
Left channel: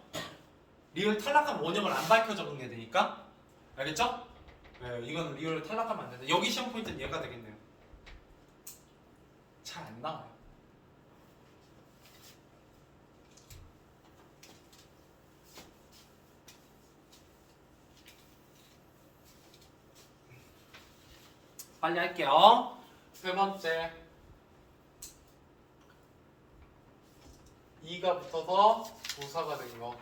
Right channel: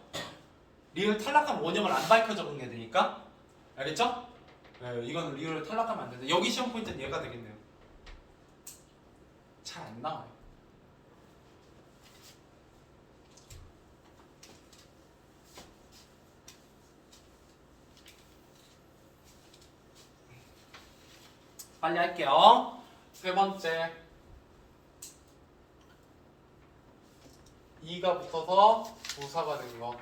리을 탈락하면 원형을 안 밝혀 적응해야 되니까. 알겠죠? 예, 이거는 리을을 탈락하면 안 된다. 여기 시험 포인트는 얘가 되겠네요. 잘 안 나와요. 빨리 할게요. 세 번째. 이가 붙어서 부사가 된 거.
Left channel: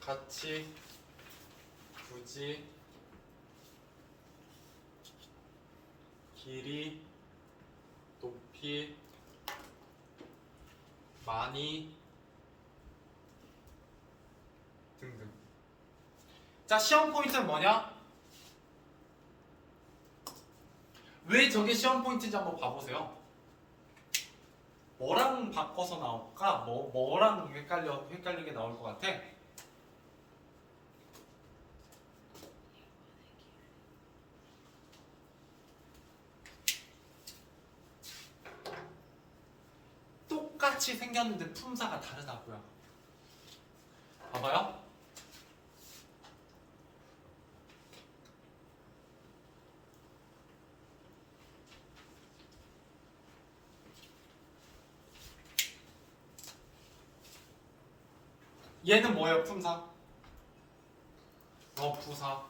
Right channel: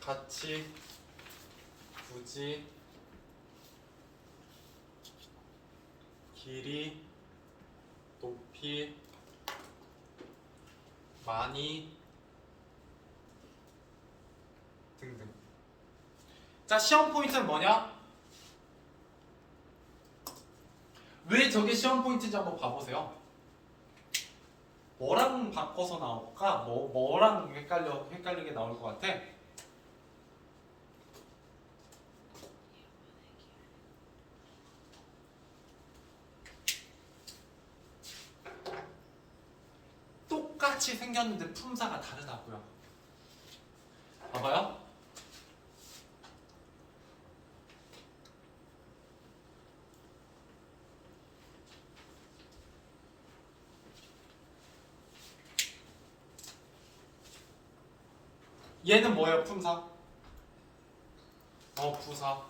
같이, 굳이, 길이, 높이, 많이 등등. 자, 시험 포인트는 뭐냐? 왜 저게 시험 포인트인지 한번 봐보세요. 뭐랑 바꿔서 나올까? 뭐랑 헷갈리게 나올 것 같아? 똑같이 생겼는데 품사가 다르다고요. 봐봐요. 얘는 뭐예요? 품사. 부사.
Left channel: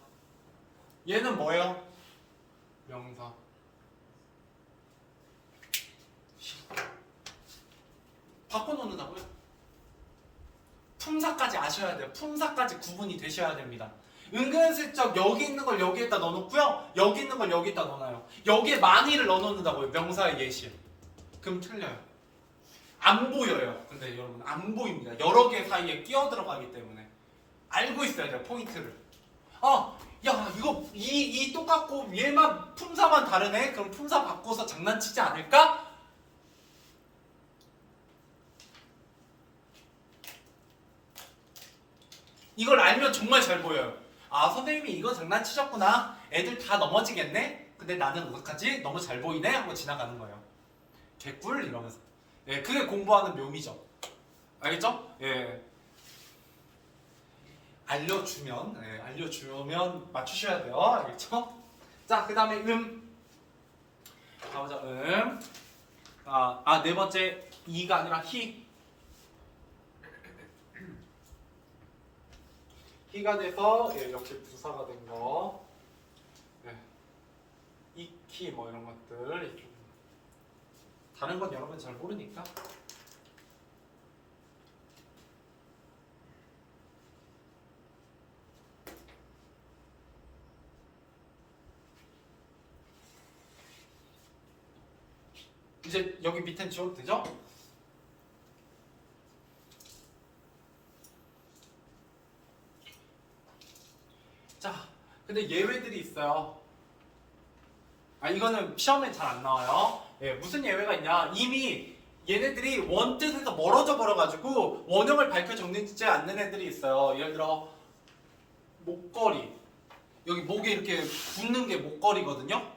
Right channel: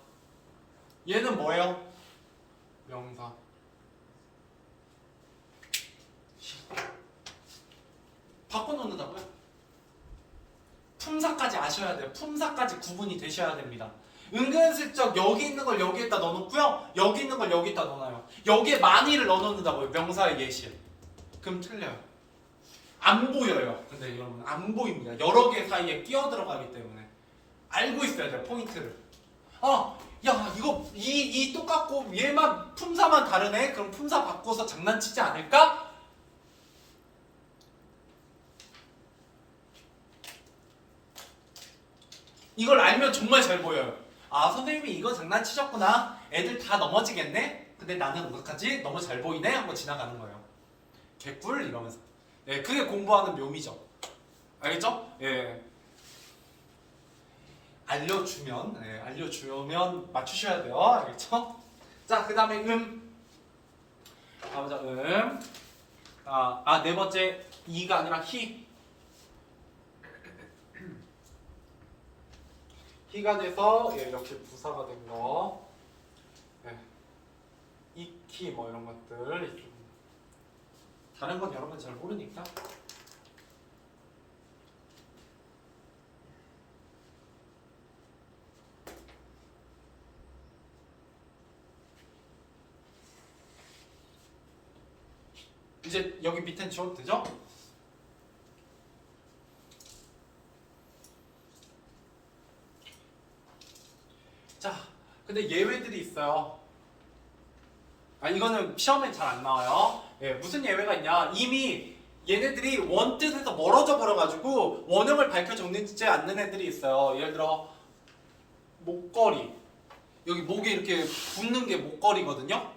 얘는 뭐예요? 명사. 바꿔놓는다고요? 품사까지 아셔야 돼요. 품사까지 구분이 되셔야 됩니다. 은근슬쩍 여기 있는 걸 여기에다 넣어놓고요. 여기 있는 걸 여기에다 넣어놔요. 여기에 많이를 넣어놓는다고요. 명사의 예시를. 그럼 틀려요. 안 보여요. 근데 여러분 안 보입니다. 여러 개 사이에 끼어 들어가기 때문에 알고 있어야 돼요. 포인트를. 야 이거 이 똑같고 얘만 품사만 다르네. 그럼 품사 바꿔서 장난치지 않을까? 이걸 알면 정말 잘 보여요. 아 선생님이 이거 장난치셨구나. 애들 다 넘어지겠네. 근데 나는 어떡하지? 너무 잘 보이네 하고 지나가는 거예요. 개꿀 이러면서. 예, 그게 공부하는 묘미죠. 알겠죠? 예. 알려주면 맞추셔야 돼요. 알겠죠? 자, 그 다음에 가보자, 네 번째, 이가 아니라 히. 히가 돼서, 예, 역시 부사가 된 거. 예. 이키, 뭐 이런 것들. 다른 건 여러분 잘 모르니까. 이제 여기 밑에는 지워도 되죠? 자, 근데 예외들이 있어요. 이거는 시험에 잘 안 나와요. 예, 무슨 예외가 있냐? 이미 얘네들이 원뜻에서 멀어져 버려가지고 원형을 밝혀 적는지 않는 애들이 있어요. 예를 들어 목걸이. 여기 목에 이렇게 붙는 게 목걸이거든요.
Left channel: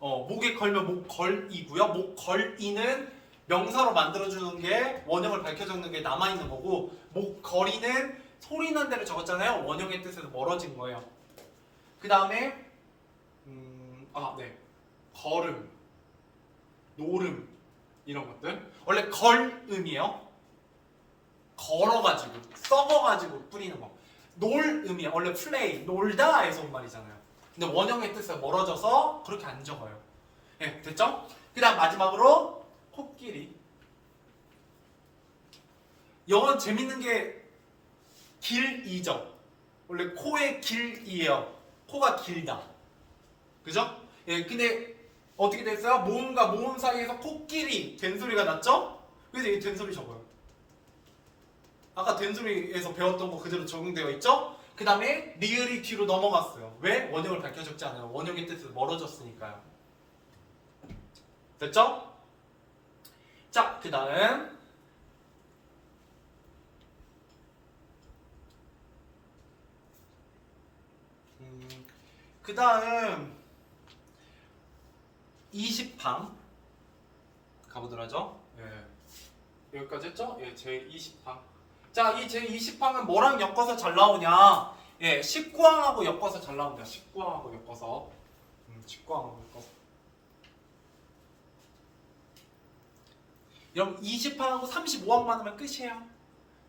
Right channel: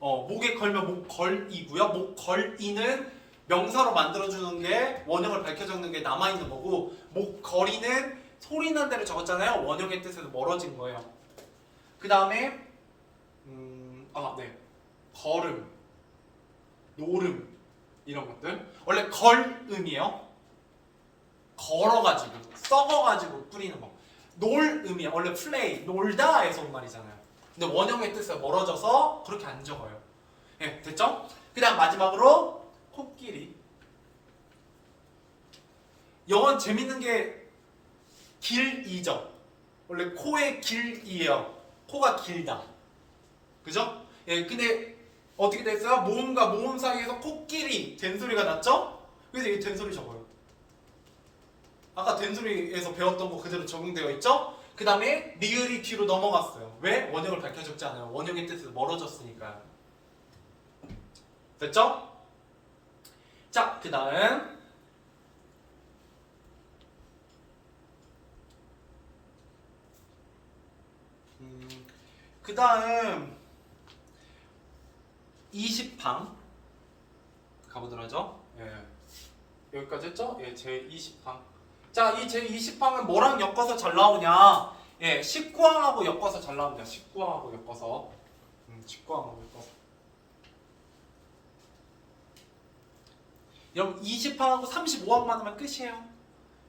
목에 걸면 목걸이고요. 목걸이는 명사로 만들어주는 게 원형을 밝혀 적는 게 남아있는 거고 목걸이는 소리 난 대로 적었잖아요. 원형의 뜻에서 멀어진 거예요. 그 다음에 네. 걸음, 노름 이런 것들 원래 걸음이에요. 걸어가지고 썩어가지고 뿌리는 거. 놀음이야. 원래 플레이, 놀다에서 온 말이잖아요. 근데 원형의 뜻에 멀어져서 그렇게 안 적어요. 네, 됐죠? 그 다음 마지막으로 코끼리. 영어는 재밌는 게 길이죠. 원래 코의 길이에요. 코가 길다. 그죠? 예, 근데 어떻게 됐어요? 모음과 모음 사이에서 코끼리 된소리가 났죠? 그래서 이 된소리 적어요. 아까 된소리에서 배웠던 거 그대로 적용되어 있죠? 그 다음에 리을이 뒤로 넘어갔어요. 왜? 원형을 밝혀 적지 않아요. 원형의 뜻에서 멀어졌으니까요. 됐죠? 자, 그 다음 그 다음 20 항 가보도록 하죠. 예. 여기까지 했죠? 예, 제20항. 자, 이 제20항은 뭐랑 엮어서 잘 나오냐? 예, 19항하고 엮어서 잘 나옵니다. 19항하고 엮어서. 19항하고 엮어서. 여러분 20항하고 35항만 하면 끝이에요.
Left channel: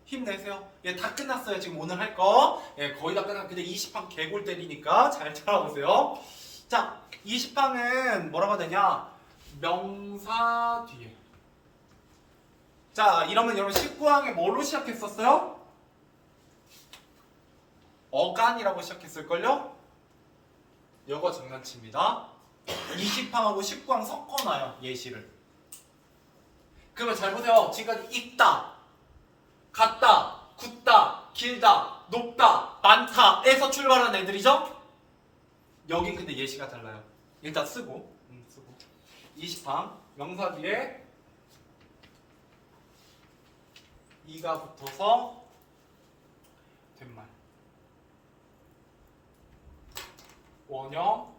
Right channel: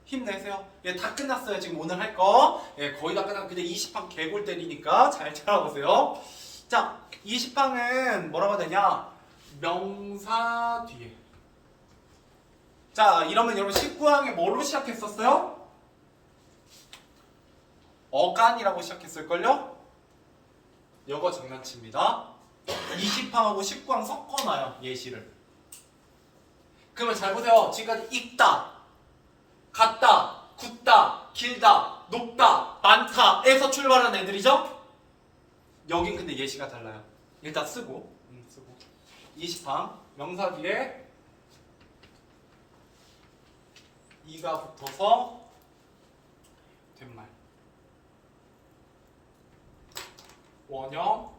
힘내세요. 예, 다 끝났어요. 지금 오늘 할 거. 예, 거의 다 끝났는데 20항 개골 때리니까 잘 따라오세요. 자, 20항은 뭐라고 되냐? 명사 뒤에. 자, 이러면 여러분 19항에 뭐로 시작했었어요? 어간이라고 시작했을걸요? 요거 장난칩니다. 20항하고 19항 섞어놔요. 예시를. 그러면 잘 보세요. 지금까지 읽다, 같다, 굳다, 길다, 높다, 많다에서 출발한 애들이죠? 여긴 근데 예시가 달라요. 일단 쓰고 20항 명사 뒤에 이가 붙어서 된말. 원형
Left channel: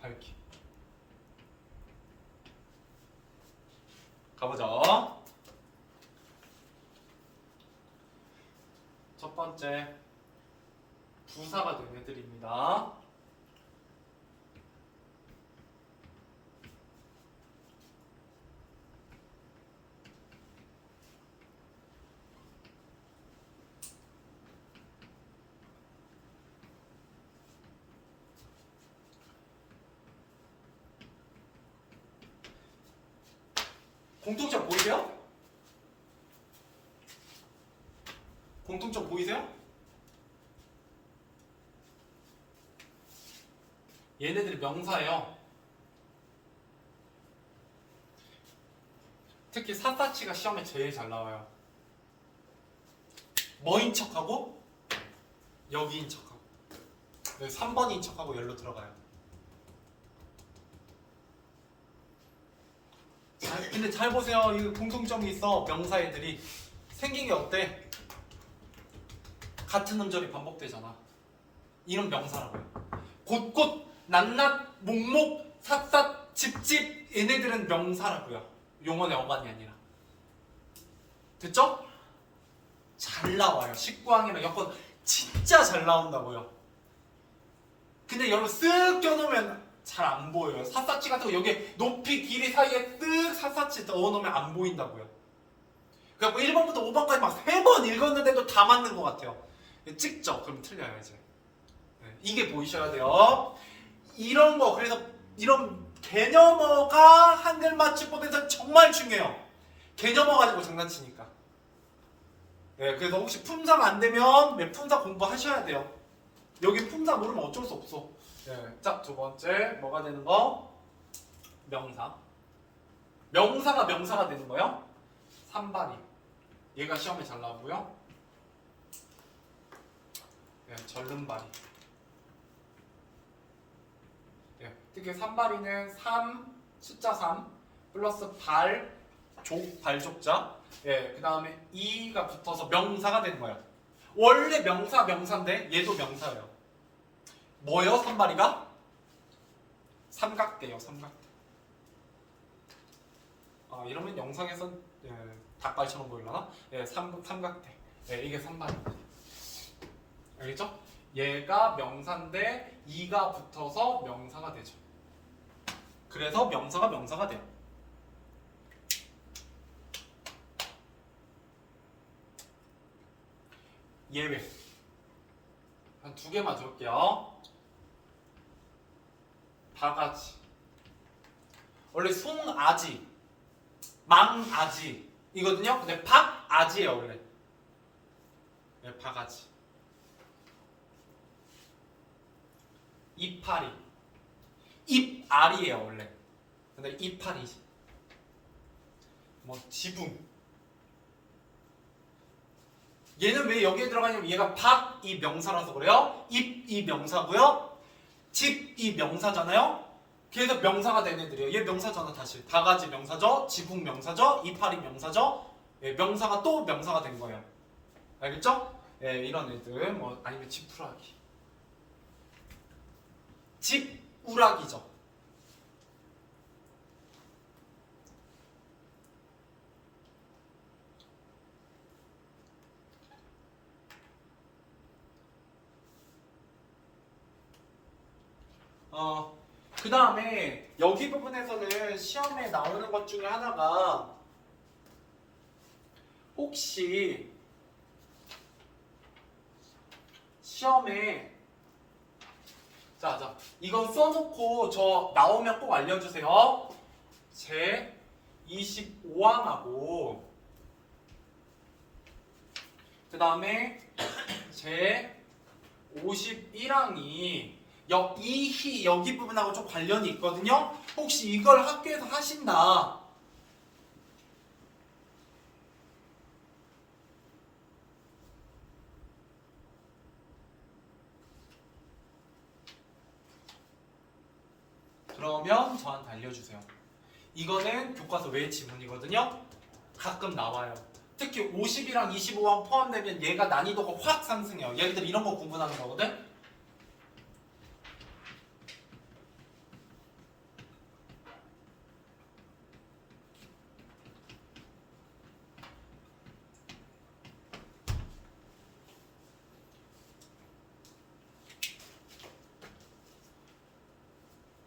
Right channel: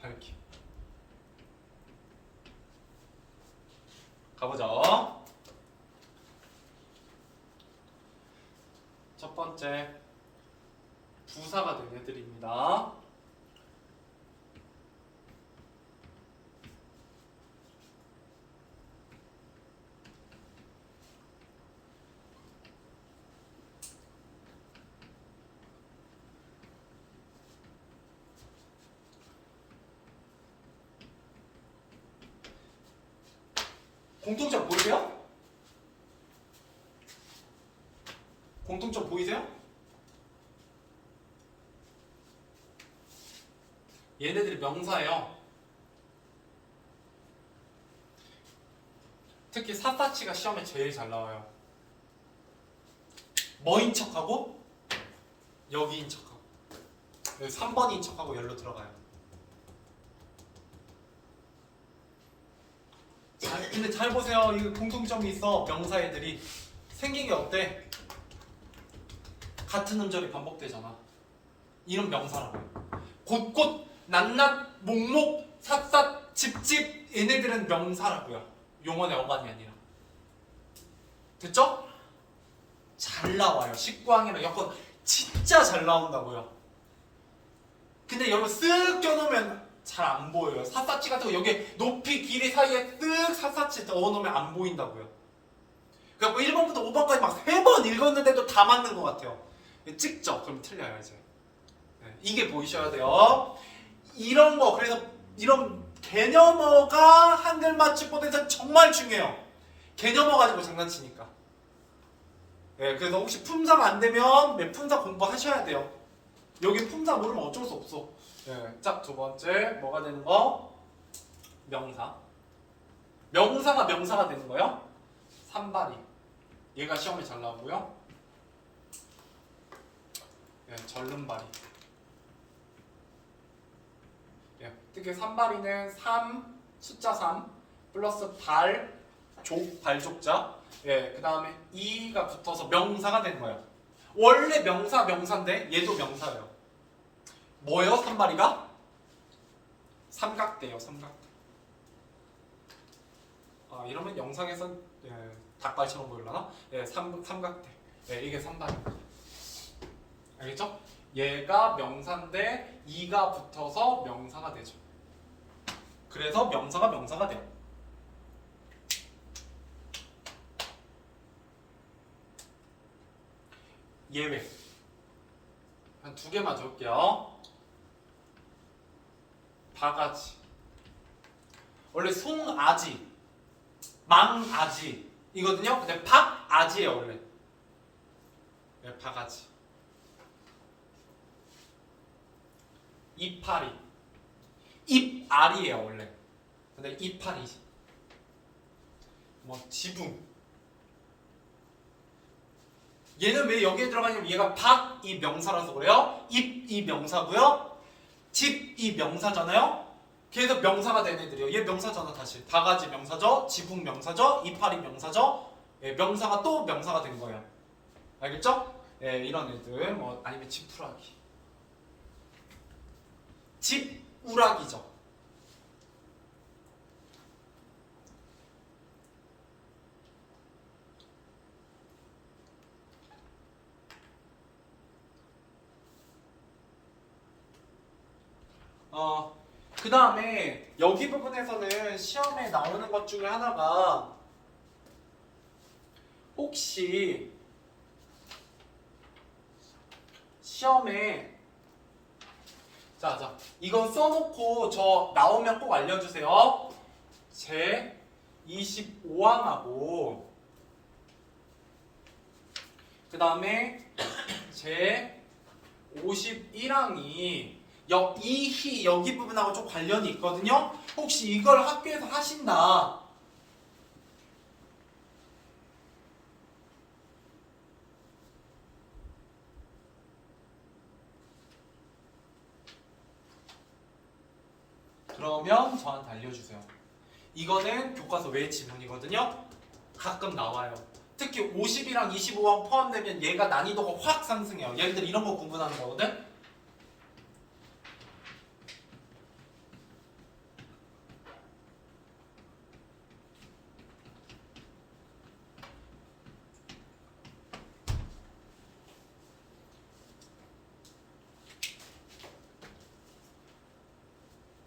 밝힘. 가보자. 첫 번째 부사가 된 애들입니다. 공통점 보이세요? 공통점 보이세요? 얘네들이 명사예요. 특히 샅샅이가 시험에 제일 잘 나와요. 뭐인 척하고 여기인 척하고 3번인 척하고 열로 들어가요. 근데 잘 보세요. 이 공통점이 있어. 명사 애들이 생긴 게 어때? 같은 음절이 반복되잖아. 이런 명사라고요. 곳곳, 낱낱, 목목, 샅샅, 집집 얘네들은 명사라고요. 용언의 어간이 아니라. 됐죠? 잘 나와요. 식구항이나 여건 진짜 잘 나온다고요. 근데 여러분 쓱 껴놓으면 잘 안 보여요. 샅샅이 같은 거 여기 높이 길이 사이에 쓱 샅샅이 넣어놓으면 안 보인다고요. 그래갖고 1번부터 5번까지 막 3번 읽었는데도 다 맞는 것 같아요. 찍죠? 그럼 틀려요 이제. 이게 보이셔야 돼요. 이런 거 그래서 이런 개념어가 한글 맞춤법에서 정말 중요해요. 개념어 가지고 장난치니까. 그래서 혹시 품사가 안 되면 품사 공부하셔야 돼요. 여기 품사 모르면 어쩔 수 없어. 자, 두 번째 뭐가 되는 거? 명사. 명사가 명사가 되는 거요? 산발이. 얘가 시험에 잘 나오고요. 절름발이. 특히 산발이는 3, 숫자 3 플러스 발, 족, 발족자. 그 다음에 이가 붙어서 명사가 되는 거예요. 원래 명사 명사인데 얘도 명사예요. 뭐요? 산발이가? 삼각대요. 삼각대. 이러면 영상에선 닭발처럼 보이려나? 삼각대. 이게 산발입니다. 알겠죠? 얘가 명사인데 이가 붙어서 명사가 되죠. 그래서 명사가 명사가 돼요. 예외 한 2개만 적을게요. 바가지. 원래 송아지, 망아지 이거든요. 근데 박아지예요 원래. 바가지. 이파리. 입알이에요 원래. 근데 이파리. 뭐 지붕. 얘는 왜 여기에 들어가냐면 얘가 박이 명사라서 그래요. 입이 명사고요. 집이 명사잖아요. 그래서 명사가 된 애들이에요. 얘 명사잖아 다시. 바가지 명사죠. 지붕 명사죠. 이파리 명사죠. 명사가 또 명사가 된 거예요. 알겠죠? 이런 애들 뭐 아니면 지푸라기. 집우라기죠. 그 다음에 여기 부분에서는 시험에 나오는 것 중에 하나가 혹시 시험에 자 이건 써놓고 저 나오면 꼭 알려주세요. 제 25항하고 그 다음에 제 51항이 여기 부분하고 좀 관련이 있거든요. 혹시 이걸 학교에서 하신다. 그러면 저한테 알려주세요. 이거는 교과서 외 지문이거든요. 가끔 나와요. 특히 50이랑 25랑 포함되면 얘가 난이도가 확 상승해요. 얘네들 이런 거 구분하는 거거든.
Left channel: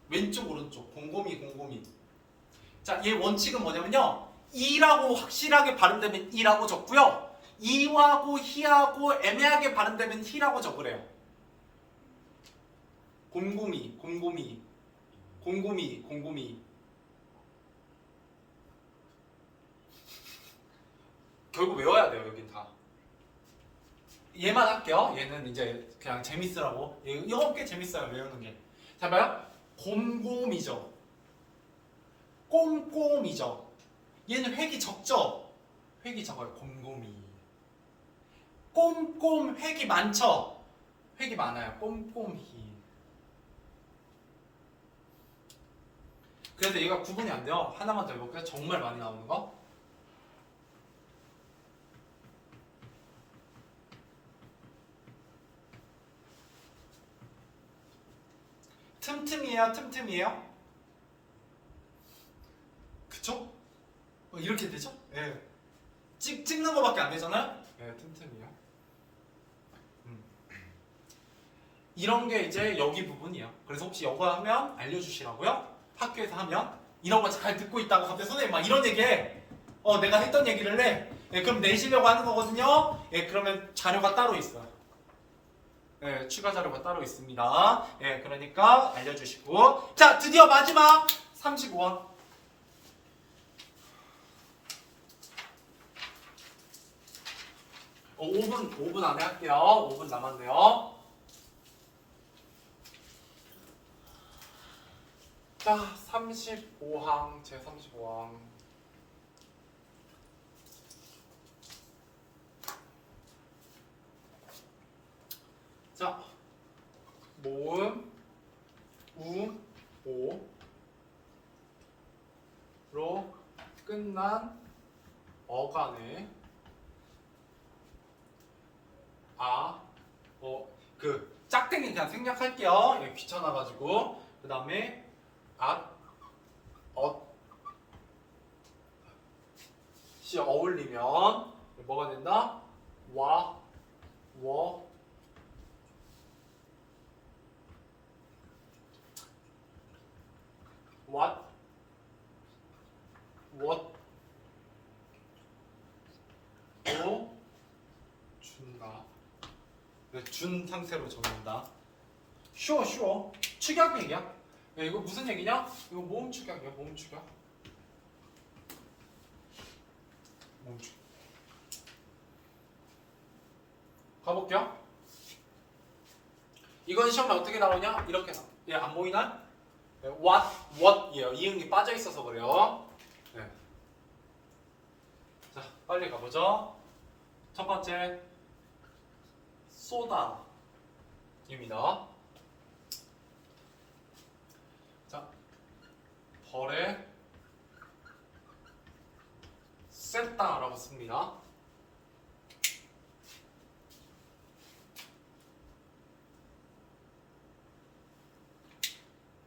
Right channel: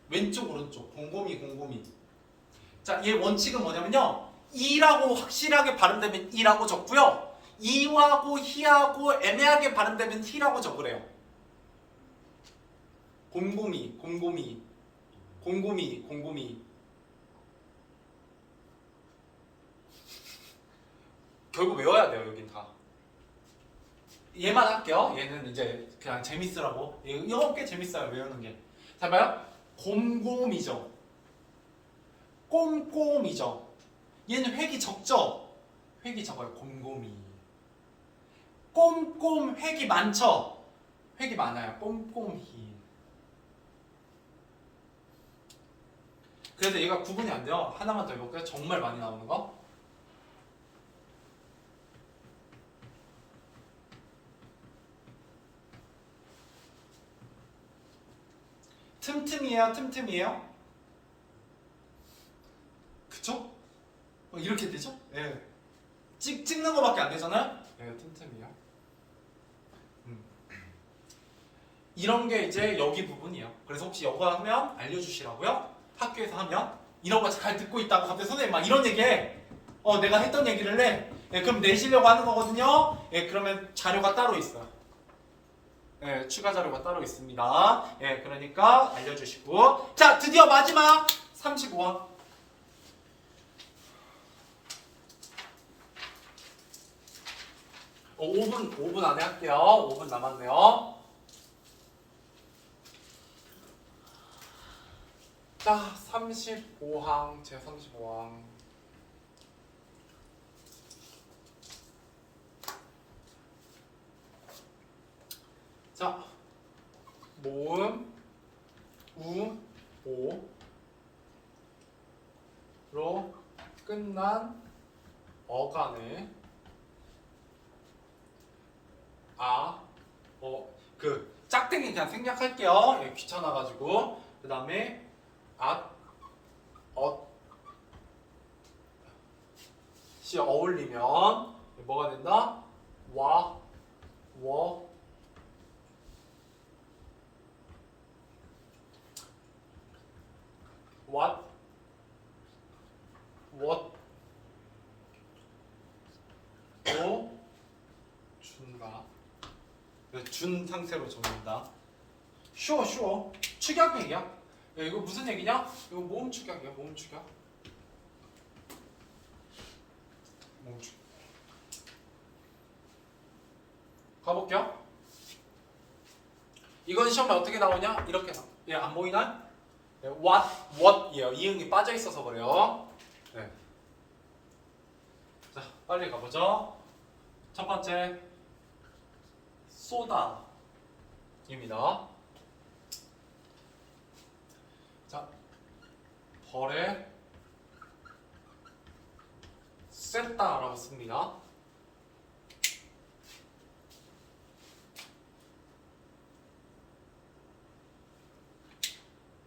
왼쪽 오른쪽 곰곰이. 자, 얘 원칙은 뭐냐면요. 이라고 확실하게 발음되면 이라고 적고요. 이하고 히하고 애매하게 발음되면 히라고 적으래요. 곰곰이. 결국 외워야 돼요. 여긴 다. 얘만 할게요. 얘는 이제 그냥 재밌으라고. 이거 꽤 재밌어요. 외우는 게. 자, 봐요. 곰곰이죠. 꼼꼼이죠. 얘는 획이 적죠. 획이 적어요. 곰곰이. 꼼꼼 획이 많죠. 획이 많아요. 꼼꼼히. 그래서 얘가 구분이 안 돼요. 하나만 더 해볼게요. 정말 많이 나오는 거. 틈틈이에요? 틈틈이에요? 그쵸? 이렇게 되죠? 예. 찍는 거밖에 안 되잖아요? 예, 틈틈이요. 이런 게 이제 여기 부분이에요. 그래서 혹시 이거 하면 알려주시라고요? 학교에서 하면 이런 거 잘 듣고 있다고 갑자기 선생님 막 이런 얘기해. 내가 했던 얘기를 해. 예, 그럼 내시려고 하는 거거든요. 예, 그러면 자료가 따로 있어요. 예, 추가 자료가 따로 있습니다. 예, 그러니까 알려주시고. 자, 드디어 마지막 35원. 5분 안에 할게요. 5분 남았네요. 자, 35항, 제 35항. 자, 모음, 오로 끝난 어간을 짝땡이 그냥 생략할게요. 예, 귀찮아가지고. 그 다음에 시 어울리면 뭐가 된다? 와, 워, what, 로 준다. 준 상태로 적는다. 쉬워. 축약 얘기야. 야, 이거 무슨 얘기냐? 이거 모음 축약이야. 모음 축약. 가볼게요. 이건 시험에 어떻게 나오냐? 이렇게 나와. 얘 안 보이나? 네, what이에요. 이응이 빠져 있어서 그래요. 네. 자, 빨리 가보죠. 첫 번째, 쏘다입니다. 자, 벌에 쐈다라고 씁니다.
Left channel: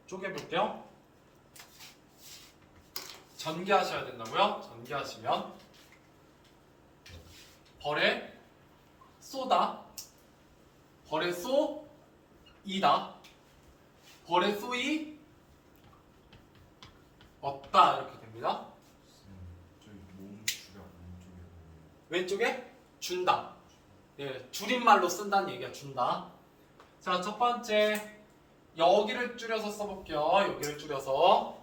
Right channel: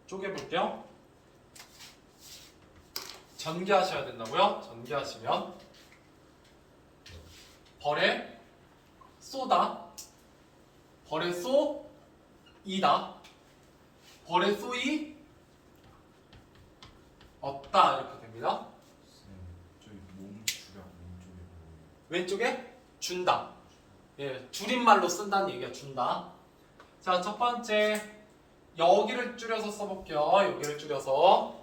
쪼개볼게요. 전개하셔야 된다고요? 전개하시면 벌에 쏘다, 벌에 쏘이다, 벌에 쏘이 없다 이렇게 됩니다. 저희 몸 주가 왼쪽에 준다. 예, 줄임말로 쓴다는 얘기야. 준다. 자, 첫 번째 여기를 줄여서 써볼게요. 여기를 줄여서.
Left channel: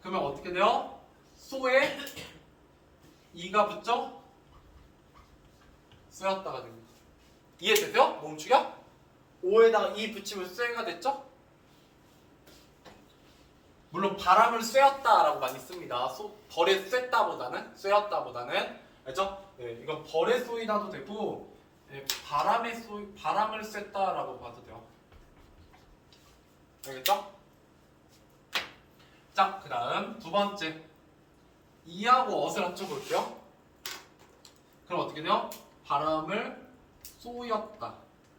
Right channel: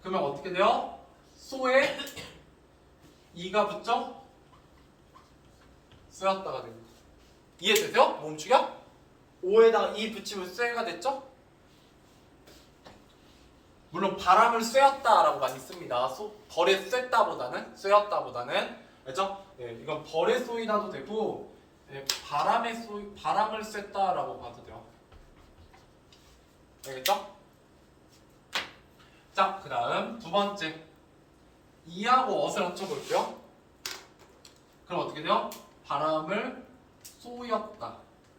그러면 어떻게 돼요? 소에 이가 붙죠? 쓰였다가 됩니다. 이해되세요? 모음축이야? 오에다가 이 붙이면 쇠가 됐죠? 물론 바람을 쐬었다라고 많이 씁니다. 벌에 쐈다보다는 쐬었다보다는 알죠? 예, 이건 벌에 쏘이다도 되고 예, 바람을 쐈다라고 봐도 돼요. 알겠죠? 자, 그 다음 두 번째 이하고 어을 합쳐볼게요. 그럼 어떻게 돼요? 바람을 쏘였다,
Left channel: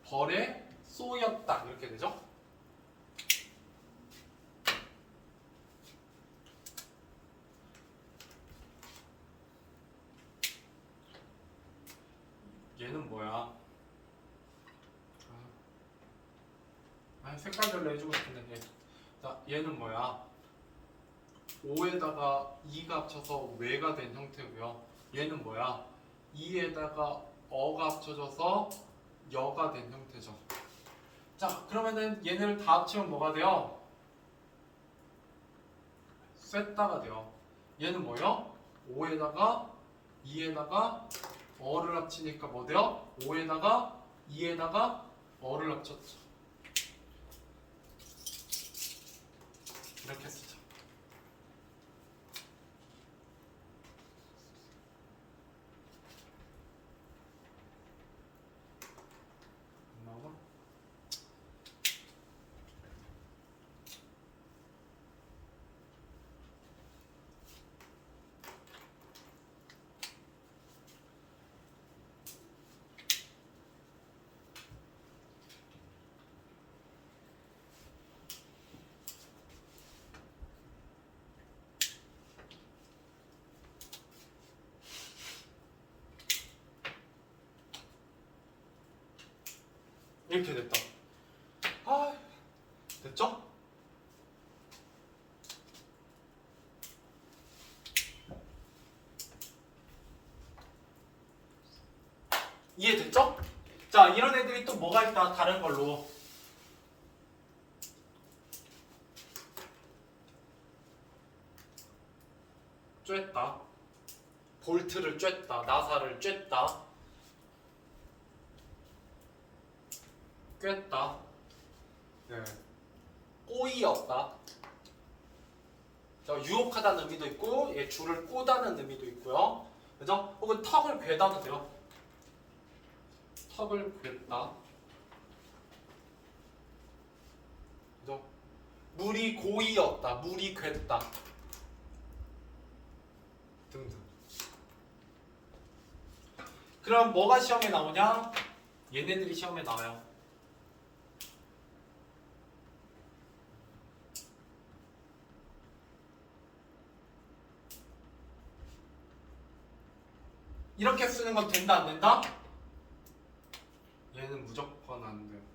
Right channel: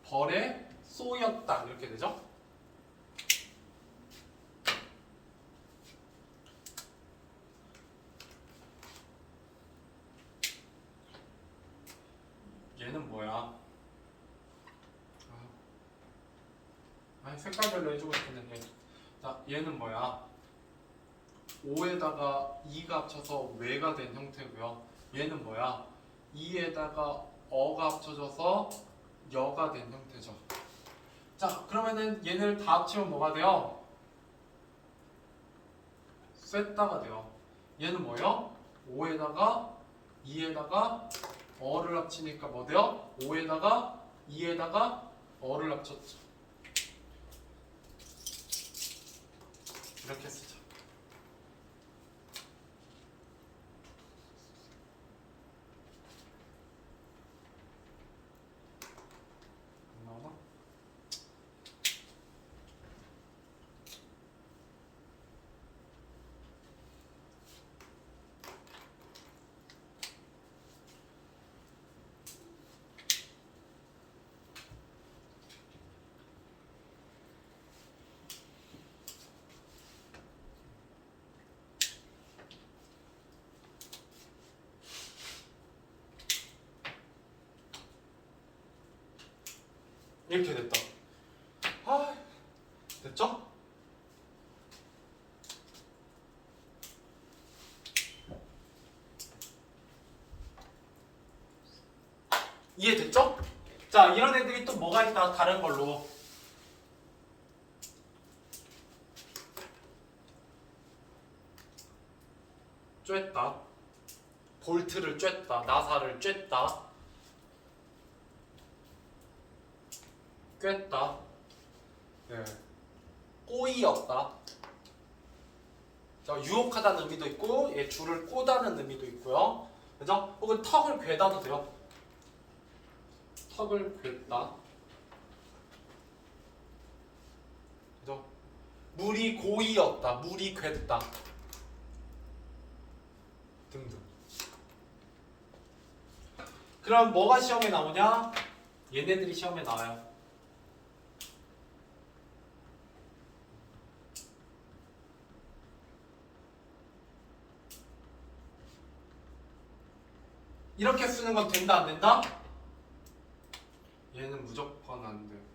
벌에 쏘였다 이렇게 되죠? 얘는 뭐야? 색깔별로 해주고 싶은데. 자, 얘는 뭐야? 오에다가 이가 합쳐서 외가 된 형태고요. 얘는 뭐야? 이에다가 어가 합쳐져서 여가 된 형태죠. 자, 그러면은 얘를 다 합치면 뭐가 돼요? 쐈다가 돼요. 얘는 뭐예요? 오에다가 이에다가 어를 합치니까 뭐 돼요? 5에다가 2에다가 어를 합쳤죠. 이렇게 쓰자. 나오나? 이렇게 됐다. 아, 됐죠? 이해됐죠? 자, 이런 애들이 또 뭐가 있다, 다른 걸로. 쬐다. 볼트를 쬐다. 나사를 쬐다. 꿰다. 네. 꼬이었다. 자, 유혹하다는 의미도 있고, 얘 줄을 꼬다는 의미도 있고요. 그죠? 혹은 턱을 괴다도 돼요. 턱을 괴다. 그죠? 물이 고이었다. 물이 괴다. 등등. 그럼 뭐가 시험에 나오냐? 얘네들이 시험에 나와요. 이렇게 쓰는 건 된다 안 된다? 얘는 무조건 안 돼.